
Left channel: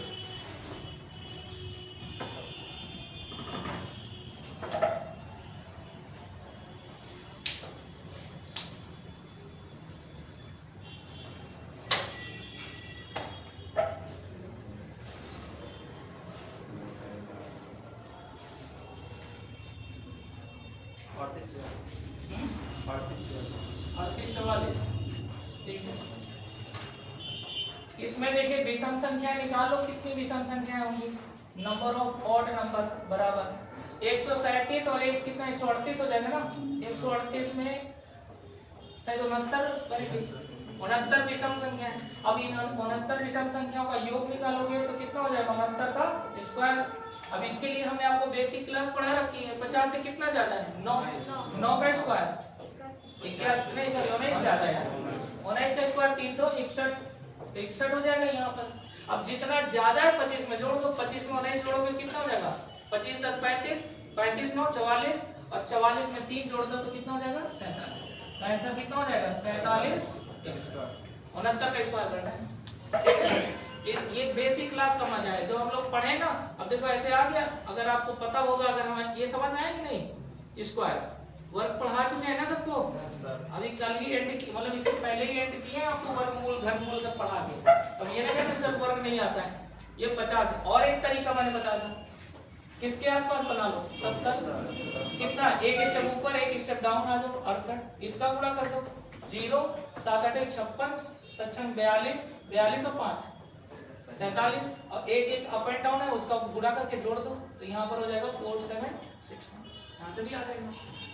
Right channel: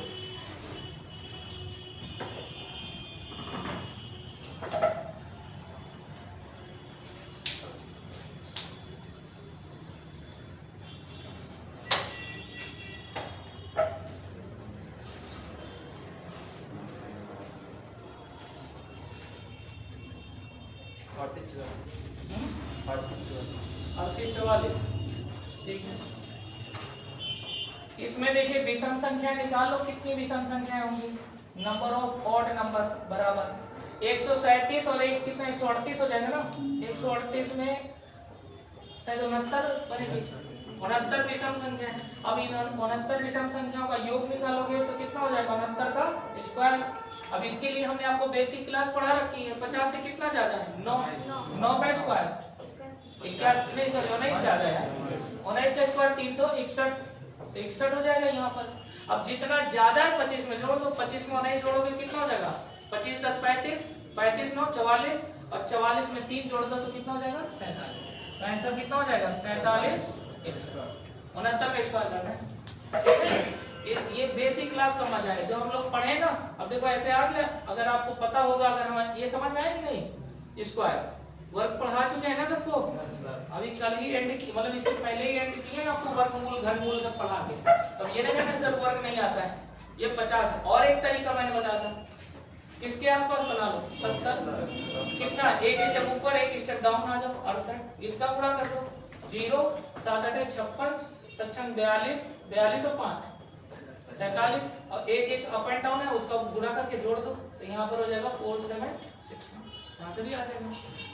इसमें देखिए विषम संख्या निकालो, कितनी विषम संख्याएं होंगी? नंबर ऑफ ऑड नंबर बराबर 137 और एक कितना 138 हो जाएगा ना। 138 में शायद 69 बनेगी, 69 विषम संख्या है। अब इन 69 विषम संख्याओं का योग निकालोगे तो कितना हो जाएगा 69 का स्क्वायर। अब इसके लिए हमने आपको बेसिक क्लास पढ़ा रखी है। 50 से कितना ज्यादा है 9 का स्क्वायर 21 नहीं सर 19 ज्यादा है। 19 का स्क्वायर 361 हो जाएगा यहाँ पर। अब जितना ज्यादा है 25 में जोड़ो, तो 25 में 19 जोड़ोगे कितना हो जाएगा 25 तक 35, 35 9 44 और 44 में 3 जोड़ दो तो कितना हो जाएगा 47। आंसर कितना हो जाएगा 47। 69 का स्क्वायर करना है। ये बेसिक क्लास का मजा है जो हम लोग पढ़े ना। अब देखो ऐसे आ गया, अगर आपको पता होगा, अगर हम ये समझ में आया कि नहीं, स्क्वायर वर्ग पढ़ा चुके हैं ना सबको। अभी कल ही एंड की, मतलब इससे पहले ही एंड किए हैं आपको वर्गमूल घनमूल सब पढ़ा के। अब ये ना कहते सर वर्ग नहीं आता है, ये 50 है। और एक तरीका मैंने बताया था, किसके आसपास बना लो 70 कितना, एक स्टेप ऊपर एक स्टेप डाउन आ जाओ 68, इसका गुणा कर दो 0 7 8 56 56 42 42 और 5 47 और एक अप एंड डाउन है उसका गुणा करके जोड़ दो तो यहाँ पर हो जाएगा 4 7 6। यहाँ से भी आ जाएगा।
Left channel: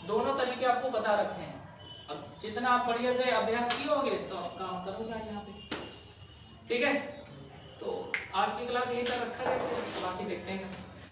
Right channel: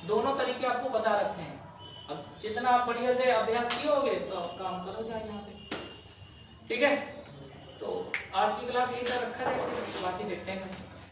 दोनों तरीके आपको बता रखे हैं। अब जितना आप बढ़िया से अभ्यास किए होगे तो आप काम करोगे आज यहाँ पे। ठीक है, तो आज की क्लास यही तक रखा है, बाकी देखते हैं।